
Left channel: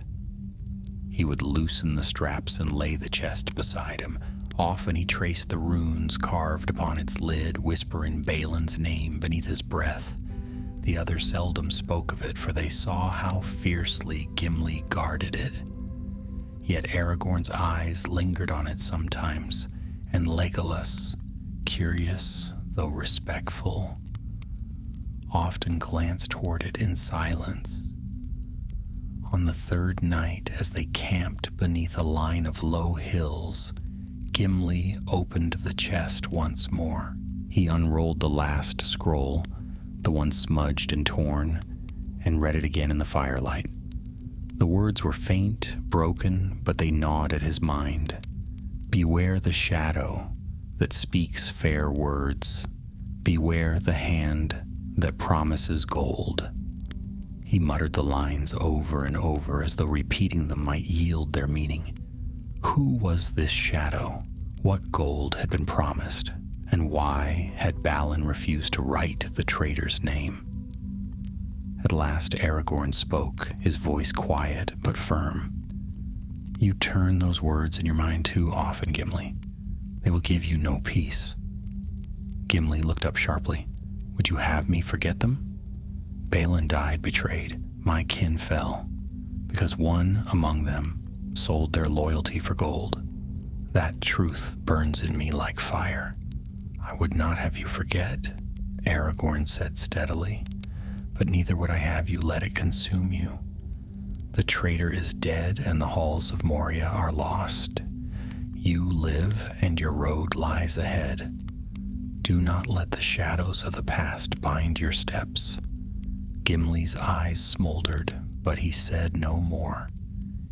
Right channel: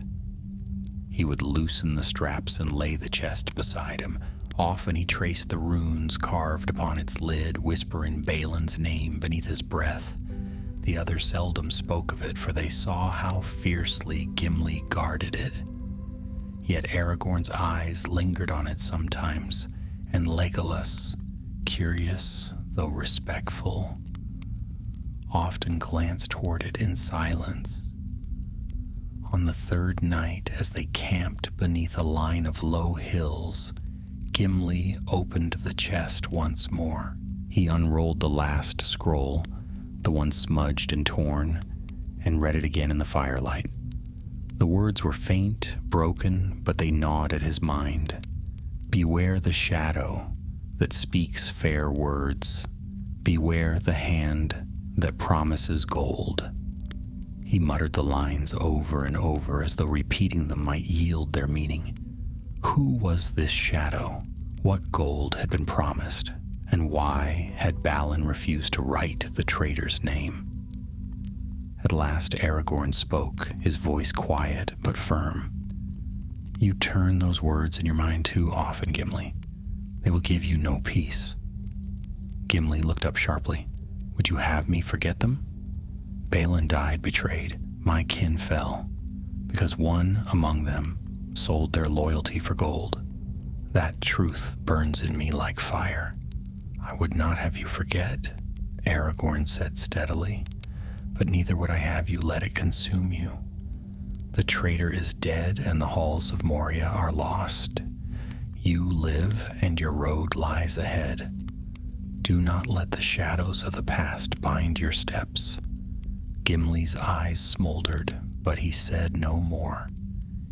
he would loosen the straps and lay the chest beside him. Often he traced the runes carved upon its lid, whispering Balin's name beneath his breath. The others seldom spoke of it, for they saw how fiercely Gimli guarded it. Yet Aragorn's eyes lingered on it sometimes, and Legolas, curious though respectful, often glanced toward it in silence. On the third night, as they camped beneath a line of low hills, Gimli opened the chest once more. He unrolled the last scroll, the one smudged and torn, and read it again in the firelight. The words were faint, broken, but they gnawed at his mind. Beware the shadow that speaks fair words. Beware the hand that promises gold. He muttered the lines over and over as though repeating them might yield their meaning. Who was this shadow? What gold had been promised? And why had Balin refused to write the traitor's name? At last Aragorn spoke, his voice quiet but firm. You turn those words in your mind too often, Gimli. They will give you no peace. Gimli looked up sharply. Would you have me forget them? Balin died betrayed. My kin fell, because one among them sold their loyalty for gold. That truth burns in me like fire. I would not have you forget, Aragorn said steadily, but neither would I have you let it consume you. The traitor is dead and the halls of Moria are lost. You live and your road lies ahead. Do not let the shadows of the past bind your steps. Gimli's eyes smoldered, but he said no more.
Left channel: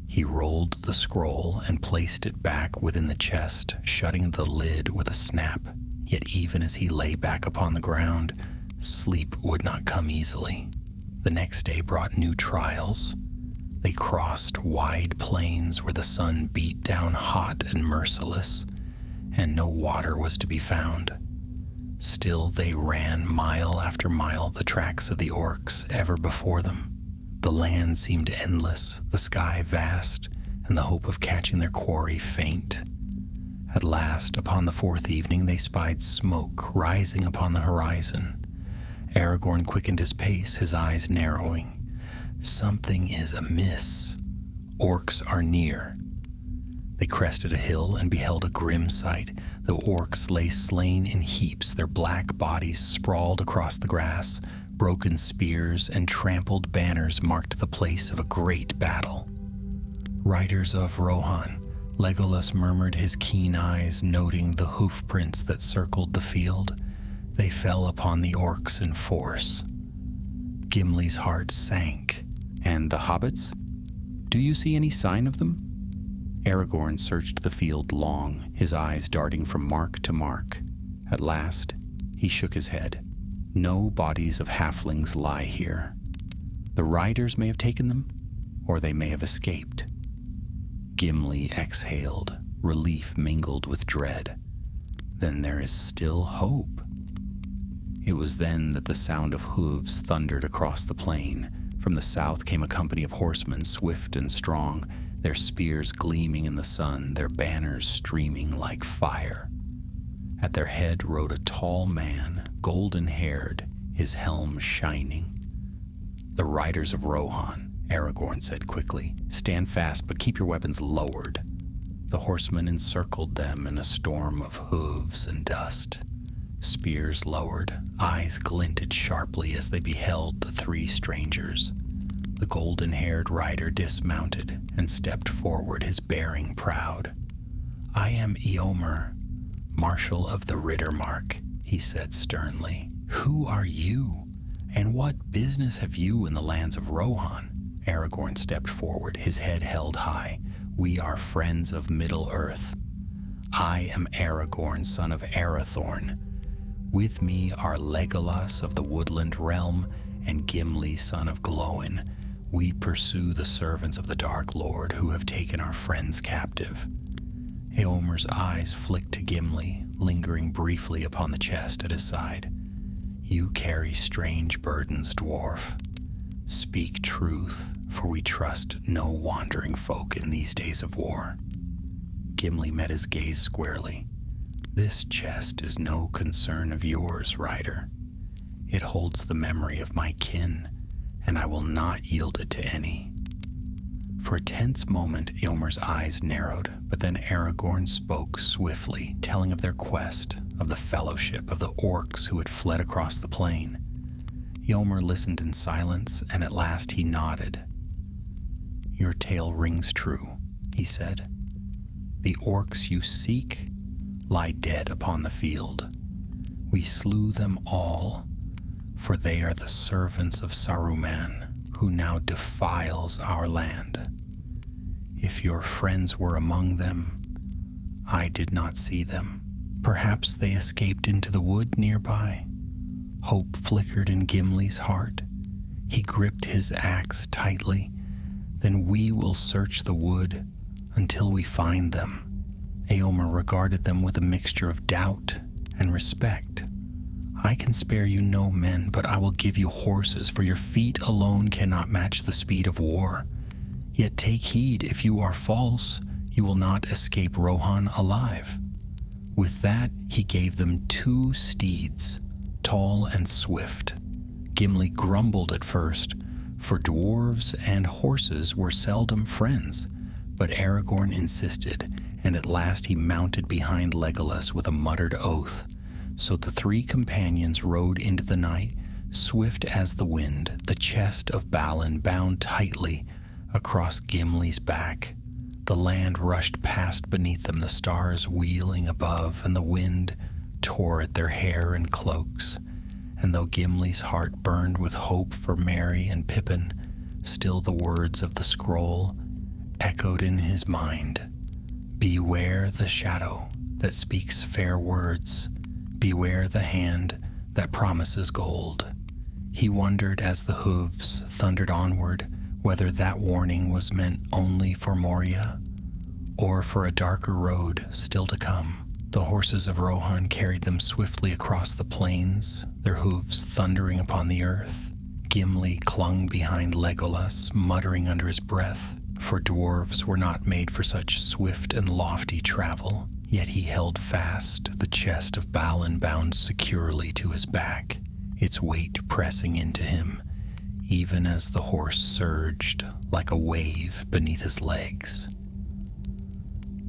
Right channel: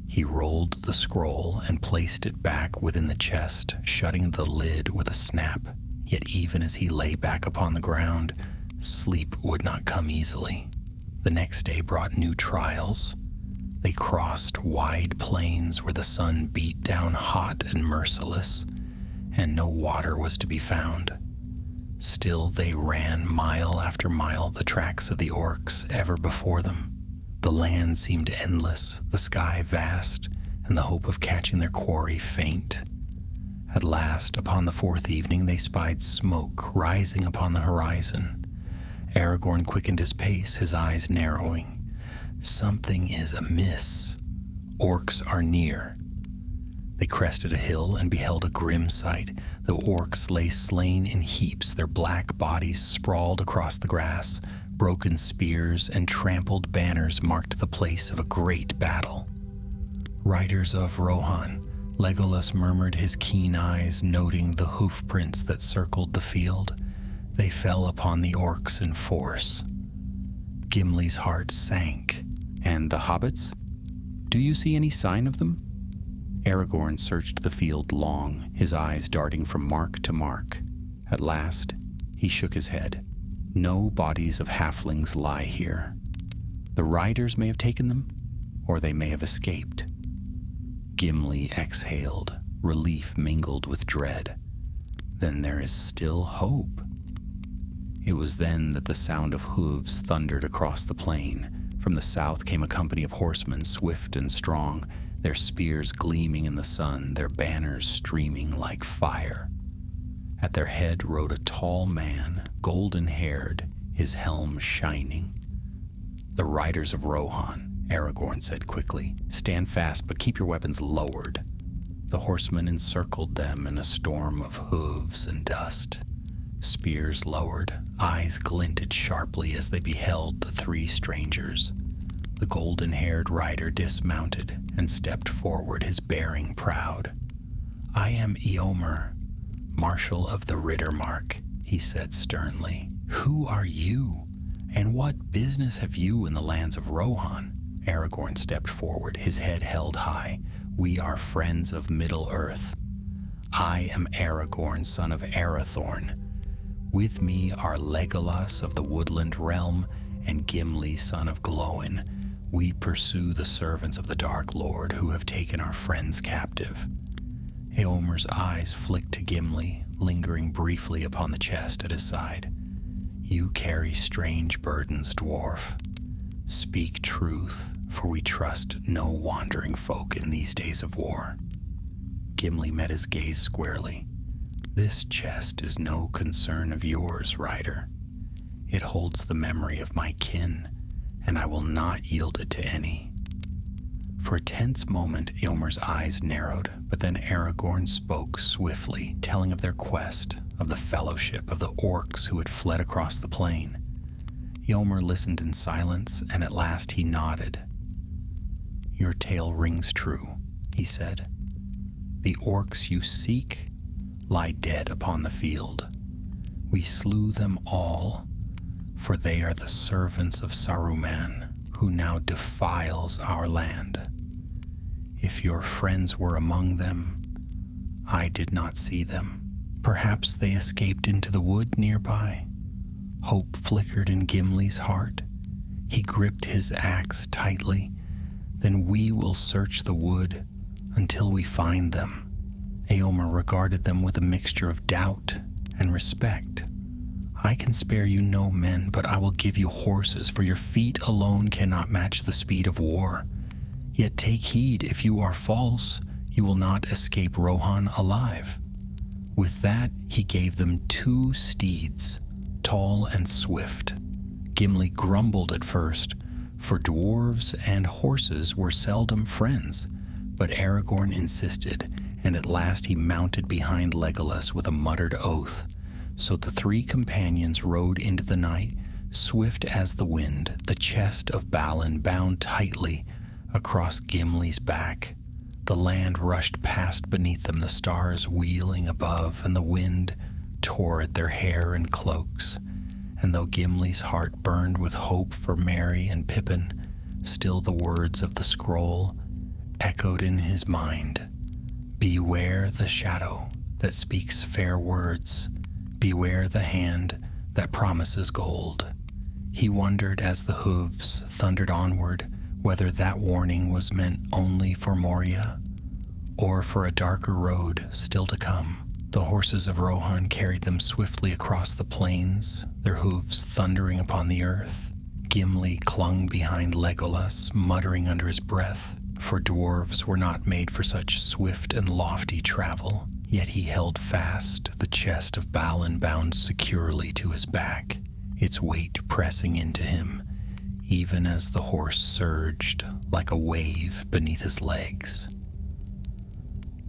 He rolled the scroll and placed it back within the chest, shutting the lid with a snap. Yet even as he lay back upon the ground, sleep would not come easily. The next day brought new trials. They crossed wide plains where the sun beat down hot and merciless, and no water was to be found. Still they ran mile after mile the tracks of the orcs ever before them. The land seemed endless, the sky vast, and the hope of catching their quarry faint. At last, upon the fourth evening, they spied smoke rising upon the horizon. Aragorn quickened his pace, his eyes narrowing. Something is amiss. Orcs are near. They crested a hill and beheld a grim sight. The orcs lay slain in heaps, their black bodies sprawled across the grass. Broken spears and trampled banners marked the place of a great battle. Riders of Rohan, Legolas murmured, his keen eyes noting the hoof prints that circled the field. They fell upon the orcs in force. Gimli's heart sank. And the hobbits? Do you see any sign of them? Aragorn searched the field long, his eyes darting from mark to mark. At last, he shook his head. No bodies of halflings lie here. The riders may have taken them, or they may have escaped. Gimli exhaled, relief mingled with dread. Then there is still hope. It was then that the sound of hooves thundered across the plain. From the south came a company of horsemen, swift and strong, their spears gleaming in the sun, their banners streaming like fire. At their head rode a tall man, golden-haired, his helm shining. The riders of Rohan, Aragorn said quickly. Stand fast, but keep your weapons lowered. The horsemen encircled them in a storm of hooves and dust. Spears lowered, eyes glinted sharply as they beheld the three strangers. The golden-haired rider dismounted and stepped forward, his bearing proud. I am Eomer, Marshal of the Riddermark, he said sternly. Who are you, and what business have you in the lands of Rohan? Aragorn stepped forward, his head held high. We are friends of Middle-earth. I am Aragorn, son of Arathorn. With me are Legolas of the Woodland Realm and Gimli, son of Glóin. We pursue the servants of the Dark Lord who have taken our friends captive. Eomer's eyes flicked to Gimli, lingering briefly upon the chest at his side. You carry strange burdens, dwarf. Speak truth, for we trust no wandering folk in these days of war. Gimli met his gaze squarely. This chest is no concern of yours, rider. It holds the memory of my kin, and I will not yield it to any. For a tense moment, Eomer's eyes narrowed, but then Aragorn spoke swiftly, telling of their quest, of the fellowship of the orcs who had fled across the plain. Eomer listened in silence, and at last he nodded. Your tale rings true, he said. The orcs you seek lie dead upon the field. We slew them all, for they are the servants of Saruman, who now defiles our land. If your friends were among them, I did not see them. Perhaps they escaped into the wood nearby. Hope flickered in Gimli's heart. He gripped his axe tightly. Then we will search the wood until we find them. Eomer regarded them with a mixture of doubt and respect. I can spare you no men, but I will give you horses, for your feet alone cannot match the speed of war. Yet take heed, if you are false, you will not escape Rohan alive. With that, he gave them 2 steeds, tall and swift. Gimli grumbled at first, for dwarves and horses were seldom friends, but Aragorn insisted, and at last he mounted behind Legolas with a muttered oath. So the 3 companions rode into the night, swift as the wind, the chest of Balin bound tightly across Gimli's back. The land rushed past beneath them, the stars wheeling above, and the wind tore at their hair and cloaks. And though Gimli's heart burned with hope for Merry and Pippin, still the words of the scroll echoed in his mind. Beware the shadow that speaks fair words. Beware the hand that promises gold. He wondered as the hooves thundered onward whether that warning was meant only for Moria or for a darker road still to come. The horses of Rohan carried them swiftly across the plains, their hooves thundering upon the earth. Gimli clung behind Legolas, muttering under his breath, for dwarves were not made for such swift and lofty travel. Yet he held fast the chest of Balin bound securely to his back, its weight pressing into him, even as the horse surged like a wave beneath his legs.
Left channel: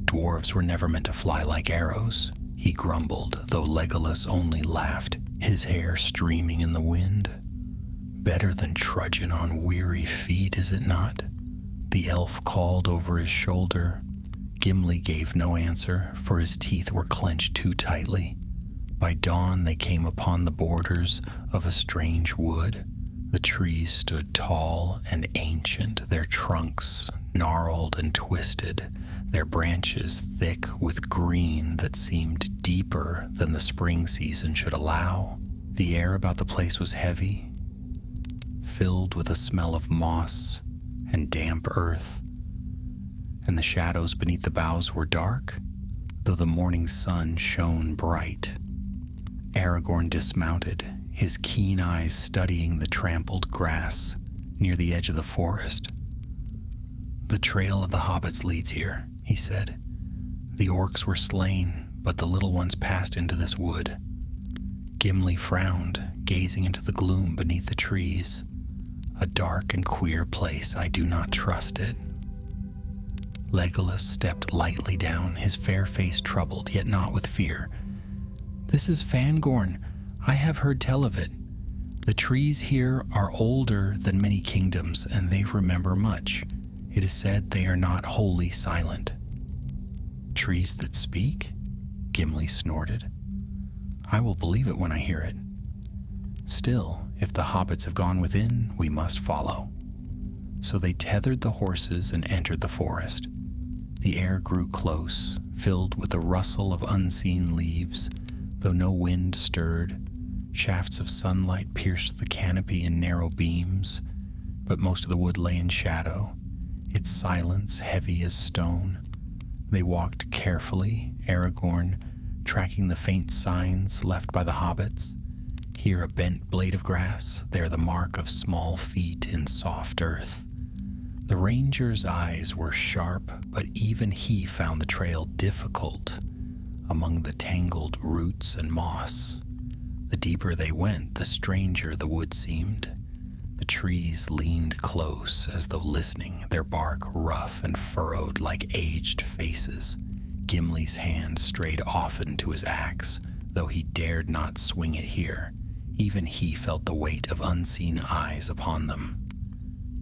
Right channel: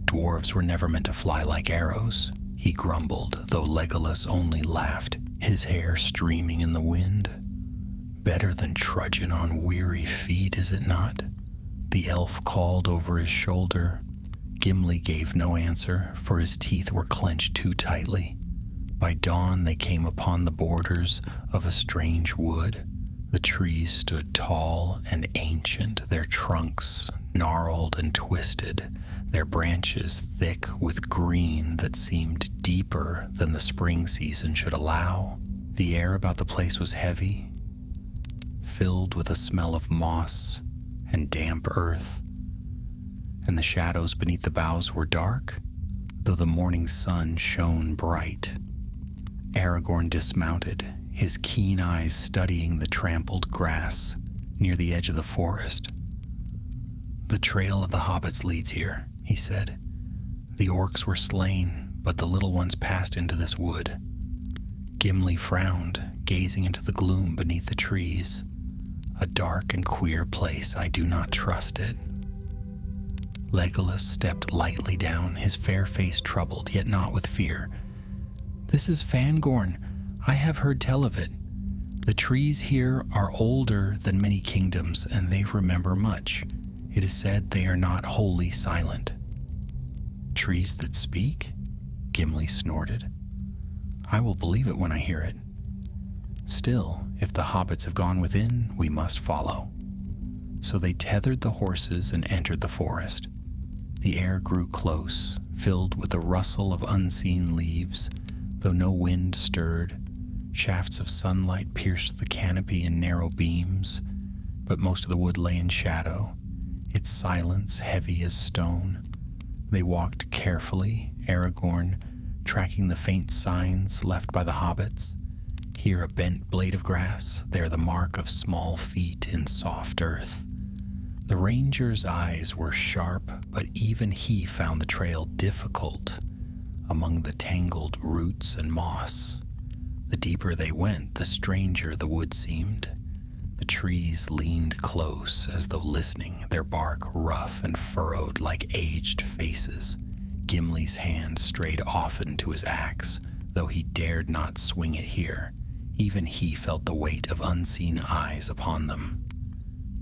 Dwarves were never meant to fly like arrows, he grumbled, though Legolas only laughed, his hair streaming in the wind. Better than trudging on weary feet, is it not? The elf called over his shoulder. Gimli gave no answer, for his teeth were clenched too tightly. By dawn they came upon the borders of a strange wood. The trees stood tall and ancient, their trunks gnarled and twisted, their branches thick with green that seemed deeper than the spring season should allow. The air about the place was heavy, filled with a smell of moss and damp earth, and the shadows beneath the boughs were dark, though the morning sun shone bright. Aragorn dismounted, his keen eyes studying the trampled grass near the edge of the forest. The trail of the hobbits leads here, he said. The orcs were slain, but the little ones passed into this wood. Gimli frowned, gazing into the gloom beneath the trees. A dark and queer place, I do not trust it. Legolas stepped lightly down, his fair face troubled, yet not with fear. This is Fangorn. I have heard tell of it. The trees here are older than many kingdoms, and they remember much. It is said they are not wholly silent. Trees that speak? Gimli snorted. I will believe it when I hear it. Still, if the hobbits have gone within, we must follow. So they tethered the horses and entered the forest. The air grew close, filled with the rustle of unseen leaves, though no wind stirred. Shafts of sunlight pierced the canopy in narrow beams, but most of the wood lay in shadow, its silence heavy as stone. They walked carefully, Aragorn tracking the faint signs left by the hobbits. Here a bent blade of grass, there the mark of small feet in soft earth. The ranger's eyes were sharp, but even he found the trail difficult among the tangled roots and moss. The deeper they went, the stranger the wood seemed. The trees leaned close as though listening, their bark rough and furrowed like aged faces. Gimli's hand strayed often to his axe, though he dared not swing it here. Even he felt the weight of unseen eyes upon them.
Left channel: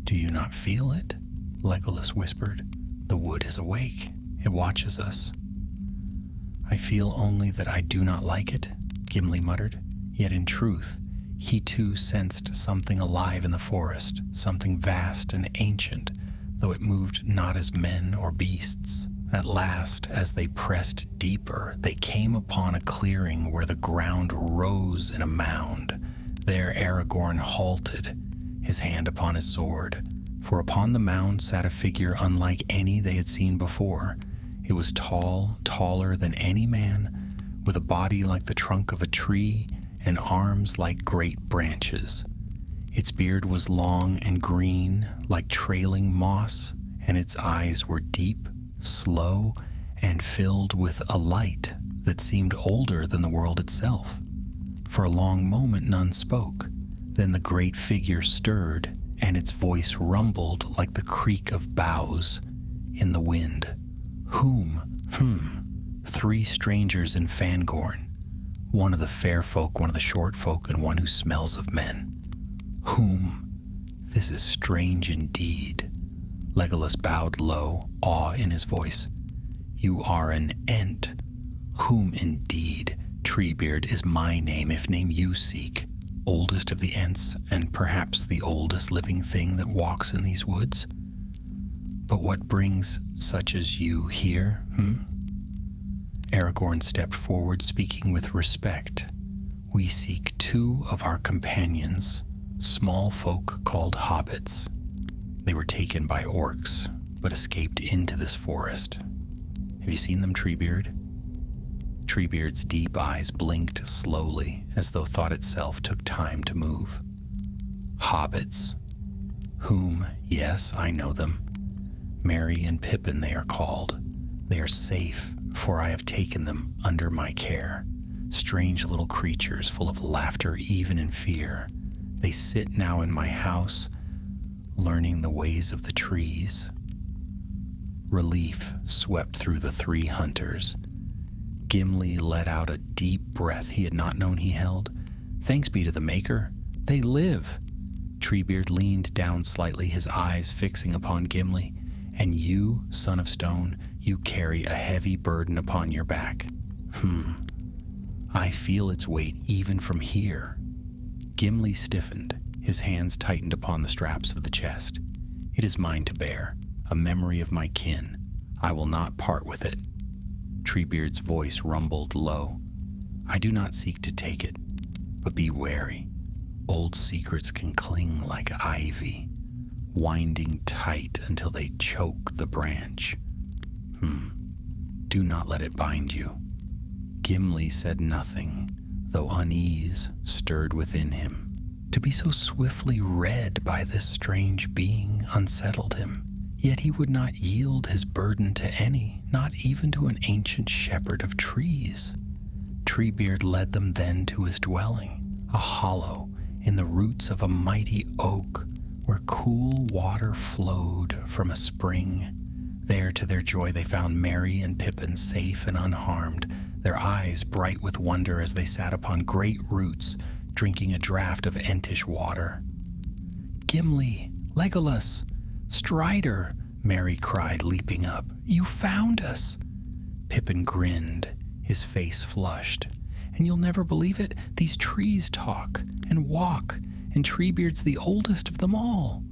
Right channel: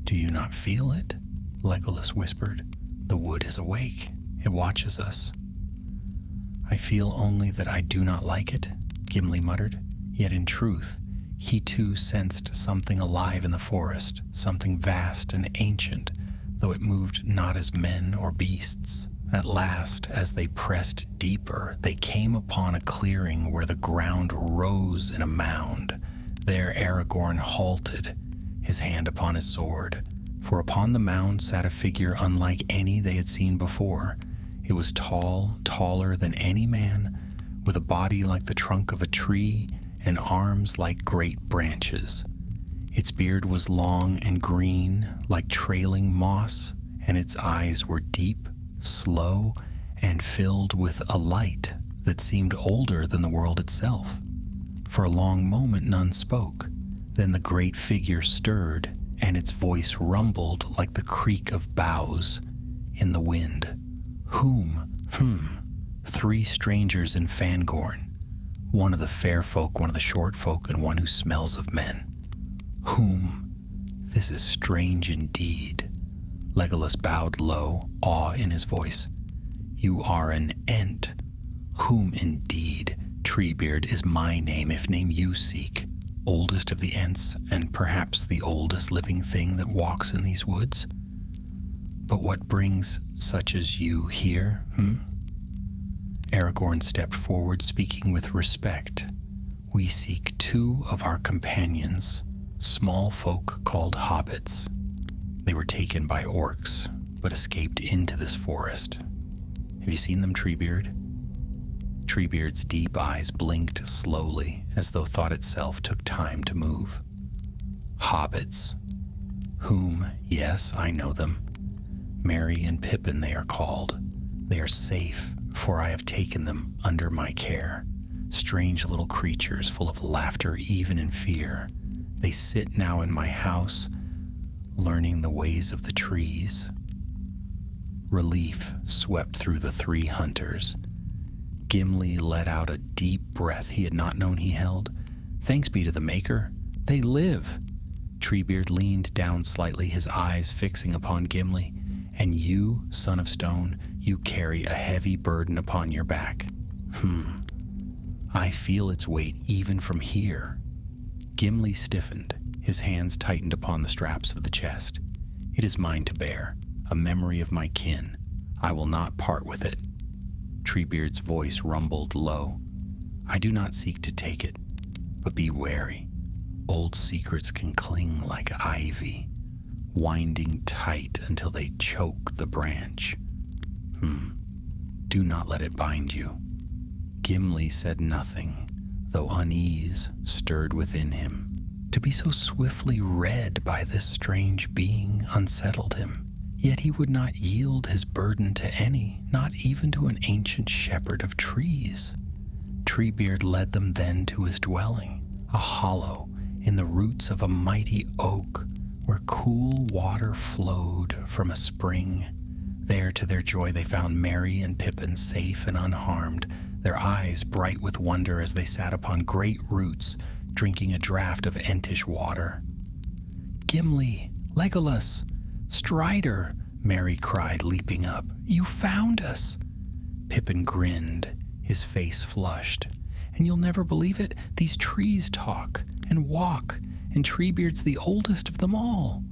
"Do you not feel it?" Legolas whispered. "The wood is awake. It watches us." "I feel only that I do not like it," Gimli muttered. Yet in truth, he too sensed something alive in the forest, something vast and ancient, though it moved not as men or beasts. At last, as they pressed deeper, they came upon a clearing where the ground rose in a mound. There Aragorn halted, his hand upon his sword, for upon the mound sat a figure unlike any they had seen before. It was tall, taller than any man, with a body like the trunk of a tree and arms like great branches. Its beard was long and green, like trailing moss, and its eyes were deep, slow, and filled with a light that seemed older than the world itself. For a long moment none spoke. Then the great figure stirred, and its voice rumbled like the creak of boughs in the wind. "Whom? 3 strangers in Fangorn. One of the fair folk, one of the short folk, and one who smells of men. Whom? This is strange indeed." Legolas bowed low, awe in his voice. "You are an Ent. Whom indeed? Treebeard is my name, if name you seek. Oldest of the Ents, and perhaps the oldest living thing that walks in these woods. But what brings such as you here, Aragorn stepped forward, speaking with respect. "We seek 2 of our companions, small folk called hobbits. They were taken by orcs, but escaped into this forest. Have you seen them, Treebeard?" Treebeard's deep eyes blinked slowly, as though thought itself took time to move. "Hobbits. Whom, yes, I know them. Merry and Pippin they are called. They are safe, for I have taken them under my care. Strange little creatures full of laughter even in fear. They sit now in my house, learning the ways of the trees." Relief swept through the 3 hunters. Gimli let out a deep breath he had not known he held. "Thanks be to the Maker. They live." Treebeard leaned down slightly, his eyes fixing upon Gimli. "And you, son of stone, you carry a heavy burden upon your back. I feel its weight even from here." Gimli stiffened. His hands tightened upon the straps of the chest. "It is mine to bear, a memory of my kin. I will not part with it." Treebeard's voice rumbled low. "I do not seek to take it, but be wary. Old secrets can cling like ivy, winding tight until they choke the branch. Do not let it bind you." Gimli said nothing, though unease stirred within him. To be so swiftly read by this strange being unsettled him. Yet he would not yield his burden to any, not even to an ancient shepherd of trees. Treebeard led them then to his dwelling, a hollow in the roots of a mighty oak, where cool water flowed from a spring. There, to their joy, they found Merry and Pippin safe and unharmed, their eyes bright with wonder as they sat upon great roots, drinking a draught of Entish water. "Gimli, Legolas, Strider," Merry cried, leaping up. "You found us." Pippin grinned, his face flushed. "And you'll never believe it, these trees talk and walk, and Treebeard's the oldest of them all."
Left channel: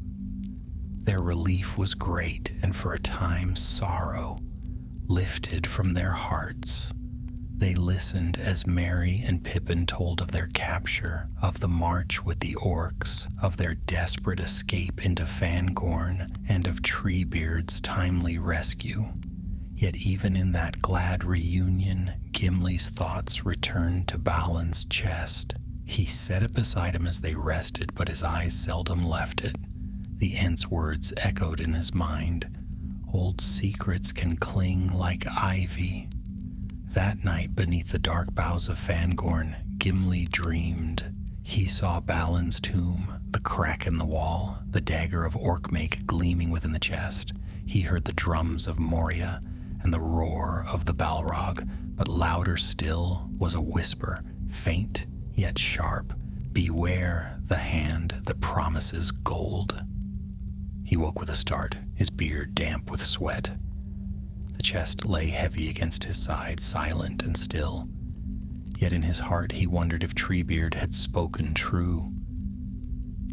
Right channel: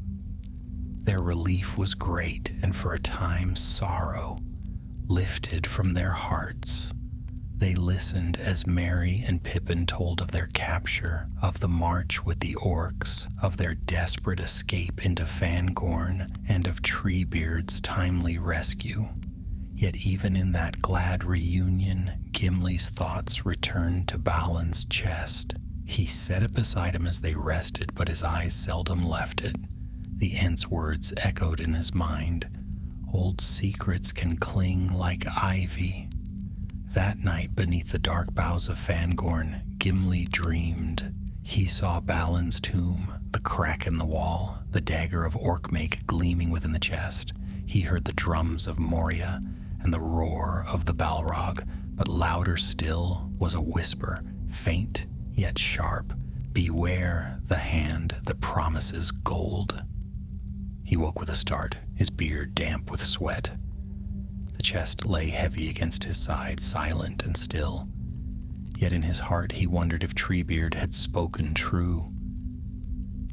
Their relief was great, and for a time sorrow lifted from their hearts. They listened as Merry and Pippin told of their capture, of the march with the orcs, of their desperate escape into Fangorn, and of Treebeard's timely rescue. Yet even in that glad reunion, Gimli's thoughts returned to Balin's chest. He set it beside him as they rested, but his eyes seldom left it. The Ent's words echoed in his mind. Old secrets can cling like ivy. That night, beneath the dark boughs of Fangorn, Gimli dreamed. He saw Balin's tomb, the crack in the wall, the dagger of Orkmake gleaming within the chest. He heard the drums of Moria and the roar of the Balrog, but louder still was a whisper, faint yet sharp. Beware the hand that promises gold. He woke with a start, his beard damp with sweat. The chest lay heavy against his side, silent and still. Yet in his heart he wondered if Treebeard had spoken true,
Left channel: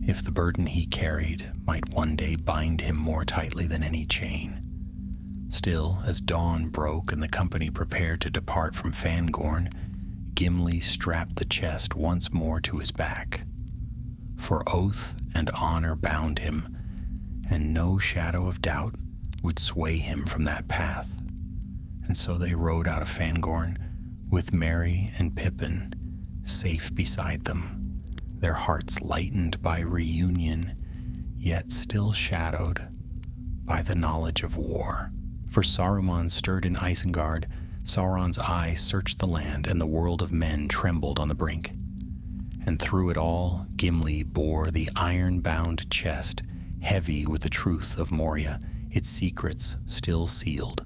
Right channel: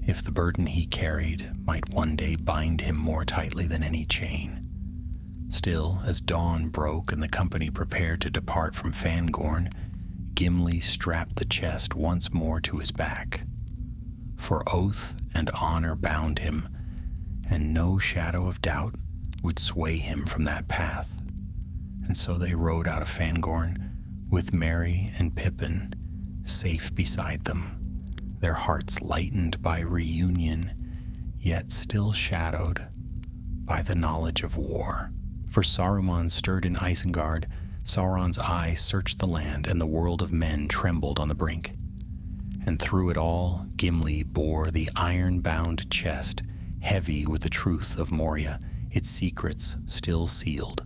if the burden he carried might one day bind him more tightly than any chain. Still, as dawn broke and the company prepared to depart from Fangorn, Gimli strapped the chest once more to his back. For oath and honor bound him, and no shadow of doubt would sway him from that path. And so they rode out of Fangorn, with Merry and Pippin safe beside them, their hearts lightened by reunion, yet still shadowed by the knowledge of war. For Saruman stirred in Isengard, Sauron's eye searched the land, and the world of men trembled on the brink. And through it all, Gimli bore the iron-bound chest, heavy with the truth of Moria, its secrets still sealed,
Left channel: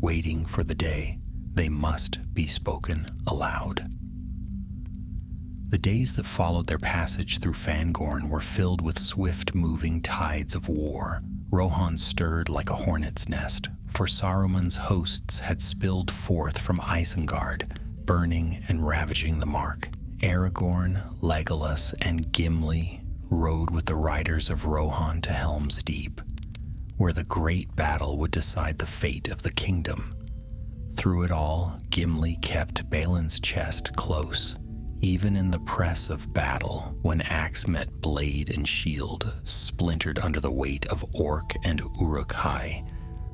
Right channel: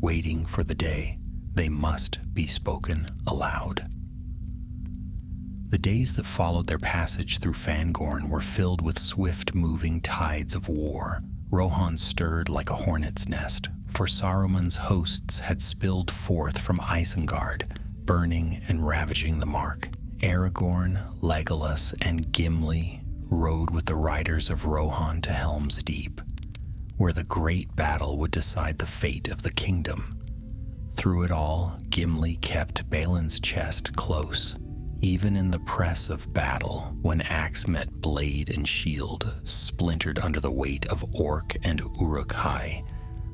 waiting for the day they must be spoken aloud. The days that followed their passage through Fangorn were filled with swift-moving tides of war. Rohan stirred like a hornet's nest, for Saruman's hosts had spilled forth from Isengard, burning and ravaging the mark. Aragorn, Legolas, and Gimli rode with the riders of Rohan to Helm's Deep, where the great battle would decide the fate of the kingdom. Through it all, Gimli kept Balin's chest close, even in the press of battle, when axe met blade and shield, splintered under the weight of Orc and Uruk-hai.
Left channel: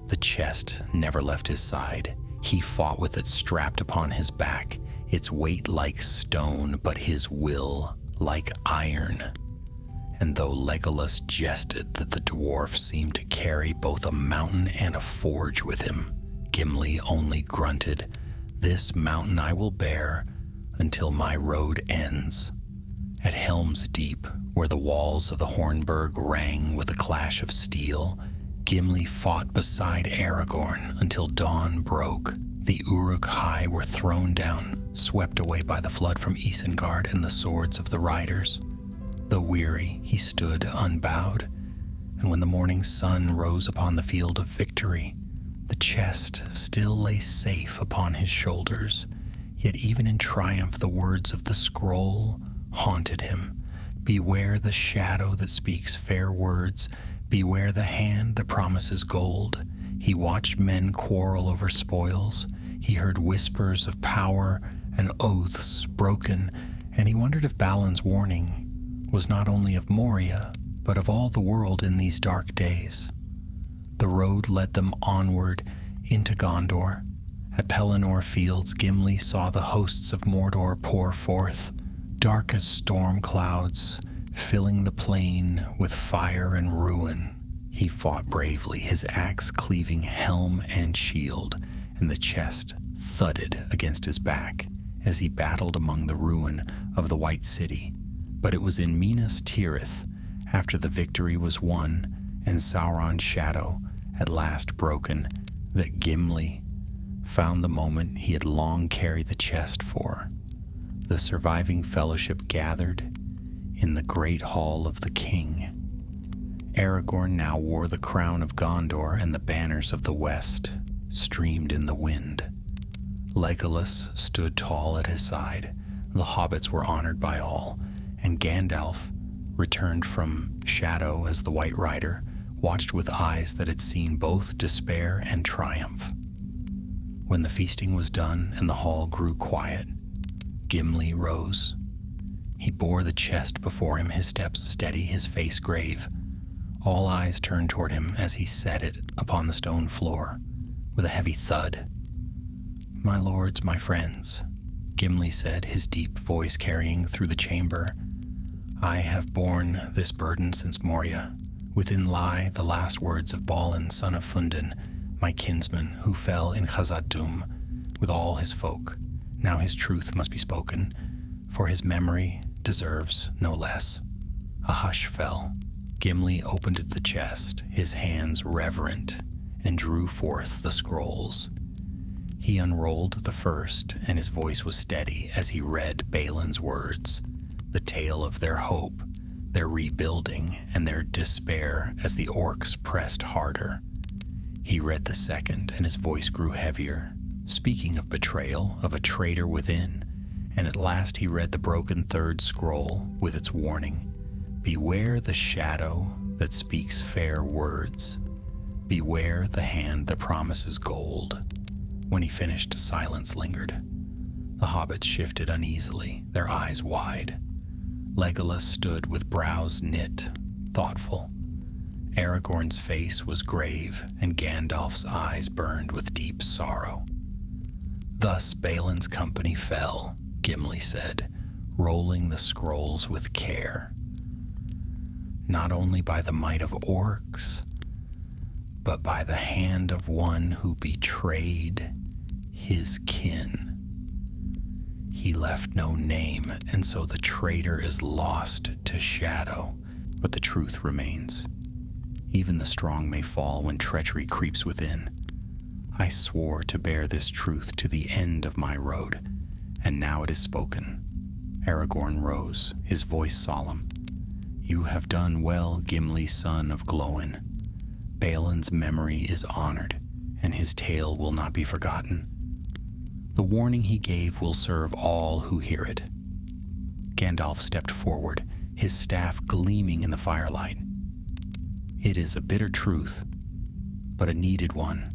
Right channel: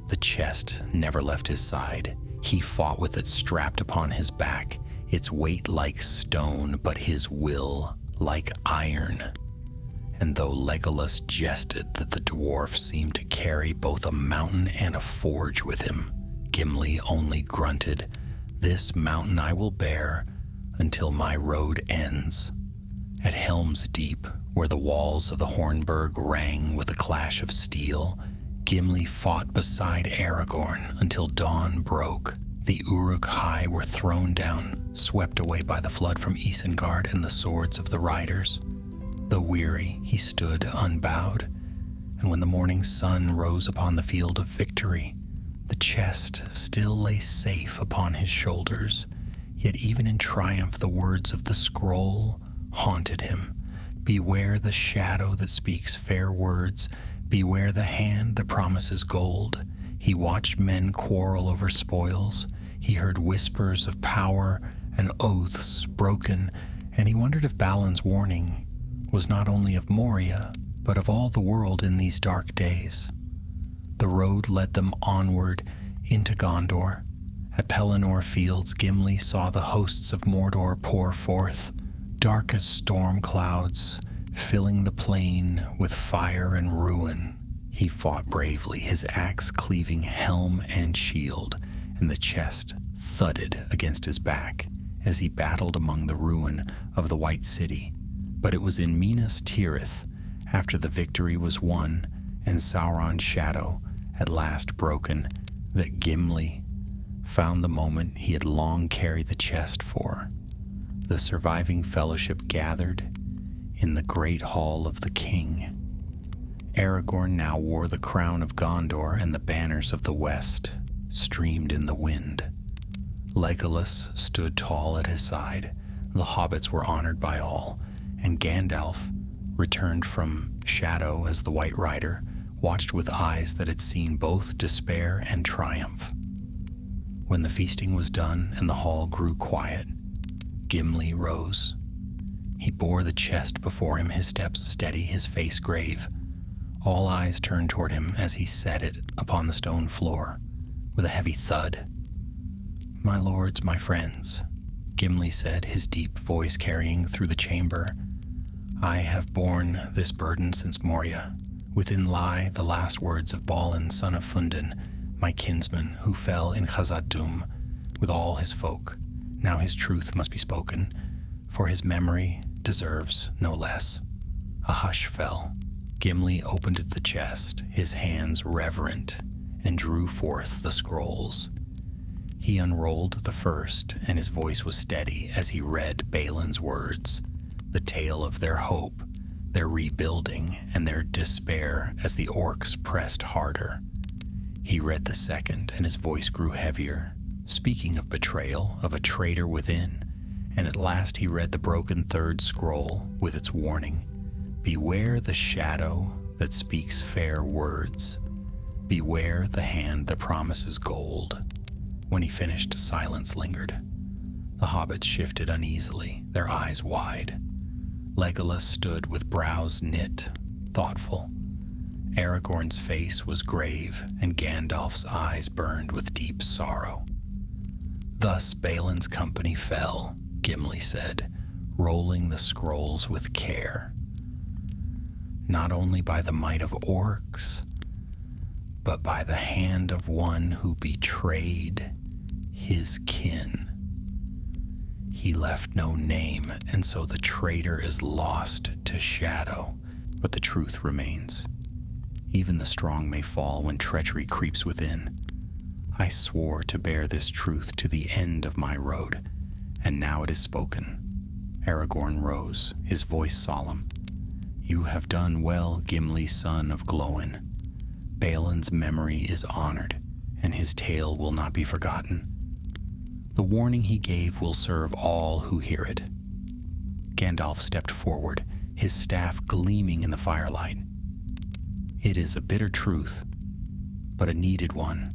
The chest never left his side. He fought with it strapped upon his back, its weight like stone, but his will like iron. And though Legolas jested that the dwarf seemed to carry both a mountain and a forge with him, Gimli only grunted, "This mountain I will bear until my road ends." At Helm's Deep, where the walls of the Hornburg rang with a clash of steel, Gimli fought beside Aragorn until dawn broke. The Uruk-hai were thrown down, swept away by the flood from Isengard and the swords of the riders. Though weary, he stood unbowed, and when the morning sun rose upon the field of victory, the chest still lay safe upon his shoulders. Yet even in triumph the words of the scroll haunted him. Beware the shadow that speaks fair words, beware the hand that promises gold. He watched men quarrel over spoils, he heard whispers of power and oaths broken, and he wondered if Balin's warning was not only of Moria, but of all the world in these dark days. The road led them onward into Gondor. At Pelennor Fields, Gimli saw the hosts of Mordor pour forth, dark as storm clouds, filling the plain with fire and ruin. He fought bravely, his axe cleaving helm and shield, and the chest thudded against his back as he battled among the ruin of the White City. But it was in Minas Tirith, after the victory was won and Sauron's shadow at last broken, that Gimli found the moment he had long carried the chest for. The surviving fellowship gathered in the great hall of the king. Aragorn now wore the crown of Gondor, and the banners of the west streamed in the wind. Legolas stood tall at his side. The hobbits were honored by all, and Gandalf, returned from shadow as the White Rider, watched with eyes that had seen both despair and triumph. When the feasting was done and the hall grew quiet, Gimli rose. He bore the chest before him, his steps steady, his face grave. All eyes turned toward him as he set it upon the stone floor with a heavy thud. "My lords, my friends," Gimli said, his deep voice carrying through the chamber. I have borne this burden since Moria. Within lie the last words of Balin, son of Fundin, my kinsman, who fell in Khazad-dûm with all his folk. Now his truth must be spoken, for his memory deserves no less. A hush fell. Gimli opened the chest, his hands reverent, and drew forth the scrolls. He unrolled the first, and his voice was steady as he read Balin's words, the tale of their hope, their rebuilding, and their despair as the orcs pressed harder. He read the second, and his voice grew heavier, speaking of betrayal, of a traitor within, and at last he read the broken third scroll with its warning. Beware the shadow that speaks fair words. Beware the hand that promises gold. When he finished, silence lingered. The hobbits shifted uneasily, their eyes wide. Legolas stood with brows knit, thoughtful. Aragorn's face was grave, and Gandalf's eyes burned with deep sorrow. Thus Balin's company fell, Gimli said, rolling the scrolls with care. Not only by the might of orcs, but by the hand of one who betrayed his kin. He left no name, and so the traitor is lost to shadow, but the truth remains. Even the strong may fall when treachery creeps within. I swore to bear this truth to the end of my road, and now it is spoken. Aragorn rose, his voice solemn. You have done well, Gimli, son of Glóin. Balin's memory is honored, and his tale will not be forgotten. The warning he gave will serve all who hear it. Gandalf stepped forward, his staff gleaming in the firelight. It is a bitter truth, but a needed one.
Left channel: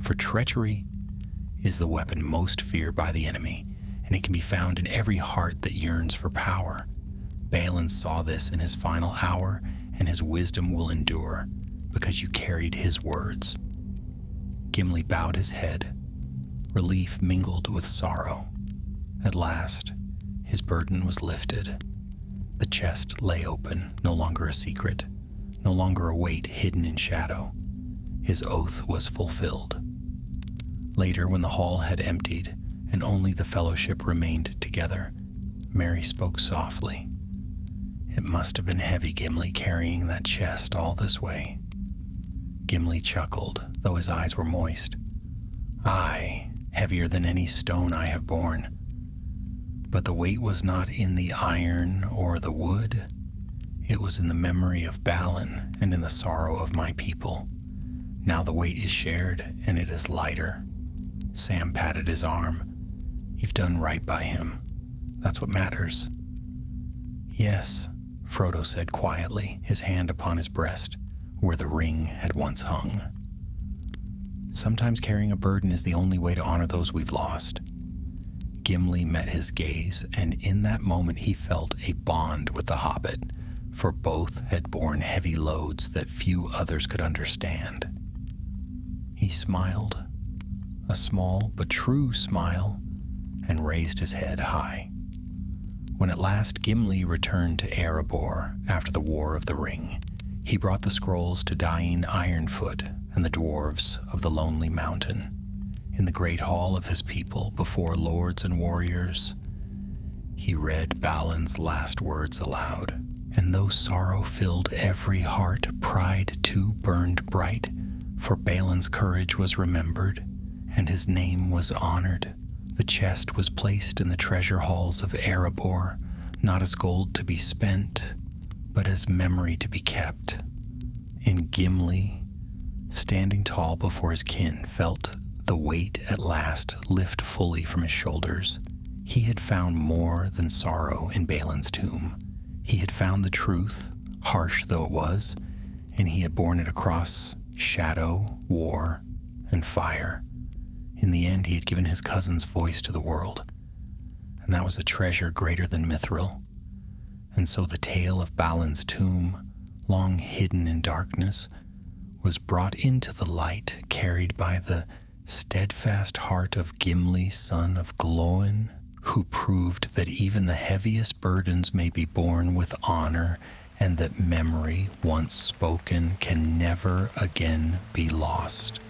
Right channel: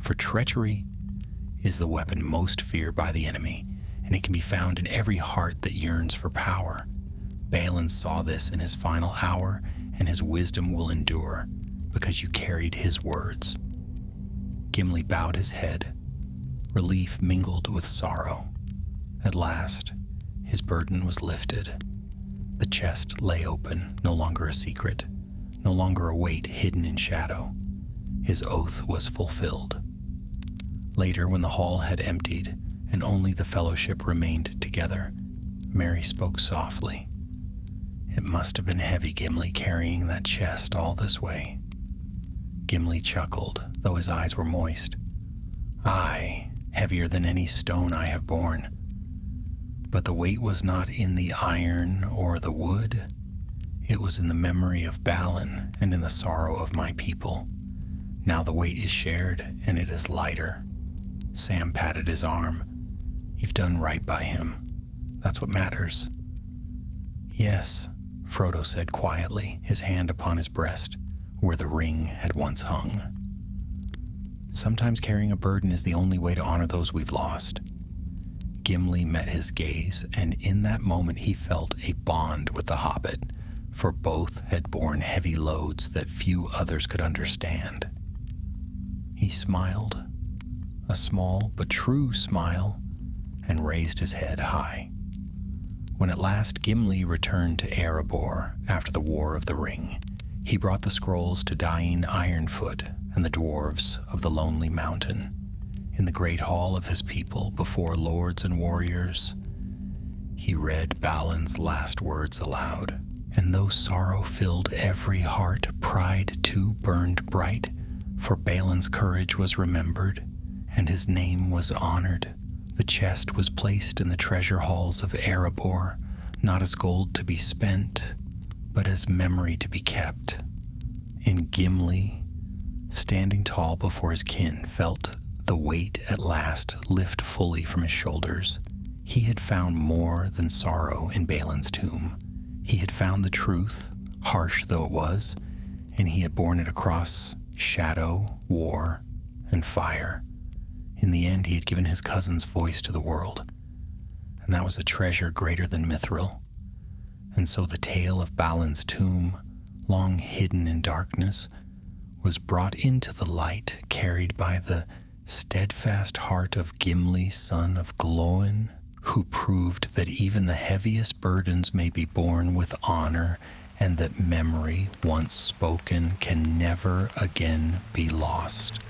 For treachery is the weapon most feared by the enemy, and it can be found in every heart that yearns for power. Balin saw this in his final hour, and his wisdom will endure, because you carried his words. Gimli bowed his head. Relief mingled with sorrow. At last, his burden was lifted. The chest lay open, no longer a secret, no longer a weight hidden in shadow. His oath was fulfilled. Later, when the hall had emptied, and only the fellowship remained together, Mary spoke softly. It must have been heavy, Gimli, carrying that chest all this way. Gimli chuckled, though his eyes were moist. Aye, heavier than any stone I have borne. But the weight was not in the iron or the wood. It was in the memory of Balin and in the sorrow of my people. Now the weight is shared, and it is lighter. Sam patted his arm. You've done right by him. That's what matters. Yes, Frodo said quietly, his hand upon his breast, where the ring had once hung. Sometimes carrying a burden is the only way to honor those we've lost. Gimli met his gaze, and in that moment he felt a bond with the hobbit, for both had borne heavy loads that few others could understand. He smiled, a small but true smile, and raised his head high. When at last Gimli returned to Erebor after the War of the Ring, he brought the scrolls to dying Ironfoot and the dwarves of the Lonely Mountain. In the great hall of his people, before lords and warriors, he read Balin's last words aloud. And though sorrow filled every heart, pride too burned bright, for Balin's courage was remembered, and his name was honored. The chest was placed in the treasure halls of Erebor, not as gold to be spent, but as memory to be kept. And Gimli, standing tall before his kin, felt the weight at last lift fully from his shoulders. He had found more than sorrow in Balin's tomb. He had found the truth, harsh though it was, and he had borne it across shadow, war, and fire. In the end, he had given his cousin's voice to the world, and that was a treasure greater than Mithril. And so the tale of Balin's tomb, long hidden in darkness, was brought into the light, carried by the steadfast heart of Gimli, son of Glóin, who proved that even the heaviest burdens may be borne with honor and that memory once spoken can never again be lost.